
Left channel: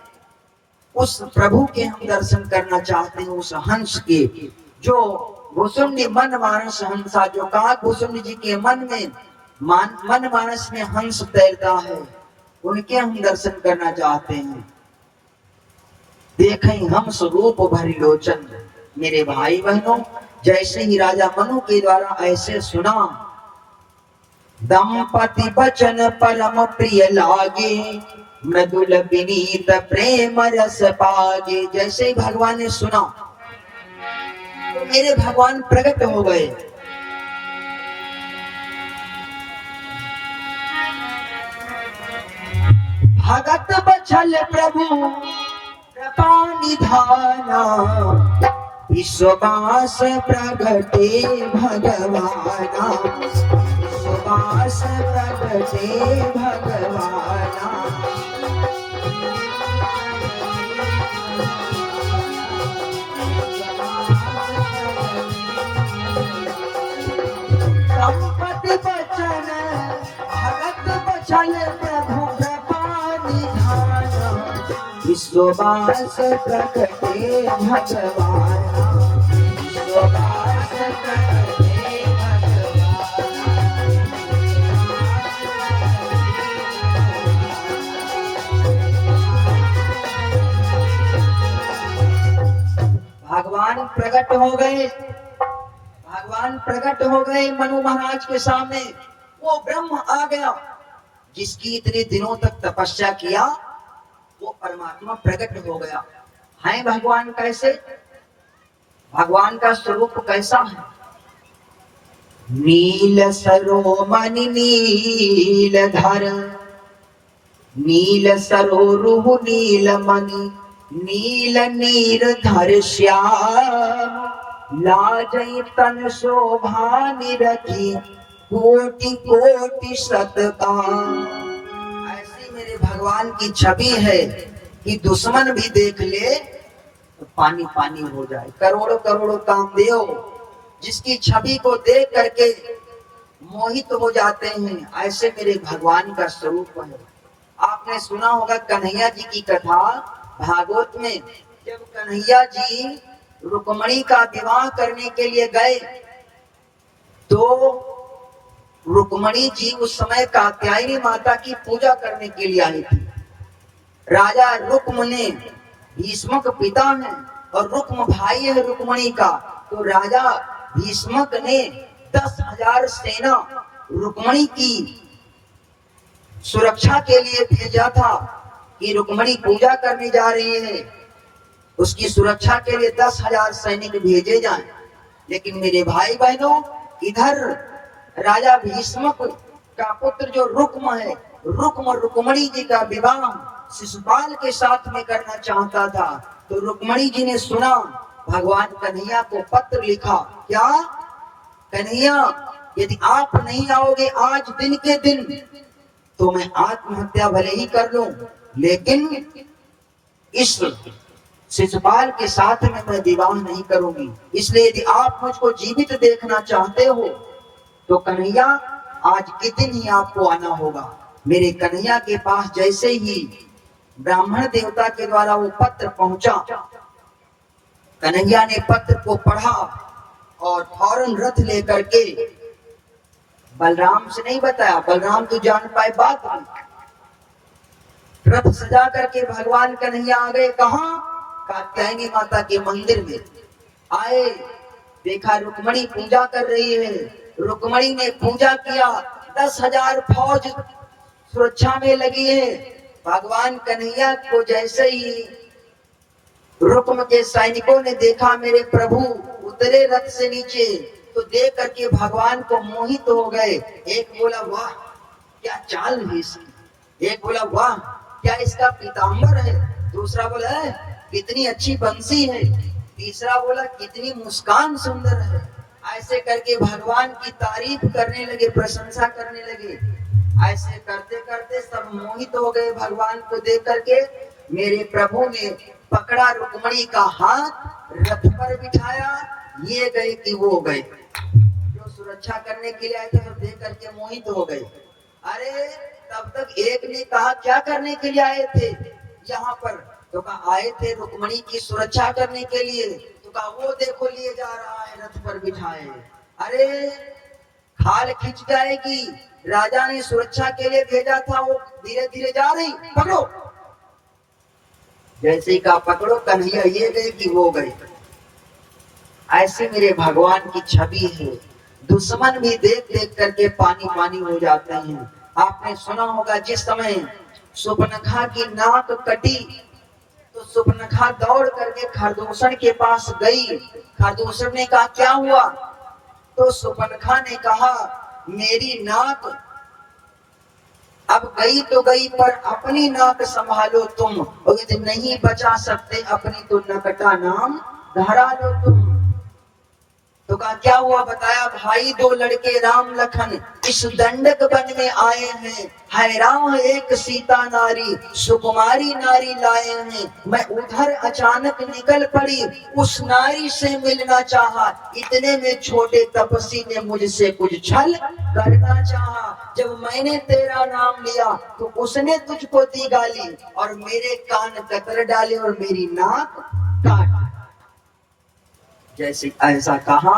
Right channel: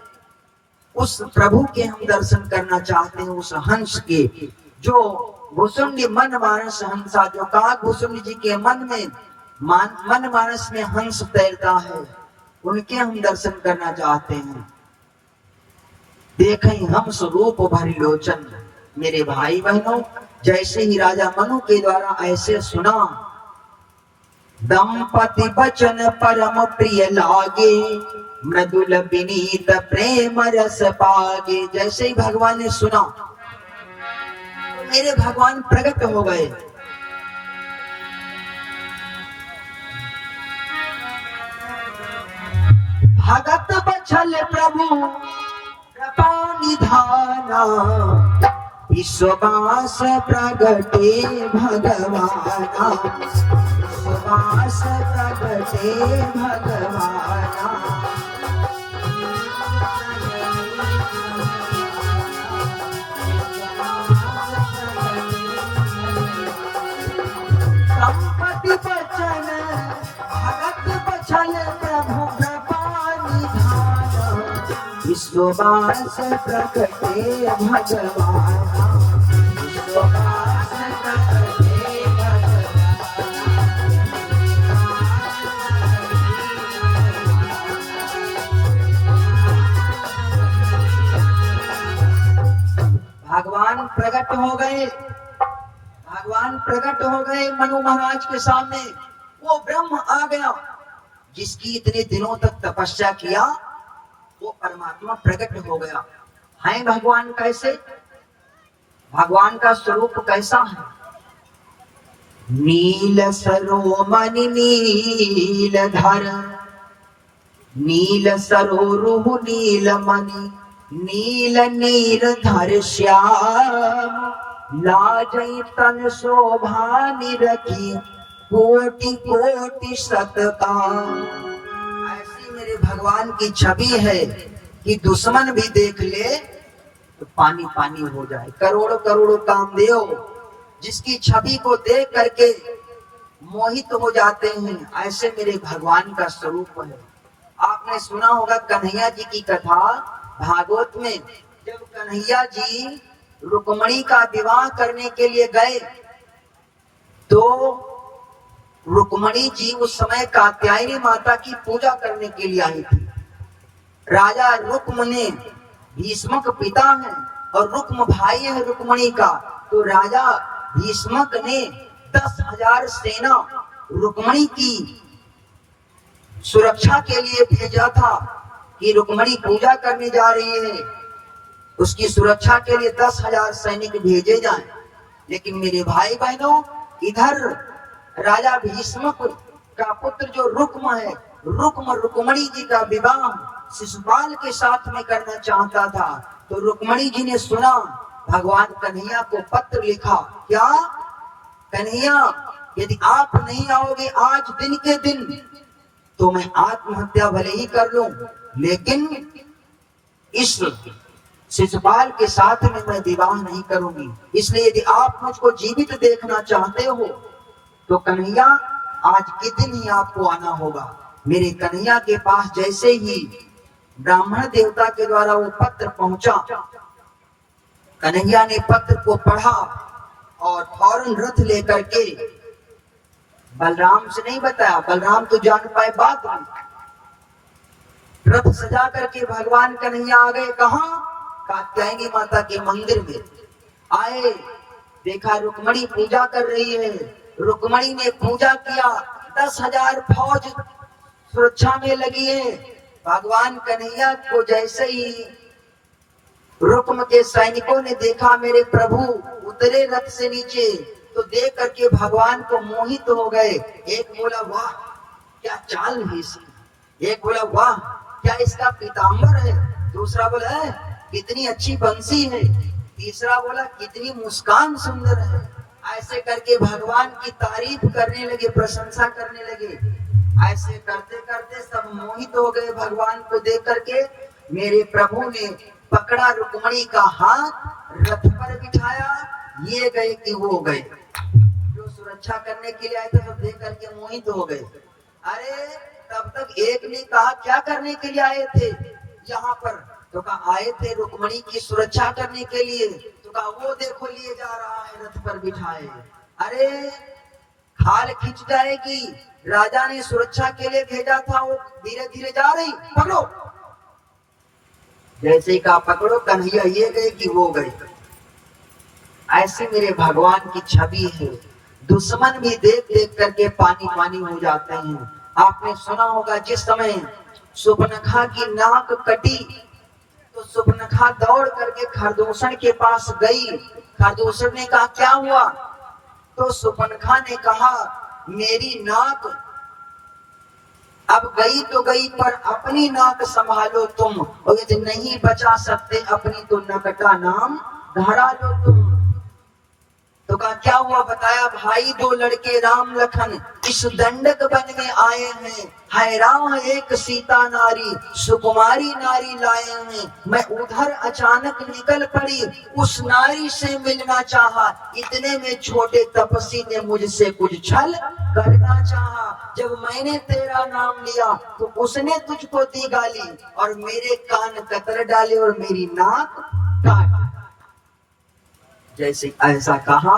उस प्रभु के हम दर्शन करना चाहते हैं। उस हंस के जो भुसुंडी मन मानस हंसा, जो काग भुसुंडी जी के मन मानस में हंस तैरता है, उनके हम दर्शन करना चाहते हैं। देखें हम स्वरूप भरी लोचन। मेरे भाई बहनों, जैसे ही राजा मनु के द्वारा ऐसे सुना, दंपति बचन परम प्रिय लागे, मृदुल विनीत प्रेम रस पागे। जैसे ही भगवान ने सुना तो मेरे भगवान प्रकट हो गए। भगत बचल प्रभु कृपा निधाना, विश्वदास प्रगटे भगवाना, विश्वदास प्रगटे भगवाना। संपत्ति बचन भगत बचल प्रभु कृपा निधाना, विश्वदास प्रगटे भगवाना, विश्वदास प्रगटे भगवान प्रकट हो गए। भगवान प्रकट हो गए मनु महाराज के सामने। वो ब्रह्म आ गया जिसकी इतने दिनों तक तपस्या किया, वो परमात्मा प्रकट हो गया। है भगवान कैसे? भगवान का स्वरूप कैसा है? नील सरोमणि नील धर, नील सरोरुह नील मणि, नील नीर धर श्याम, लाजई तन शोभा निरखी, कोटि कोटि शतकाम। ऐसी मेरे भगवान की छवि है कि दुश्मन भी देख ले तो पानी पानी हो जाए। करोड़ों करोड़ों कामदेव जिसकी छवि को देख करके मोहित हो जाते हैं, ऐसे मेरे भगवान का स्वरूप है। आपने सुना होगा कन्हैया जी की कथा भागवत में, जब कन्हैया जी रुक्मणी का विवाह करने के लिए गए तो रुक्मणी जी उस समय कात्यायनी माता की पूजा करने के लिए आई थी। राजा रुक्म ने, भीष्मक पिता है और रुक्म भाई है रुक्मणी का, तो राजा भीष्मक ने 10,000 सेना रुक्मणी की सुरक्षा के लिए भेजा था कि रुक्मणी पूजा करने जा रही है, उसकी सुरक्षा के लिए 10,000 सैनिक भेजे जाएं। लेकिन मेरे भाई बहनों, इधर राजा भीष्मक का पुत्र जो रुक्म है, रुक्म रुक्मणी जी का विवाह शिशुपाल के साथ में करना चाहता था। तो रुक्मणी जी ने सुना, भगवान कन्हैया को पत्र लिखा। क्या? कन्हैया, यदि आप नहीं आओगे आज दिन के दिन तो मैं आत्महत्या भले ही कर लूं, लेकिन इस शिशुपाल के साथ में मैं विवाह नहीं करूंगी। इसलिए यदि आप मुझको जीवित देखना चाहते हो तो कन्हैया आज के दिन ही आपको आना होगा। मेरे कन्हैया के पास जैसे ही ब्राह्मण देवता के द्वारा वो पत्र पहुंचा, कन्हैया ने पत्र को पढ़ा और फौरन रथ लेकर के, बलराम से नहीं बताया, बलराम तो जान पाए बात नहीं, रथ सजा करके भगवान कन्हैया आ गए। कहां? कात्यायनी माता के मंदिर में आए। देखा रुक्मणी पूजा कर रही है। रुक्मणी ने पूजा किया, 10,000 फौज सुरक्षा में लगी है। भगवान कन्हैया को जैसे ही रुक्म के सैनिकों ने देखा, मेरे प्रभु उतरे रथ से नीचे, तो देख करके भगवान को मोहित हो गए। एक बोला वाह क्या चाल है इसकी, एक बोला वाह क्या इसका पीताम्बर है, दूसरा बोला कितनी अच्छी बंसी है, तीसरा बोला कितनी मुस्कान सुंदर है। ऐसे करके भगवान की तारीफ करने लगे, प्रशंसा करने लगे। ऐसे करते करते सब मोहित हो गए भगवान को देख करके। मेरे प्रभु ने पकड़ा रुक्मणी का हाथ, रथ पर बिठाया, ये गए कि वो गए। जो सुरक्षा करने के लिए आए थे वो देख करके मोहित हो गए। अरे तब तक एक ने कहा क्या करने के लिए आए थे यहाँ पर? तो कहा आए थे रुक्मणी की सुरक्षा करने के लिए। तो तो कहा वो देखो लिए जा रहा है रथ पर बिठाए। अरे खाल खिंच जाएगी, राजा ने सुरक्षा के लिए भेजा था, वो धीरे धीरे जा रही, पकड़ो। जैसे ही कहा पकड़ो, कन्हैया ये गए कि वो गए। ऐसे मेरे भगवान की छवि है, दुश्मन भी देख देख करके पानी पानी हो जाते हैं। आपने सुना होगा जिस समय सुपनखा की नाक कटी तो सुपनखा दौड़ करके खरदूषण के पास गई। खरदूषण ने कहा क्या हुआ? तो सुपनखा ने कहा मेरी नाक अब गई तो गई, पर अपनी नाक संभालो तुम, और यदि नहीं बचा सकते अपनी तो नकटा नाम धरा लो तुम। तो कहा क्या हुआ? बताया भाई दो लड़के राम लखन इस दंडक वन में आए हैं, हैरान एक सीता नारी सुकुमारी नारी लाए हैं। मैं उधर अचानक निकल पड़ी, उस नारी से मिलना चाहा, इतने में छोटे तपस्वी ने मुझसे कुछ छल करना चाहा। जब मैंने तेरा नाम लिया तो उसने तुझको दी गाली और मेरे कान कतर डाले और मेरी नाक काट। जैसे ऐसा कहा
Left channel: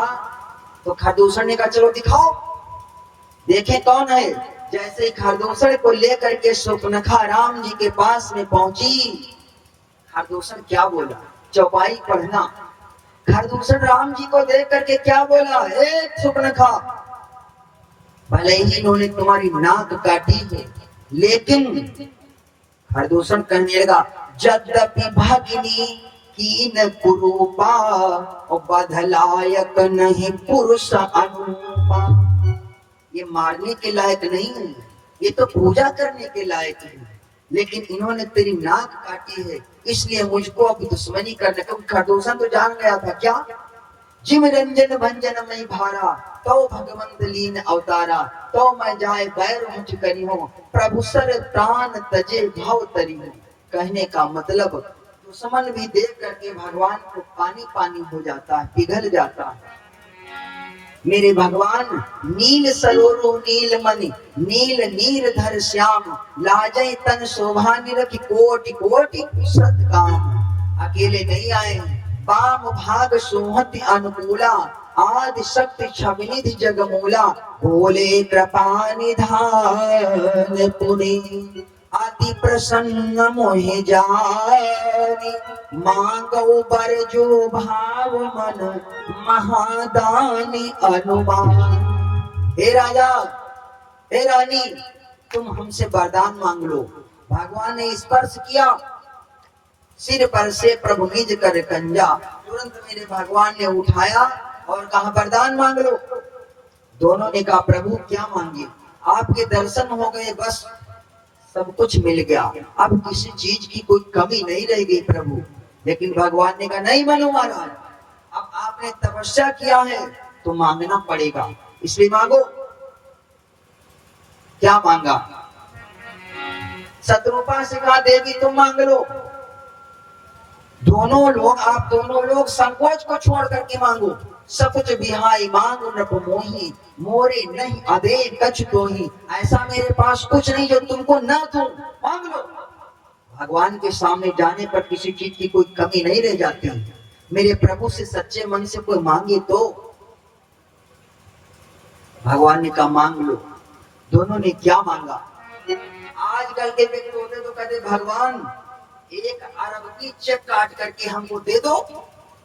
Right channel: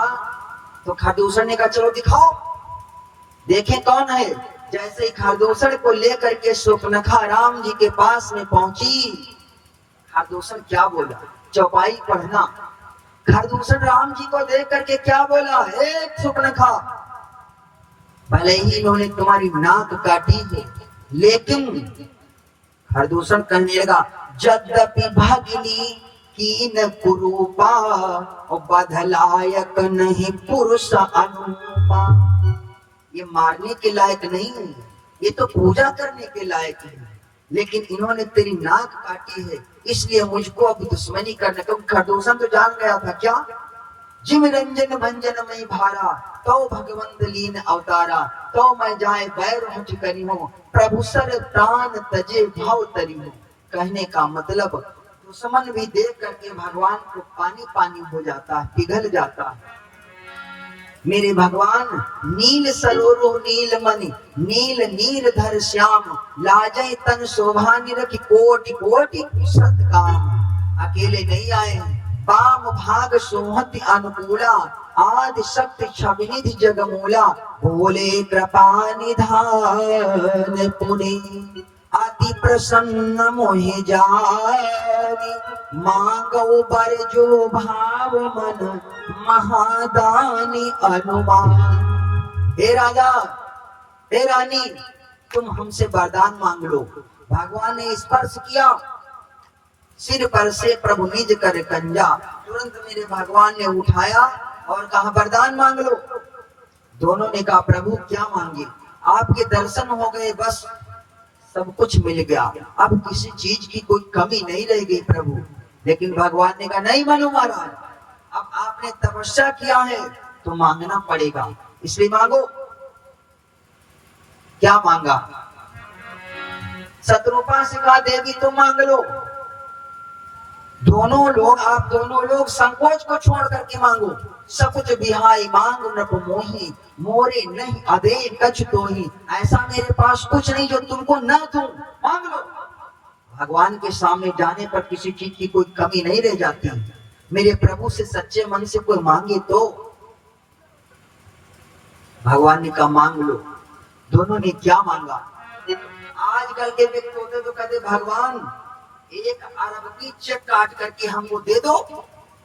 तो खरदूषण ने कहा चलो दिखाओ, देखें कौन है। जैसे खरदूषण को लेकर के सुपनखा राम जी के पास में पहुंची, खरदूषण क्या बोला? चौपाई पढ़ना। खरदूषण राम जी को देख करके क्या बोला? हे सुपनखा, भले ही इन्होंने तुम्हारी नाक काटी है, लेकिन खरदूषण कहने लगा यद्यपि भागिनी कीन कुरूपा और बधलायक नहीं पुरुष अनुपा। ये मारने के लायक नहीं है, ये तो पूजा करने के लायक है, लेकिन इन्होंने तेरी नाक काटी है, इसलिए मुझको अब दुश्मनी करने। क्योंकि खरदूषण तो जान गया था क्या, जिम रंजन भंजन में भारा तो भगवंत लीन अवतारा, तो मैं जाए बैर मुझ करी हूँ प्रभु सर प्राण तजे भाव तरी हूँ। कहने का मतलब दुश्मन भी देख करके भगवान को पानी पानी हो जाता है, पिघल जाता है। मेरे भगवान नील सरोरो नील मणि नील नीर धर श्याम, लाजय तन शोभा निरखि कोटि कोटि सत्काम। अकेले नहीं आए, वाम भाग सुमति अनुकूला, आदि शक्ति छविनिधि जगमूला, भोले कृपा निधान पुनि, अति प्रसन्न मोहि जानी, मांगो बर जो भाव मन महादानी अनुमान। हे राजा, हे रानी, तुम हमसे वरदान मांग लो। भगवान ने स्पर्श किया सिर पर से प्रभु निज कर कंजा, तुरंत मेरे भगवान ने उठाया और कहा वरदान मांग लो। दोनों ने कहा प्रभु क्या मांगे? आपके दर्शन हो गए, बस सब कुछ मिल गया, अब किसी चीज की कोई कमी नहीं रह गई प्रभु। लेकिन भगवान ने कहा नहीं मानो महाराज, अब आपने तपस्या किया है तो मांगना पड़ेगा, इसलिए मांगो। क्या मांगा? शत्रुपा से कहा देवी तुम मांग लो। आप दोनों लोग संकोच को छोड़ करके मांगो। सब कुछ बिहाई मांग नृप मोही, मोरे नहीं अदे कछ तो ही। ऐसा मेरे पास कुछ नहीं जो तुमको ना दूं, मांग लो। भगवान के सामने जाने पर किसी चीज की कोई कमी नहीं रह जाती। मेरे प्रभु से सच्चे मन से कोई मांगे तो भगवान ने कहा मांग लो। दोनों ने क्या मांगा? आजकल के व्यक्ति होते तो कहते भगवान 1 अरब की चेक काट करके हमको दे दो,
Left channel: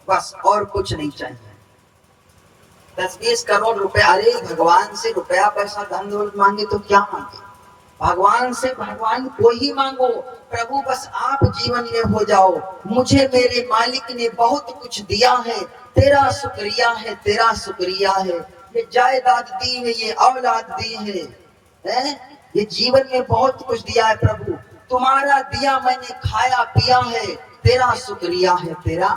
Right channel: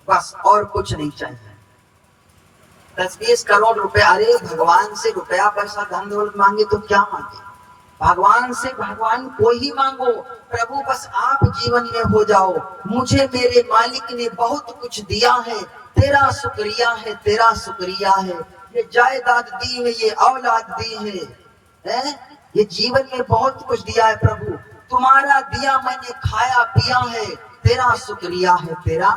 बस और कुछ नहीं चाहिए। 10-20 करोड़ रुपए, अरे भगवान से रुपया पैसा धन दौलत मांगे तो क्या मांगे? भगवान से भगवान को ही मांगो। प्रभु बस आप जीवन में हो जाओ, मुझे मेरे मालिक ने बहुत कुछ दिया है, तेरा शुक्रिया है, तेरा शुक्रिया है। ये जायदाद दी है, ये औलाद दी है, ये जीवन में बहुत कुछ दिया है प्रभु, तुम्हारा दिया मैंने खाया पिया है, तेरा शुक्रिया है, तेरा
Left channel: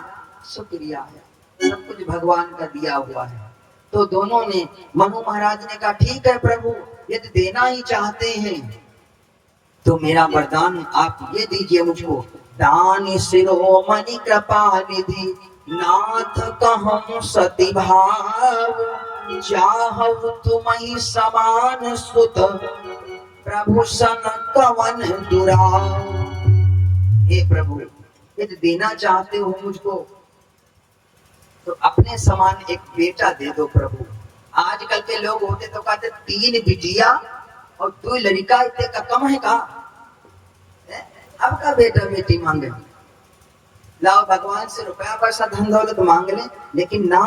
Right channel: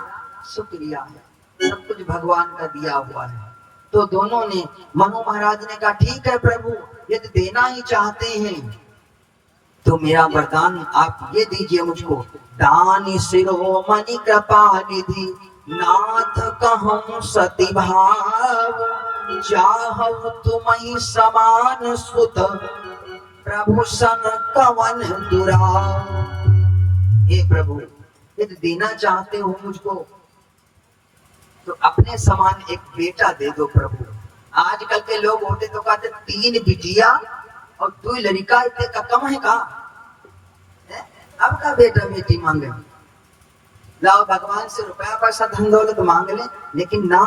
शुक्रिया है। सब कुछ भगवान का दिया हुआ है। तो दोनों ने, मनु महाराज ने कहा ठीक है प्रभु, यदि देना ही चाहते हैं तो मेरा वरदान आप ये दीजिए मुझको। दान शिरोमणि कृपा निधि नाथ कहूं सती भाव, चाहु तुम्हि समान सुत प्रभु सन कवन दुराव। हे प्रभु, यदि देना चाहते हो मुझको तो अपने समान एक बेटा दे दो प्रभु। आजकल के लोग होते तो कहते 3 बिटिया और 2 लड़का, इतने का कम है का? अब का बेटा बेटी मांगे, लाओ भगवान से रुपया पैसा धन दौलत मांग ले, लेकिन ना,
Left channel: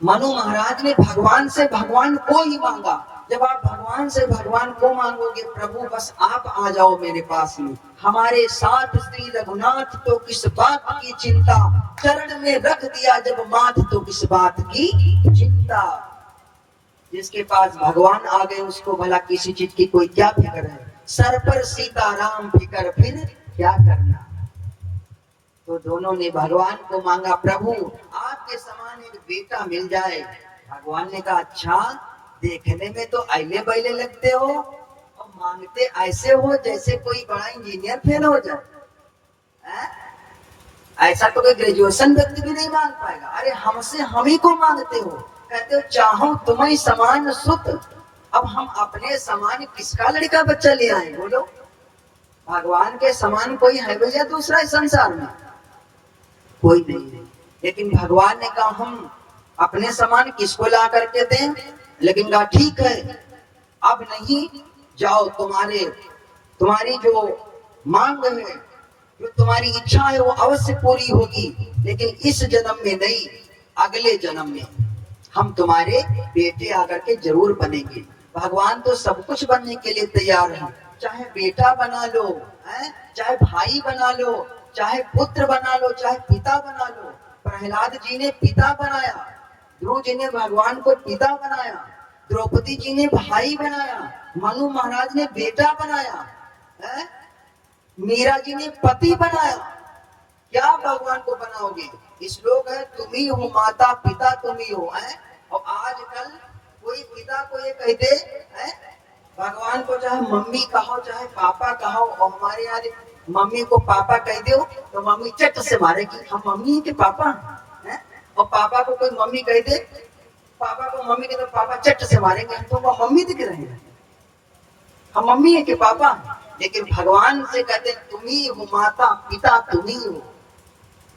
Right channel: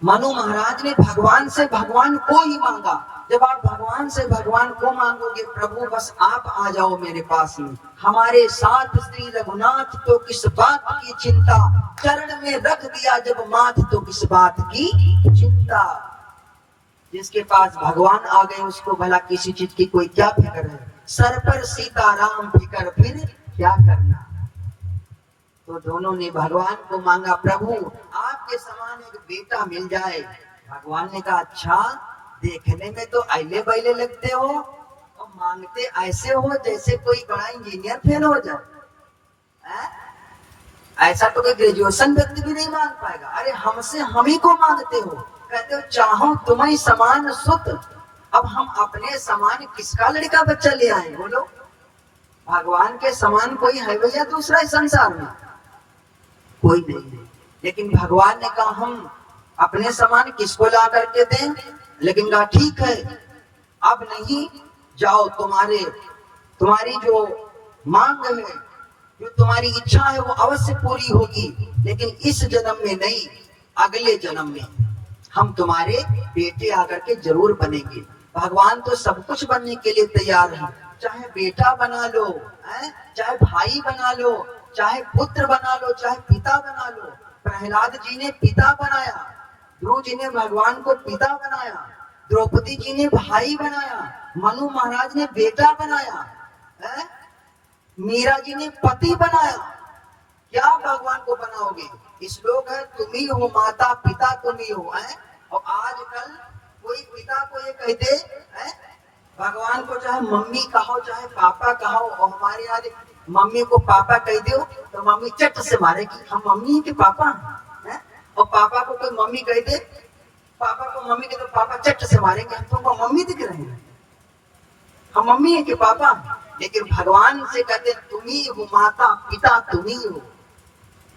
मनु महाराज ने भगवान से भगवान को ही मांगा। जब आप भगवान से भगवान को मांगोगे, प्रभु बस आप आ जाओ मेरे पास में, हमारे साथ श्री रघुनाथ तो किस बात की चिंता, चरण में रख दिया जब माथ तो किस बात की चिंता। जिसके पास भगवान आ गए उसको भला किसी चीज की कोई क्या फिक्र है, सर पर सीताराम फिक्र फिर क्या करना। तो दोनों ने भगवान को मांगा, प्रभु आपके समान एक बेटा मिल जाए। भगवान ने कहा, अच्छा देखने में तो अले बैले लगते हो और मांगते ऐसे हो जैसे कोई बड़ा इंजीनियर फेल हो जाए। ऐसा तो कोई ग्रेजुएशन व्यक्ति भी नहीं मांग पाएगा। अरे हमसे हम ही को मांगते हो, कहते हो चाहो तुम्हें समान सुत। अब हम अपने समान किसका लड़का बच्चा ले आए बोलो? भगवान के समान कोई है भैया दूसरा संसार में? कोई नहीं है। लेकिन भगवान ने कहा हम अपने समान किसको ला करके दें? लेकिन कहा ठीक है, अब नहीं, जाओ तुम्हारी जो मांग है, जो तुम्हारी इच्छा है वो अवश्य पूरी होगी, लेकिन इस जन्म में नहीं, अगले जन्म में हम तुम्हारे बेटे आकर के जरूर बनेंगे। भगवान तो सब कुछ बनने के लिए तैयार है, चाहे बेटा बना लो, चाहे भाई बना लो, चाहे पुत्र बना लो, चाहे पिता बना लो। प्रहलाद जी ने पिता बनाया, ध्रुव जी ने भगवान को पिता बनाया, द्रौपदी जी ने भाई बनाया, मनु महाराज ने बेटा बनाया, मीरा जी ने पति बनाया। क्या भगवान को बनाओगे? श्लोक है, तुम ही हो माता पिता, तुम ही हो। और आजकल कोई पिता को ये कह दे भगवान को, चाहे मम्मी कहो चाहे पापा कहो, और हमारे यहाँ मम्मी को पापा कह दो तो मम्मी चट से मारेगी, हम मम्मी के पापा हैं। और पापा को कोई मम्मी कह दे, पापा को मम्मी कह दो, पापा चट से मारेंगे, हम तो वो मम्मी दिख रहे हैं, हम मम्मी है के पापा। लेकिन भगवान से कहते तुम ही हो माता पिता, तुम ही हो,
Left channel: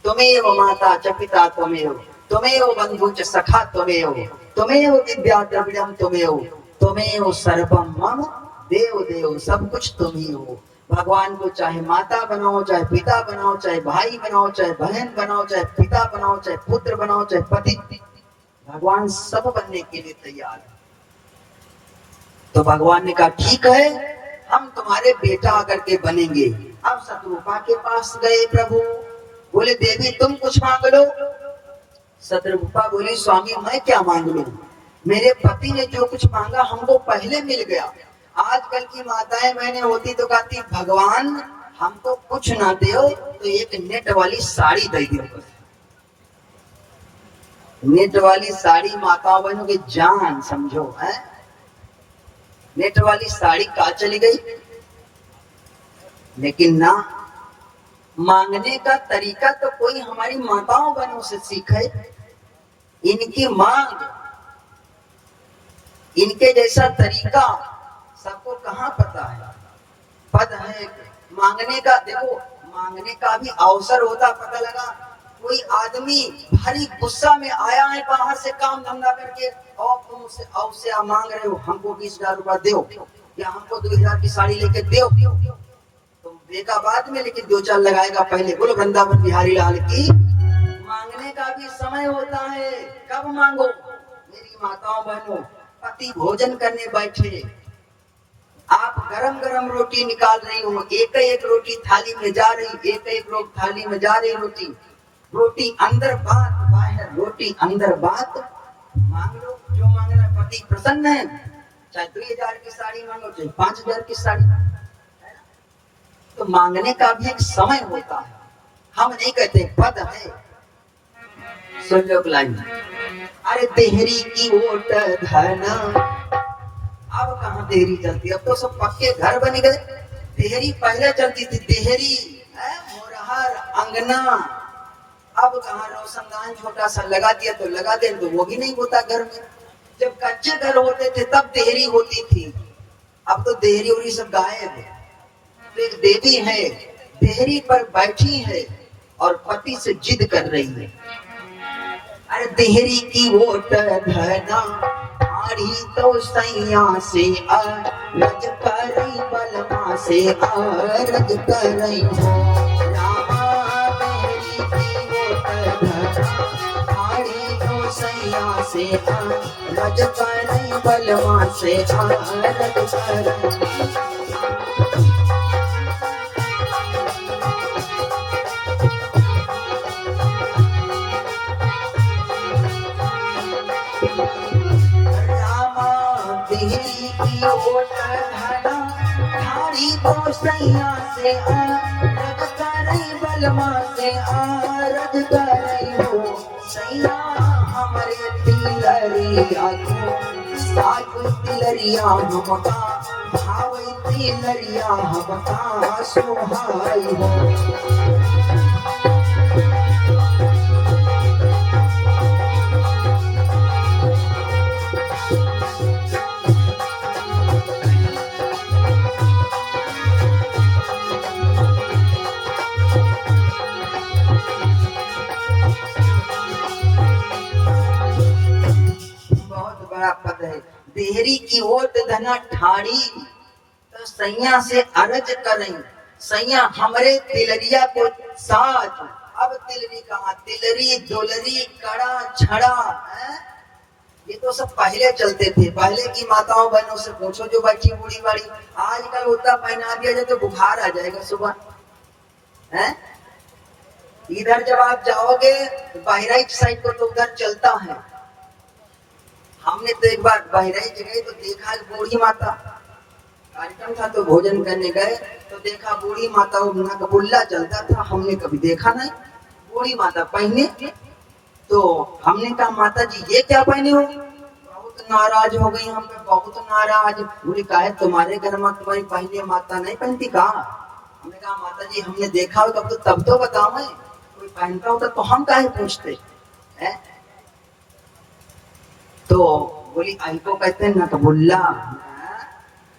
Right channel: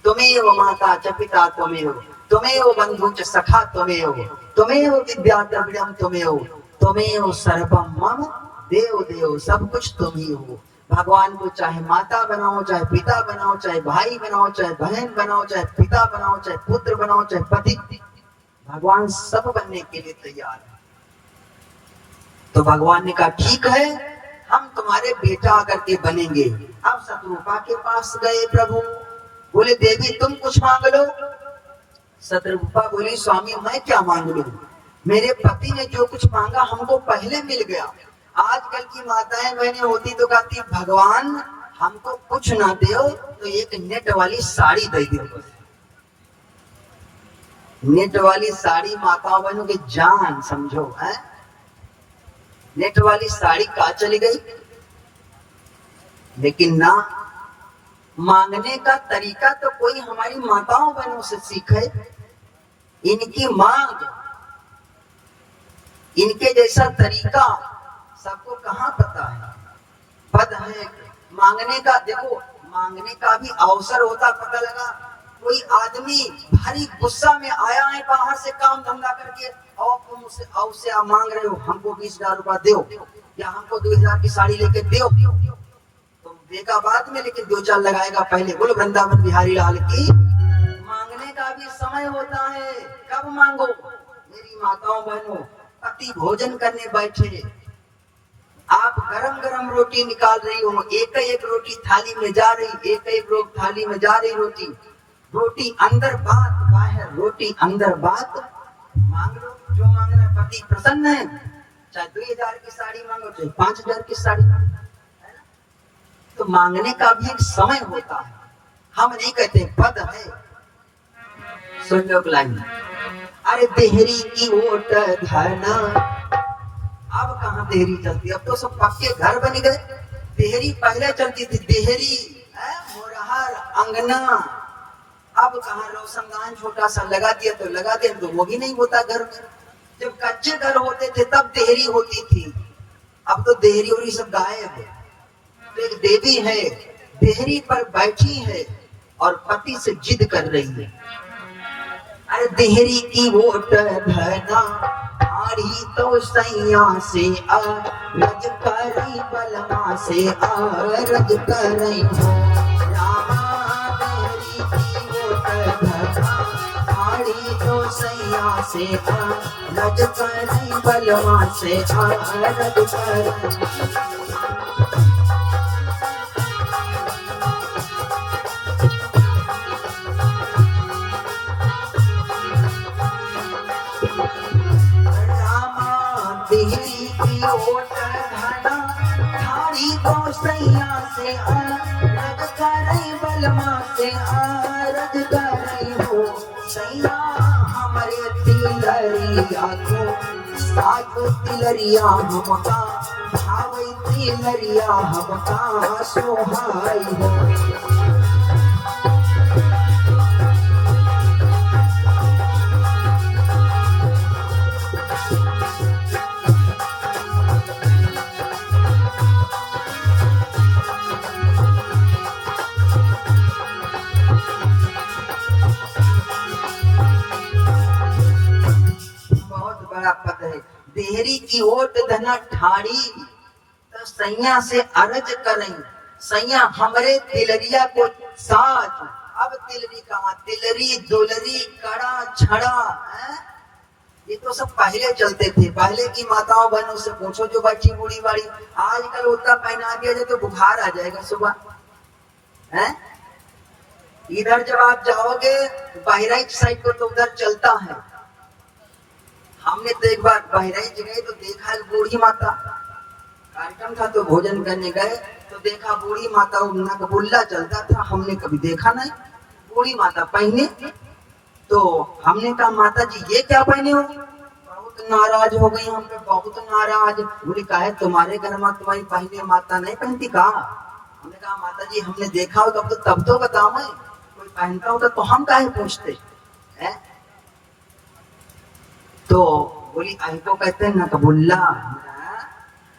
तुम्हें हो माता च पिता, तुम्हें हो, तुम्हें हो बंधु च सखा, तुम्हें हो, तुम्हें हो विद्या द्रविड़म, तुम्हें हो, तुम्हें हो सर्वम मम देव देव, सब कुछ तुम ही हो। भगवान को चाहे माता बनाओ, चाहे पिता बनाओ, चाहे भाई बनाओ, चाहे बहन बनाओ, चाहे पिता बनाओ, चाहे पुत्र बनाओ, चाहे पति, भगवान सब बनने के लिए तैयार है। तो भगवान ने कहा ठीक है, हम तुम्हारे बेटा आकर के बनेंगे। अब शत्रुपा के पास गए प्रभु, बोले देवी तुम कुछ मांग लो। शत्रुपा बोली स्वामी मैं क्या मांग लूं, मेरे पति ने जो कुछ मांगा हमको पहले मिल गया। आजकल की माताएं बहनें होती तो कहती भगवान हमको कुछ ना दो तो एक नेट वाली साड़ी दे दो। नेट वाली साड़ी माताओं बहनों की जान समझो है। नेट वाली साड़ी कहाँ चली गई? लेकिन ना, मांगने का तरीका तो कोई हमारी माताओं बहनों से सीखे। इनकी मांग, इनके जैसा तरीका सबको कहाँ पता है? पद है मांगने का। देखो मांगने का भी अवसर होता, पता लगा कोई आदमी भारी गुस्सा में आया है बाहर से काम धंधा करके, और तुम उससे आप मांग रहे हो हमको 20,000 रुपया दो या हमको 2,000 की साड़ी लेके दो, तुम देगा बाद में, लेकिन 2 चाल लगाएगा पहले। बोलो वृंदावन बिहारी लाल की। मांगने का भी समय होता है, कब मांगो? मेरी माताओं बहनों, पति भोजन करने बैठे, आप गरम गरम रोटी निकाल रही हो, एक एक रोटी थाली में जा रही, एक एक रोटी थाली में जा रही, रोटी अंदर बात बाहर, रोटी अंदर बात। मांग लो जो मांगना, पति प्रसन्न है, चाहे 2,000 की साड़ी मांगो, चाहे 5,000 की साड़ी। तो मांगने का भी एक समय होता है, हम नहीं कहते पद है। सुन लो लाइन, अरे देहरी की ओट धना, अब कहाँ देहरी चलती, अब तो सब पक्के घर बन गए। देहरी पहले चलती थी, देहरी मोरहर अंगना, अब कहाँ रोशनदान छोटा सा लगा दिया तो लगा दे, तो वो भी नहीं होता घर में। जब कच्चे घर होते थे तब देहरी होती थी, अब तो देहरी उरी सब गायब है। तो एक देवी है, देहरी पर बैठी है और पति से जिद कर रही है, अरे देहरी की ओट धना आड़ी तो सैया से रज करई बलमा से रज करई हो रामा देहरी की ओट धना आड़ी तो सैया से रज करई बलमा से रज करई तो सैया से रज करई बलमा से रज करई हो सैया हमारे तिलरिया को साथ तिलरिया हमका भाव तिलरिया हमका सोहाई हो पद है देहरी की ओट धना ठाड़ी तो सैया से अरज करें सैया हमरे तिलरिया को साथ अब तिलरी कहाँ तिलरी दुलरी कड़ा छड़ा है? ये तो सब पहले चलते थे पहले की माताओं बहनों से पूछो जो बच्ची बूढ़ी बाड़ी आजकल उतना पहना दिया जाए तो बुखार आ जाएगा सुबह है इधर जब आप जाओगे बहराइच साइड को तो उधर चलता है हमने तो एक बार बहराइच गए तो देखा बूढ़ी माता कार्यक्रम था तो भोजन करने गए तो देखा बूढ़ी माता नकबुल्ला चलता था हमने कभी देखा नहीं बूढ़ी माता पहने तो हमने कहा माता जी ये क्या पहने हो बहुत नाराज हो गई हम पे बहुत नाराज बोली कहा तुम्हारे घर में तुम्हारी पहने माता नहीं पहनती कहा हमने कहा माता जी हमने देखा हो तब तो बताओ कोई पहनता होता तो हम काहे पूछते है तो बोली आई तो कहते हैं नकबुल्ला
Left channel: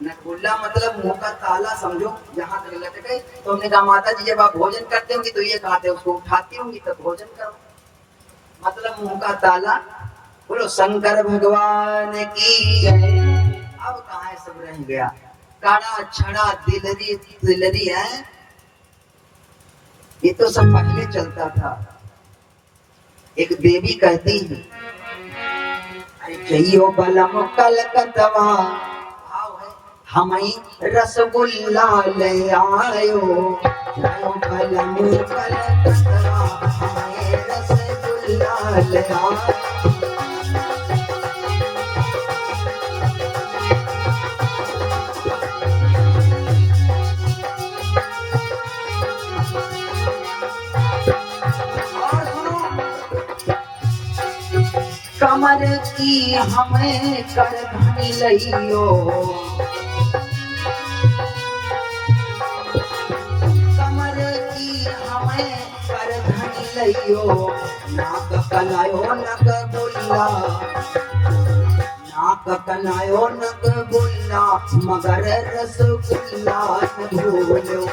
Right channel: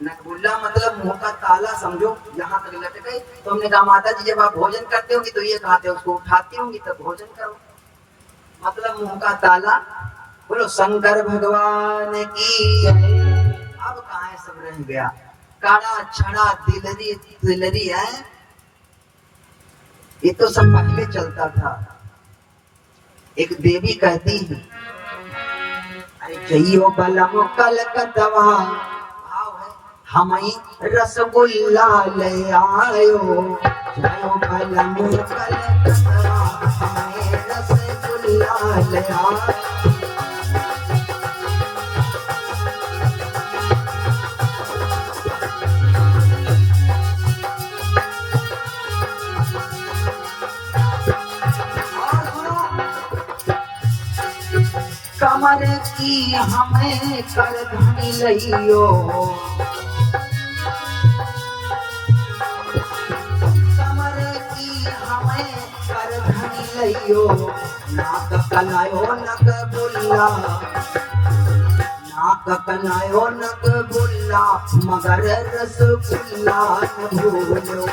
नकबुल्ला मतलब मुंह का ताला समझो यहाँ तक लट गए तो हमने कहा माता जी जब आप भोजन करते होंगी तो ये खाते उसको उठाती होंगी तब भोजन करो मतलब मुंह का ताला बोलो शंकर भगवान की अब कहाँ सब रह गया काड़ा छड़ा दिलरी दिलरी है ये तो सब पहले चलता था एक देवी कहती है जइयो बलम कलकतवा हमें रसगुल्ला ले आयो जइयो बलम कलकतवा हमें रसगुल्ला ले आयो कमर की हमें कर धनी लइयो कमर की हमें कर धनी लइयो नाक कलायो नक बुल्ला नाक कलायो नक बुल्ला मगर रसगुल्ला न भूलो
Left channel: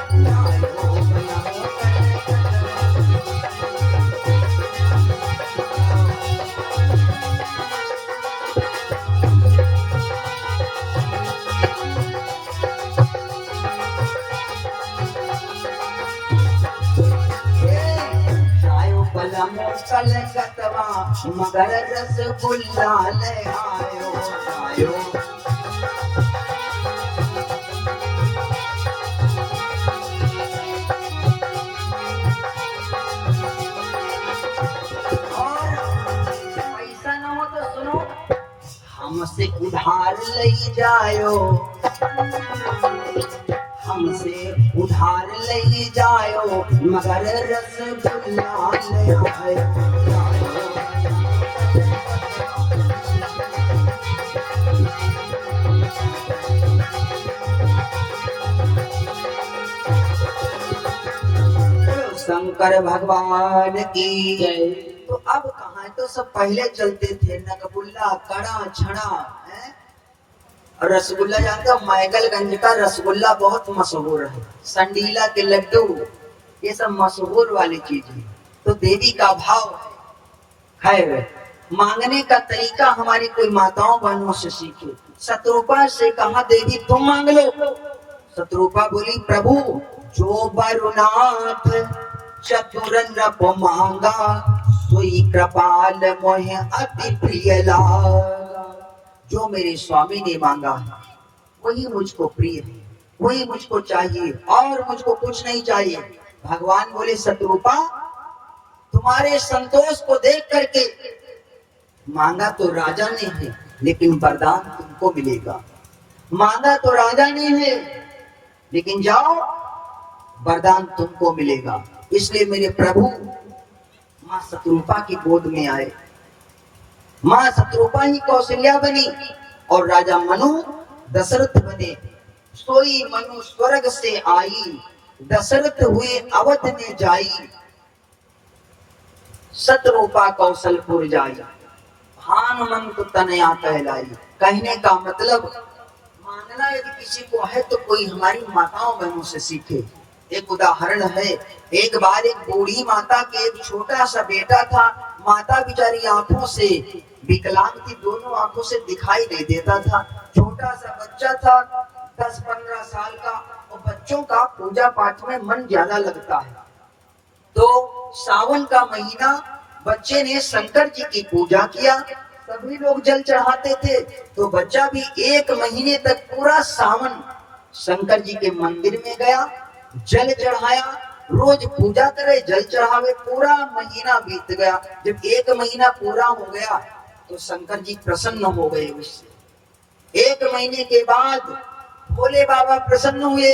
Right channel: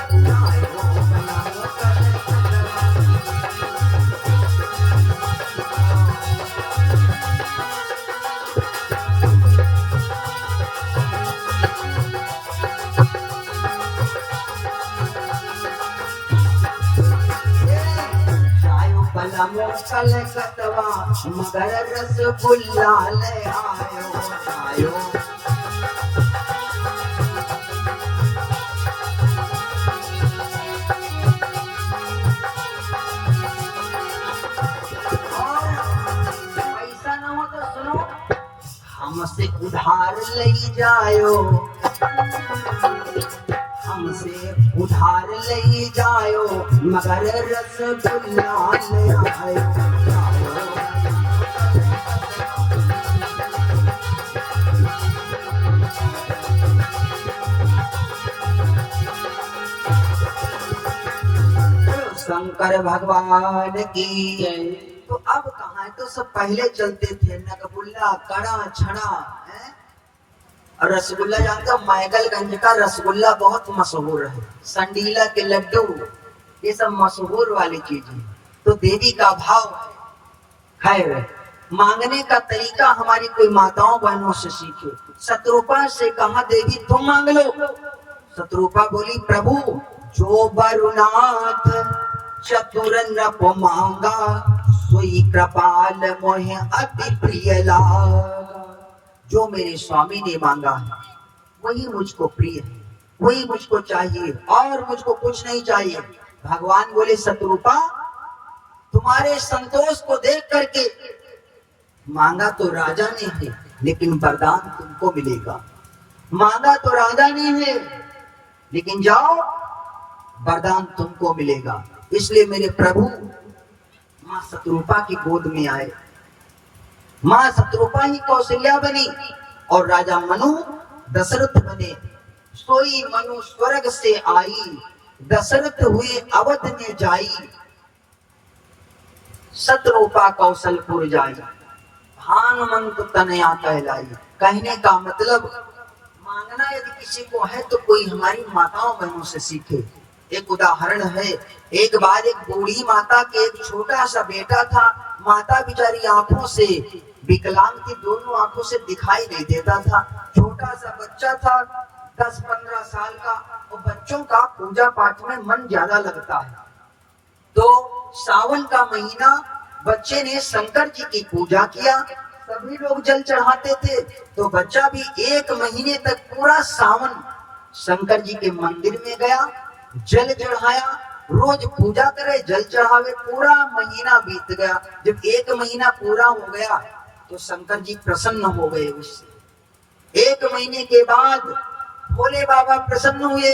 कलकतवा मगर रसगुल्ला ले आयो आयो पैसा न हो तो सुनो हमसे उधार ले जायो हमसे उधार ले जायो मगर रसगुल्ला ले आयो शंकर भगवान की जय। तो अब कहाँ तो सब पहले चलते थे नकबुल्ला कड़ा छड़ा है और रसगुल्ला जानते हो मैगलगंज का रसगुल्ला बहुत मशहूर है संडीला के लड्डू ये सब मशहूर वाली चीज है तो देवी का भाव है खैर, मांगने का तरीका हमारी कोई माताओं बहनों से सीखे। शत्रुपा से कहा देवी तुम मांग लो। शत्रुपा बोली प्रभु जो बरुनाथ चतुर नप मांगा सोई कृपाल मोह अति प्रिय लागा। जो मेरे स्वामी ने मांगा है वही मुझको प्रिय है, वही मुझको चाहिए और मुझको कुछ नहीं चाहिए। भगवान बोले शत्रुपा तुम्हारे संतोष को देख करके मांगा तो राजा ने है लेकिन वरदान तुमको मिलेगा। मांगा तो राजा ने है लेकिन जाओ वरदान तुमको मिलेगा। इसलिए मेरे प्रभु मां शत्रुपा की गोद में आए। मां शत्रुपा ही कौशल्या बनी और राजा मनु दशरथ बने। सोई मनु स्वर्ग से आई दशरथ हुए अवध में जाई। शत्रुपा कौशलपुर जाई भानुमंत तनया कहलाई। कहने का मतलब मांगना यदि किसी को है तो कोई हमारी माताओं बहनों से सीखे। एक उदाहरण है, एक बार एक बूढ़ी माता के एक छोटा सा बेटा था। माता बेचारी आंखों से विकलांग थी, दोनों आंखों से दिखाई नहीं देता था। छोटा सा बच्चा था 10-15 साल का। और बच्चों का पूजा पाठ में मन ज्यादा लगता है। तो सावन का महीना बच्चे ने शंकर जी की पूजा किया। सभी लोग जल चढ़ाते थे तो बच्चा भी 1 महीने तक पूरा सावन शंकर जी के मंदिर में गया, जल चढ़ाया, रोज पूजा करे, जल चढ़ावे। पूरा महीना बीत गया। जब 1 महीना पूरा हो गया तो शंकर जी प्रसन्न हो गए उससे। 1 महीने के बाद भोले बाबा प्रसन्न हुए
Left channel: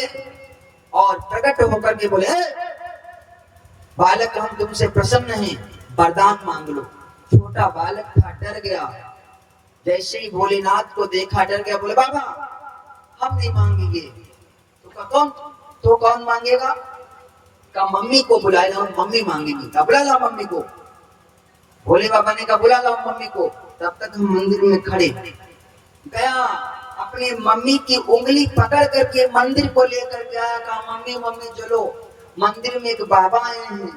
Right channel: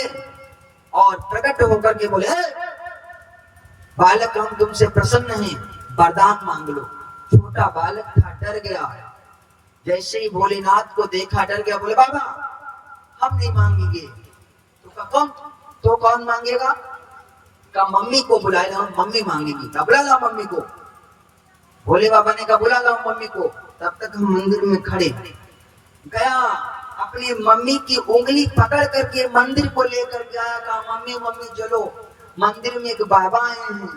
और प्रकट होकर के बोले बालक हम तुमसे प्रसन्न हैं, वरदान मांग लो। छोटा बालक था, डर गया। जैसे ही भोलेनाथ को देखा डर गया, बोले बाबा हम नहीं मांगेंगे। तो कौन मांगेगा? का मम्मी को बुला लो, मम्मी मांगेंगी। तब बुला लो मम्मी को। भोले बाबा ने कहा बुला लो मम्मी को। तब तक हम मंदिर में खड़े। गया अपने मम्मी की उंगली पकड़ करके मंदिर को लेकर गया। कहा मम्मी मम्मी चलो, मंदिर में एक बाबा आए हैं,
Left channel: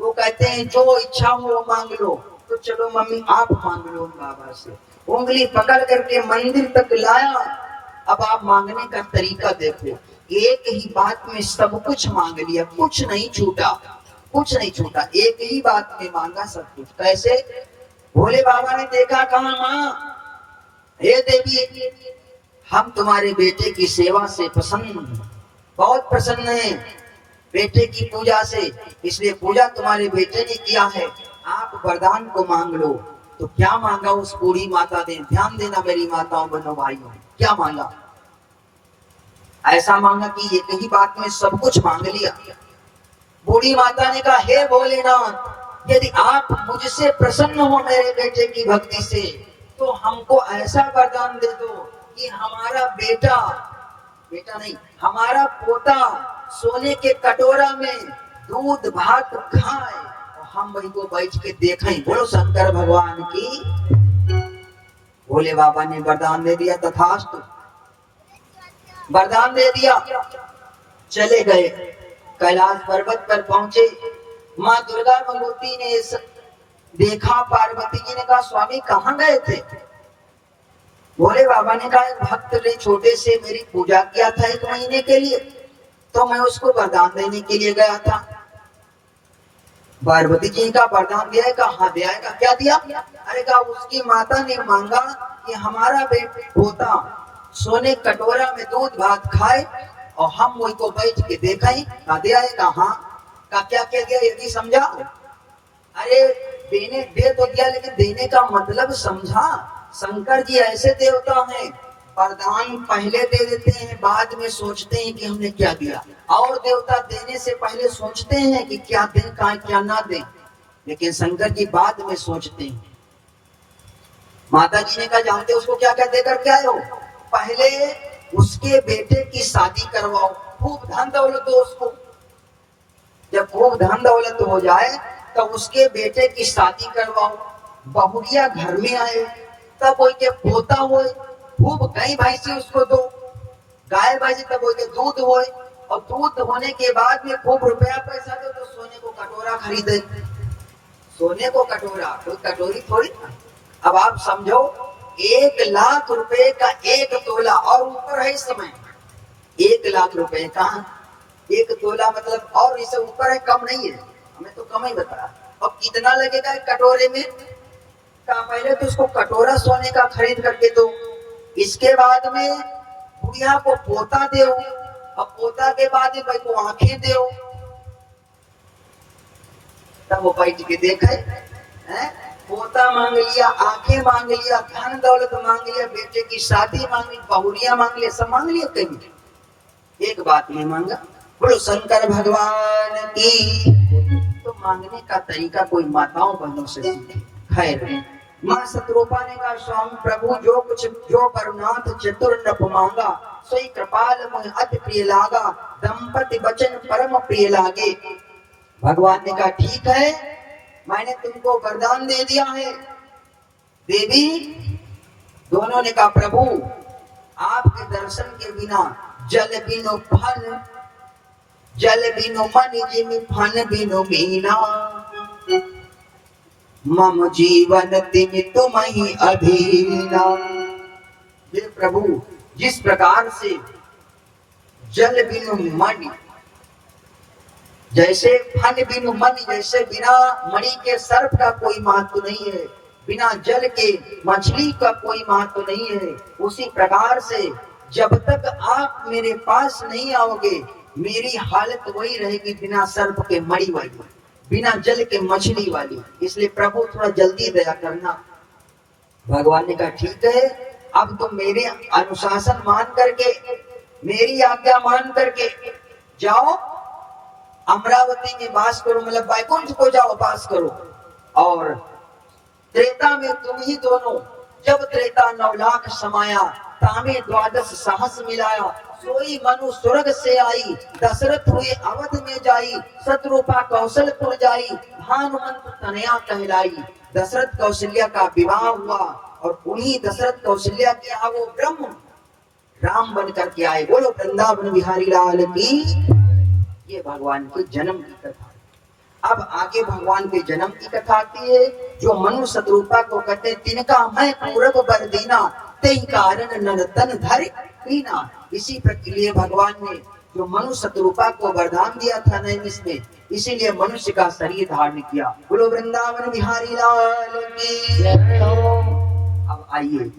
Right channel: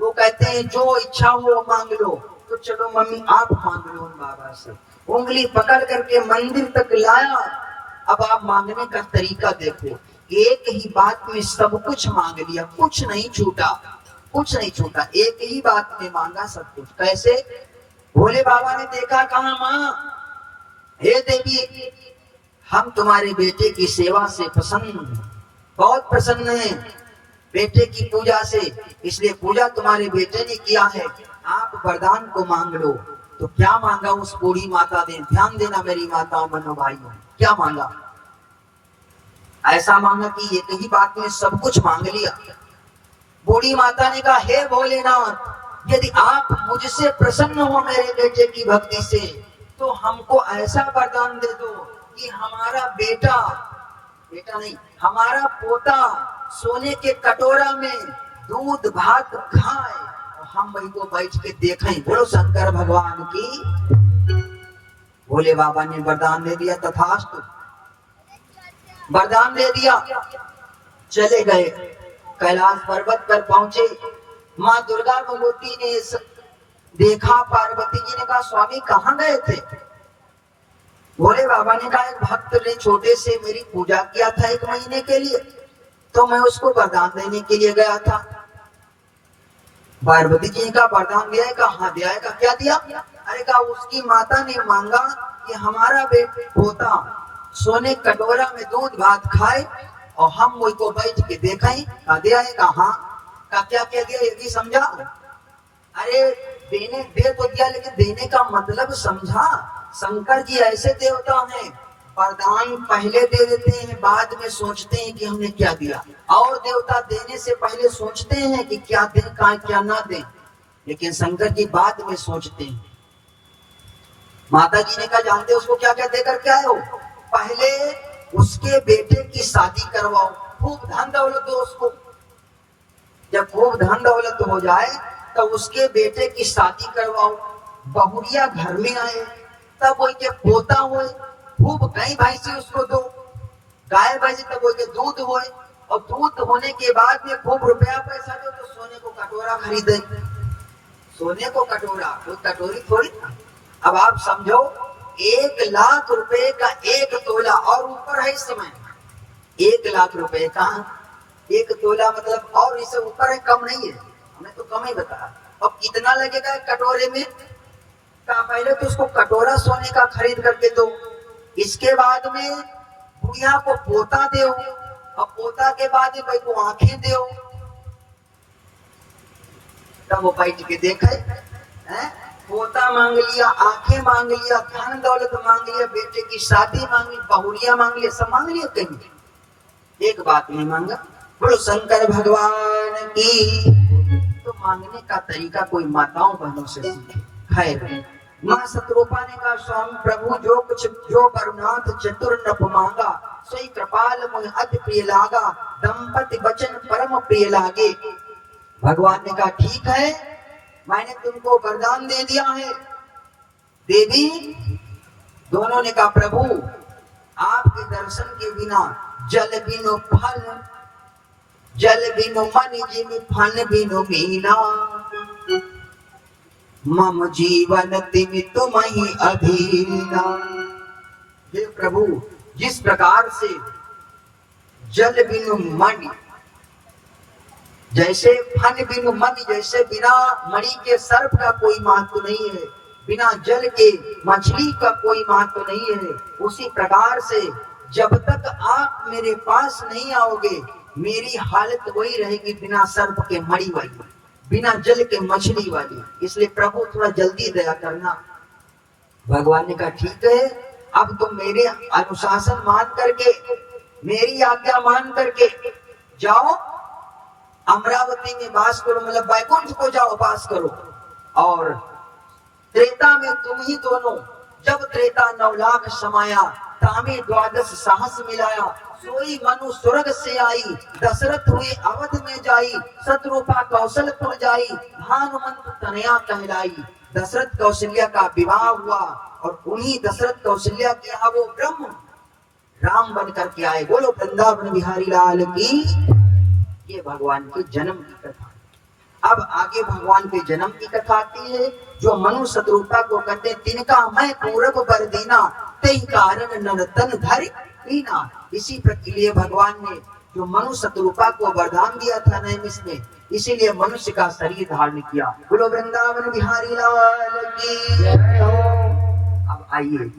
वो कहते हैं जो इच्छा हो मांग लो। तो चलो मम्मी आप मांग लो उन बाबा से। उंगली पकड़ करके मंदिर तक लाया। अब आप मांगने का तरीका देखो, एक ही बात में सब कुछ मांग लिया, कुछ नहीं छूटा, कुछ नहीं छूटा। एक ही बात में मांगा सब कुछ। कैसे? भोले बाबा ने देखा, कहा माँ हे देवी हम तुम्हारे बेटे की सेवा से प्रसन्न, बहुत प्रसन्न हैं बेटे की पूजा से, इसलिए पूजा तुम्हारे बेटे ने किया है, आप वरदान को मांग लो। तो क्या मांगा उस बूढ़ी माता ने? ध्यान देना मेरी माताओं बहनों भाइयों, क्या मांगा? ऐसा मांगा कि एक ही बात में सब कुछ मांग लिया। बूढ़ी माता ने कहा हे भोलेनाथ यदि आप मुझसे प्रसन्न हो मेरे बेटे की भक्ति से तो हमको ऐसा वरदान दे दो कि हमारा बेटा नहीं हमारा पोता सोने के कटोरा में दूध भात खाए और हम वही को बैठ के देखें। बोलो शंकर भगवान की। भोले बाबा ने वरदान दे दिया, तथास्तु वरदान दे दिया। चले गए, कैलाश पर्वत पर पहुंचे। माँ दुर्गा भगवती ने देखा, पार्वती जी ने कहा स्वामी कहाँ गए थे? भोले बाबा ने कहा भक्त ने छोटे से मेरी पूजा किया था 1 महीने के लिए, तो मैं उसको वरदान देने के लिए गया था। पार्वती जी का वरदान दिया है? कहा हाँ दिया है। कहा क्या दिया? अरे कहा उसकी माता ने मांगा कि हमारा पोता सोने कटोरा में दूध भात खाए और हम वही को बैठ के देखें। कहा दिया है? कहा हाँ। कहा क्या क्या दिया ये भी समझा? अरे देने दे तो दिया लेकिन देने का मतलब समझा। शंकर जी ऐसे देवता हैं, वरदान पहले दे देते हैं, बाद में सोचते हैं कि हमने क्या दिया। और देवता देने से पहले सोचते हैं कि क्या दें क्या ना दें, लेकिन शंकर जी बाद में सोचते हैं। माता जी ने कहा जानते उसको क्या क्या देकर के आए हो? पहले उसके बेटे की शादी करवाओ, खूब धन दौलत हो उसको। जब खूब धन दौलत हो जाए तो उसके बेटे की शादी करवाओ, बहुरिया घर में आए, तब वो के पोता हो, खूब गाय भैंसी उसको दो, गाय भैंसी तब वो के दूध हो, और दूध होने के बाद में खूब रुपया पैसा दो तो सोने को कटोरा खरीदे। सोने को कटोरा, कोई कटोरी थोड़ी ना। अब आप समझो 1,00,000 रुपए का एक तोला और ऊपर है इस समय। 1,00,000 रुपए का एक तोला मतलब और इससे ऊपर है, कम नहीं है, हमें तो कम ही बताया। अब कितना लगेगा एक कटोरे में? पहले तो उसको कटोरा सोने का खरीद करके दो, इसके बाद में बुढ़िया को पोता दो, अब पोता के बाद भाई को आंखें दो, तब वो बैठ के देखे हैं। पोता मांग लिया, आंखें मांग लिया, धन दौलत मांग लिया, बेटे की शादी मांग ली, बहुरिया मांग लिया, सब मांग लिया, कहीं एक बात नहीं मांगा। बोलो शंकर भगवान की। तो मांगने का तरीका कोई माताओं बहनों से सीखे। खैर, मां शत्रुपा ने कहा स्वामी प्रभु जो कुछ जो करुणाथ चतुर नप मांगा, सोई कृपाल मुझ अति प्रिय लागा, दंपति वचन परम प्रिय लागे। भगवान ने कहा ठीक है, मैंने तुमको वरदान दे दिया है। देवी दोनों ने कहा प्रभु आपके दर्शन के बिना जल बिनु फल, जल बिनु मन जिमि फल बिनु मीना, मम जीवन तिमि तुम ही अधीना। हे प्रभु जिस प्रकार से जल बिनु मन, जैसे फन बिनु मणि, जैसे बिना मणि के सर्प का कोई महत्व नहीं है, बिना जल के मछली का कोई महत्व नहीं है, उसी प्रकार से जब तक आप मेरे पास नहीं आओगे मेरी हालत वही रहेगी बिना सर्प के मणि वाली, बिना जल के मछली वाली। इसलिए प्रभु थोड़ा जल्दी दया करना। भगवान ने कहा ठीक है, अब तुम मेरे अनुशासन मान करके, मेरी आज्ञा मान करके जाओ, अमरावती में वास करो, मतलब वैकुंठ को जाओ वास करो। और त्रेता में तुम ही दोनों, जब त्रेता 9 लाख समाया, तामे 12 सहस मिलाया, सोई मनु स्वर्ग से आई, दशरथ हुए अवध में जाई, शत्रुपा कौशलपुर जाई, भानुमंत तनया कहलाई। दशरथ कौशल्या का विवाह हुआ और उन्हीं दशरथ कौशल्या के यहाँ वो ब्रह्म राम बन करके आए। बोलो वृंदावन बिहारी लाल की। ये भगवान के जन्म की कथा। अब आगे भगवान के जन्म की कथा आती है। जो मनु शत्रुपा को कहते तिनका मैं पूरब बर दीना, ते कारण नरतन धर कीना। इसी प्रक्रिया भगवान ने जो मनु शत्रुपा को वरदान दिया था नैमिष में, इसीलिए मनुष्य का शरीर धारण किया। बोलो वृंदावन बिहारी लाल की। अब आइए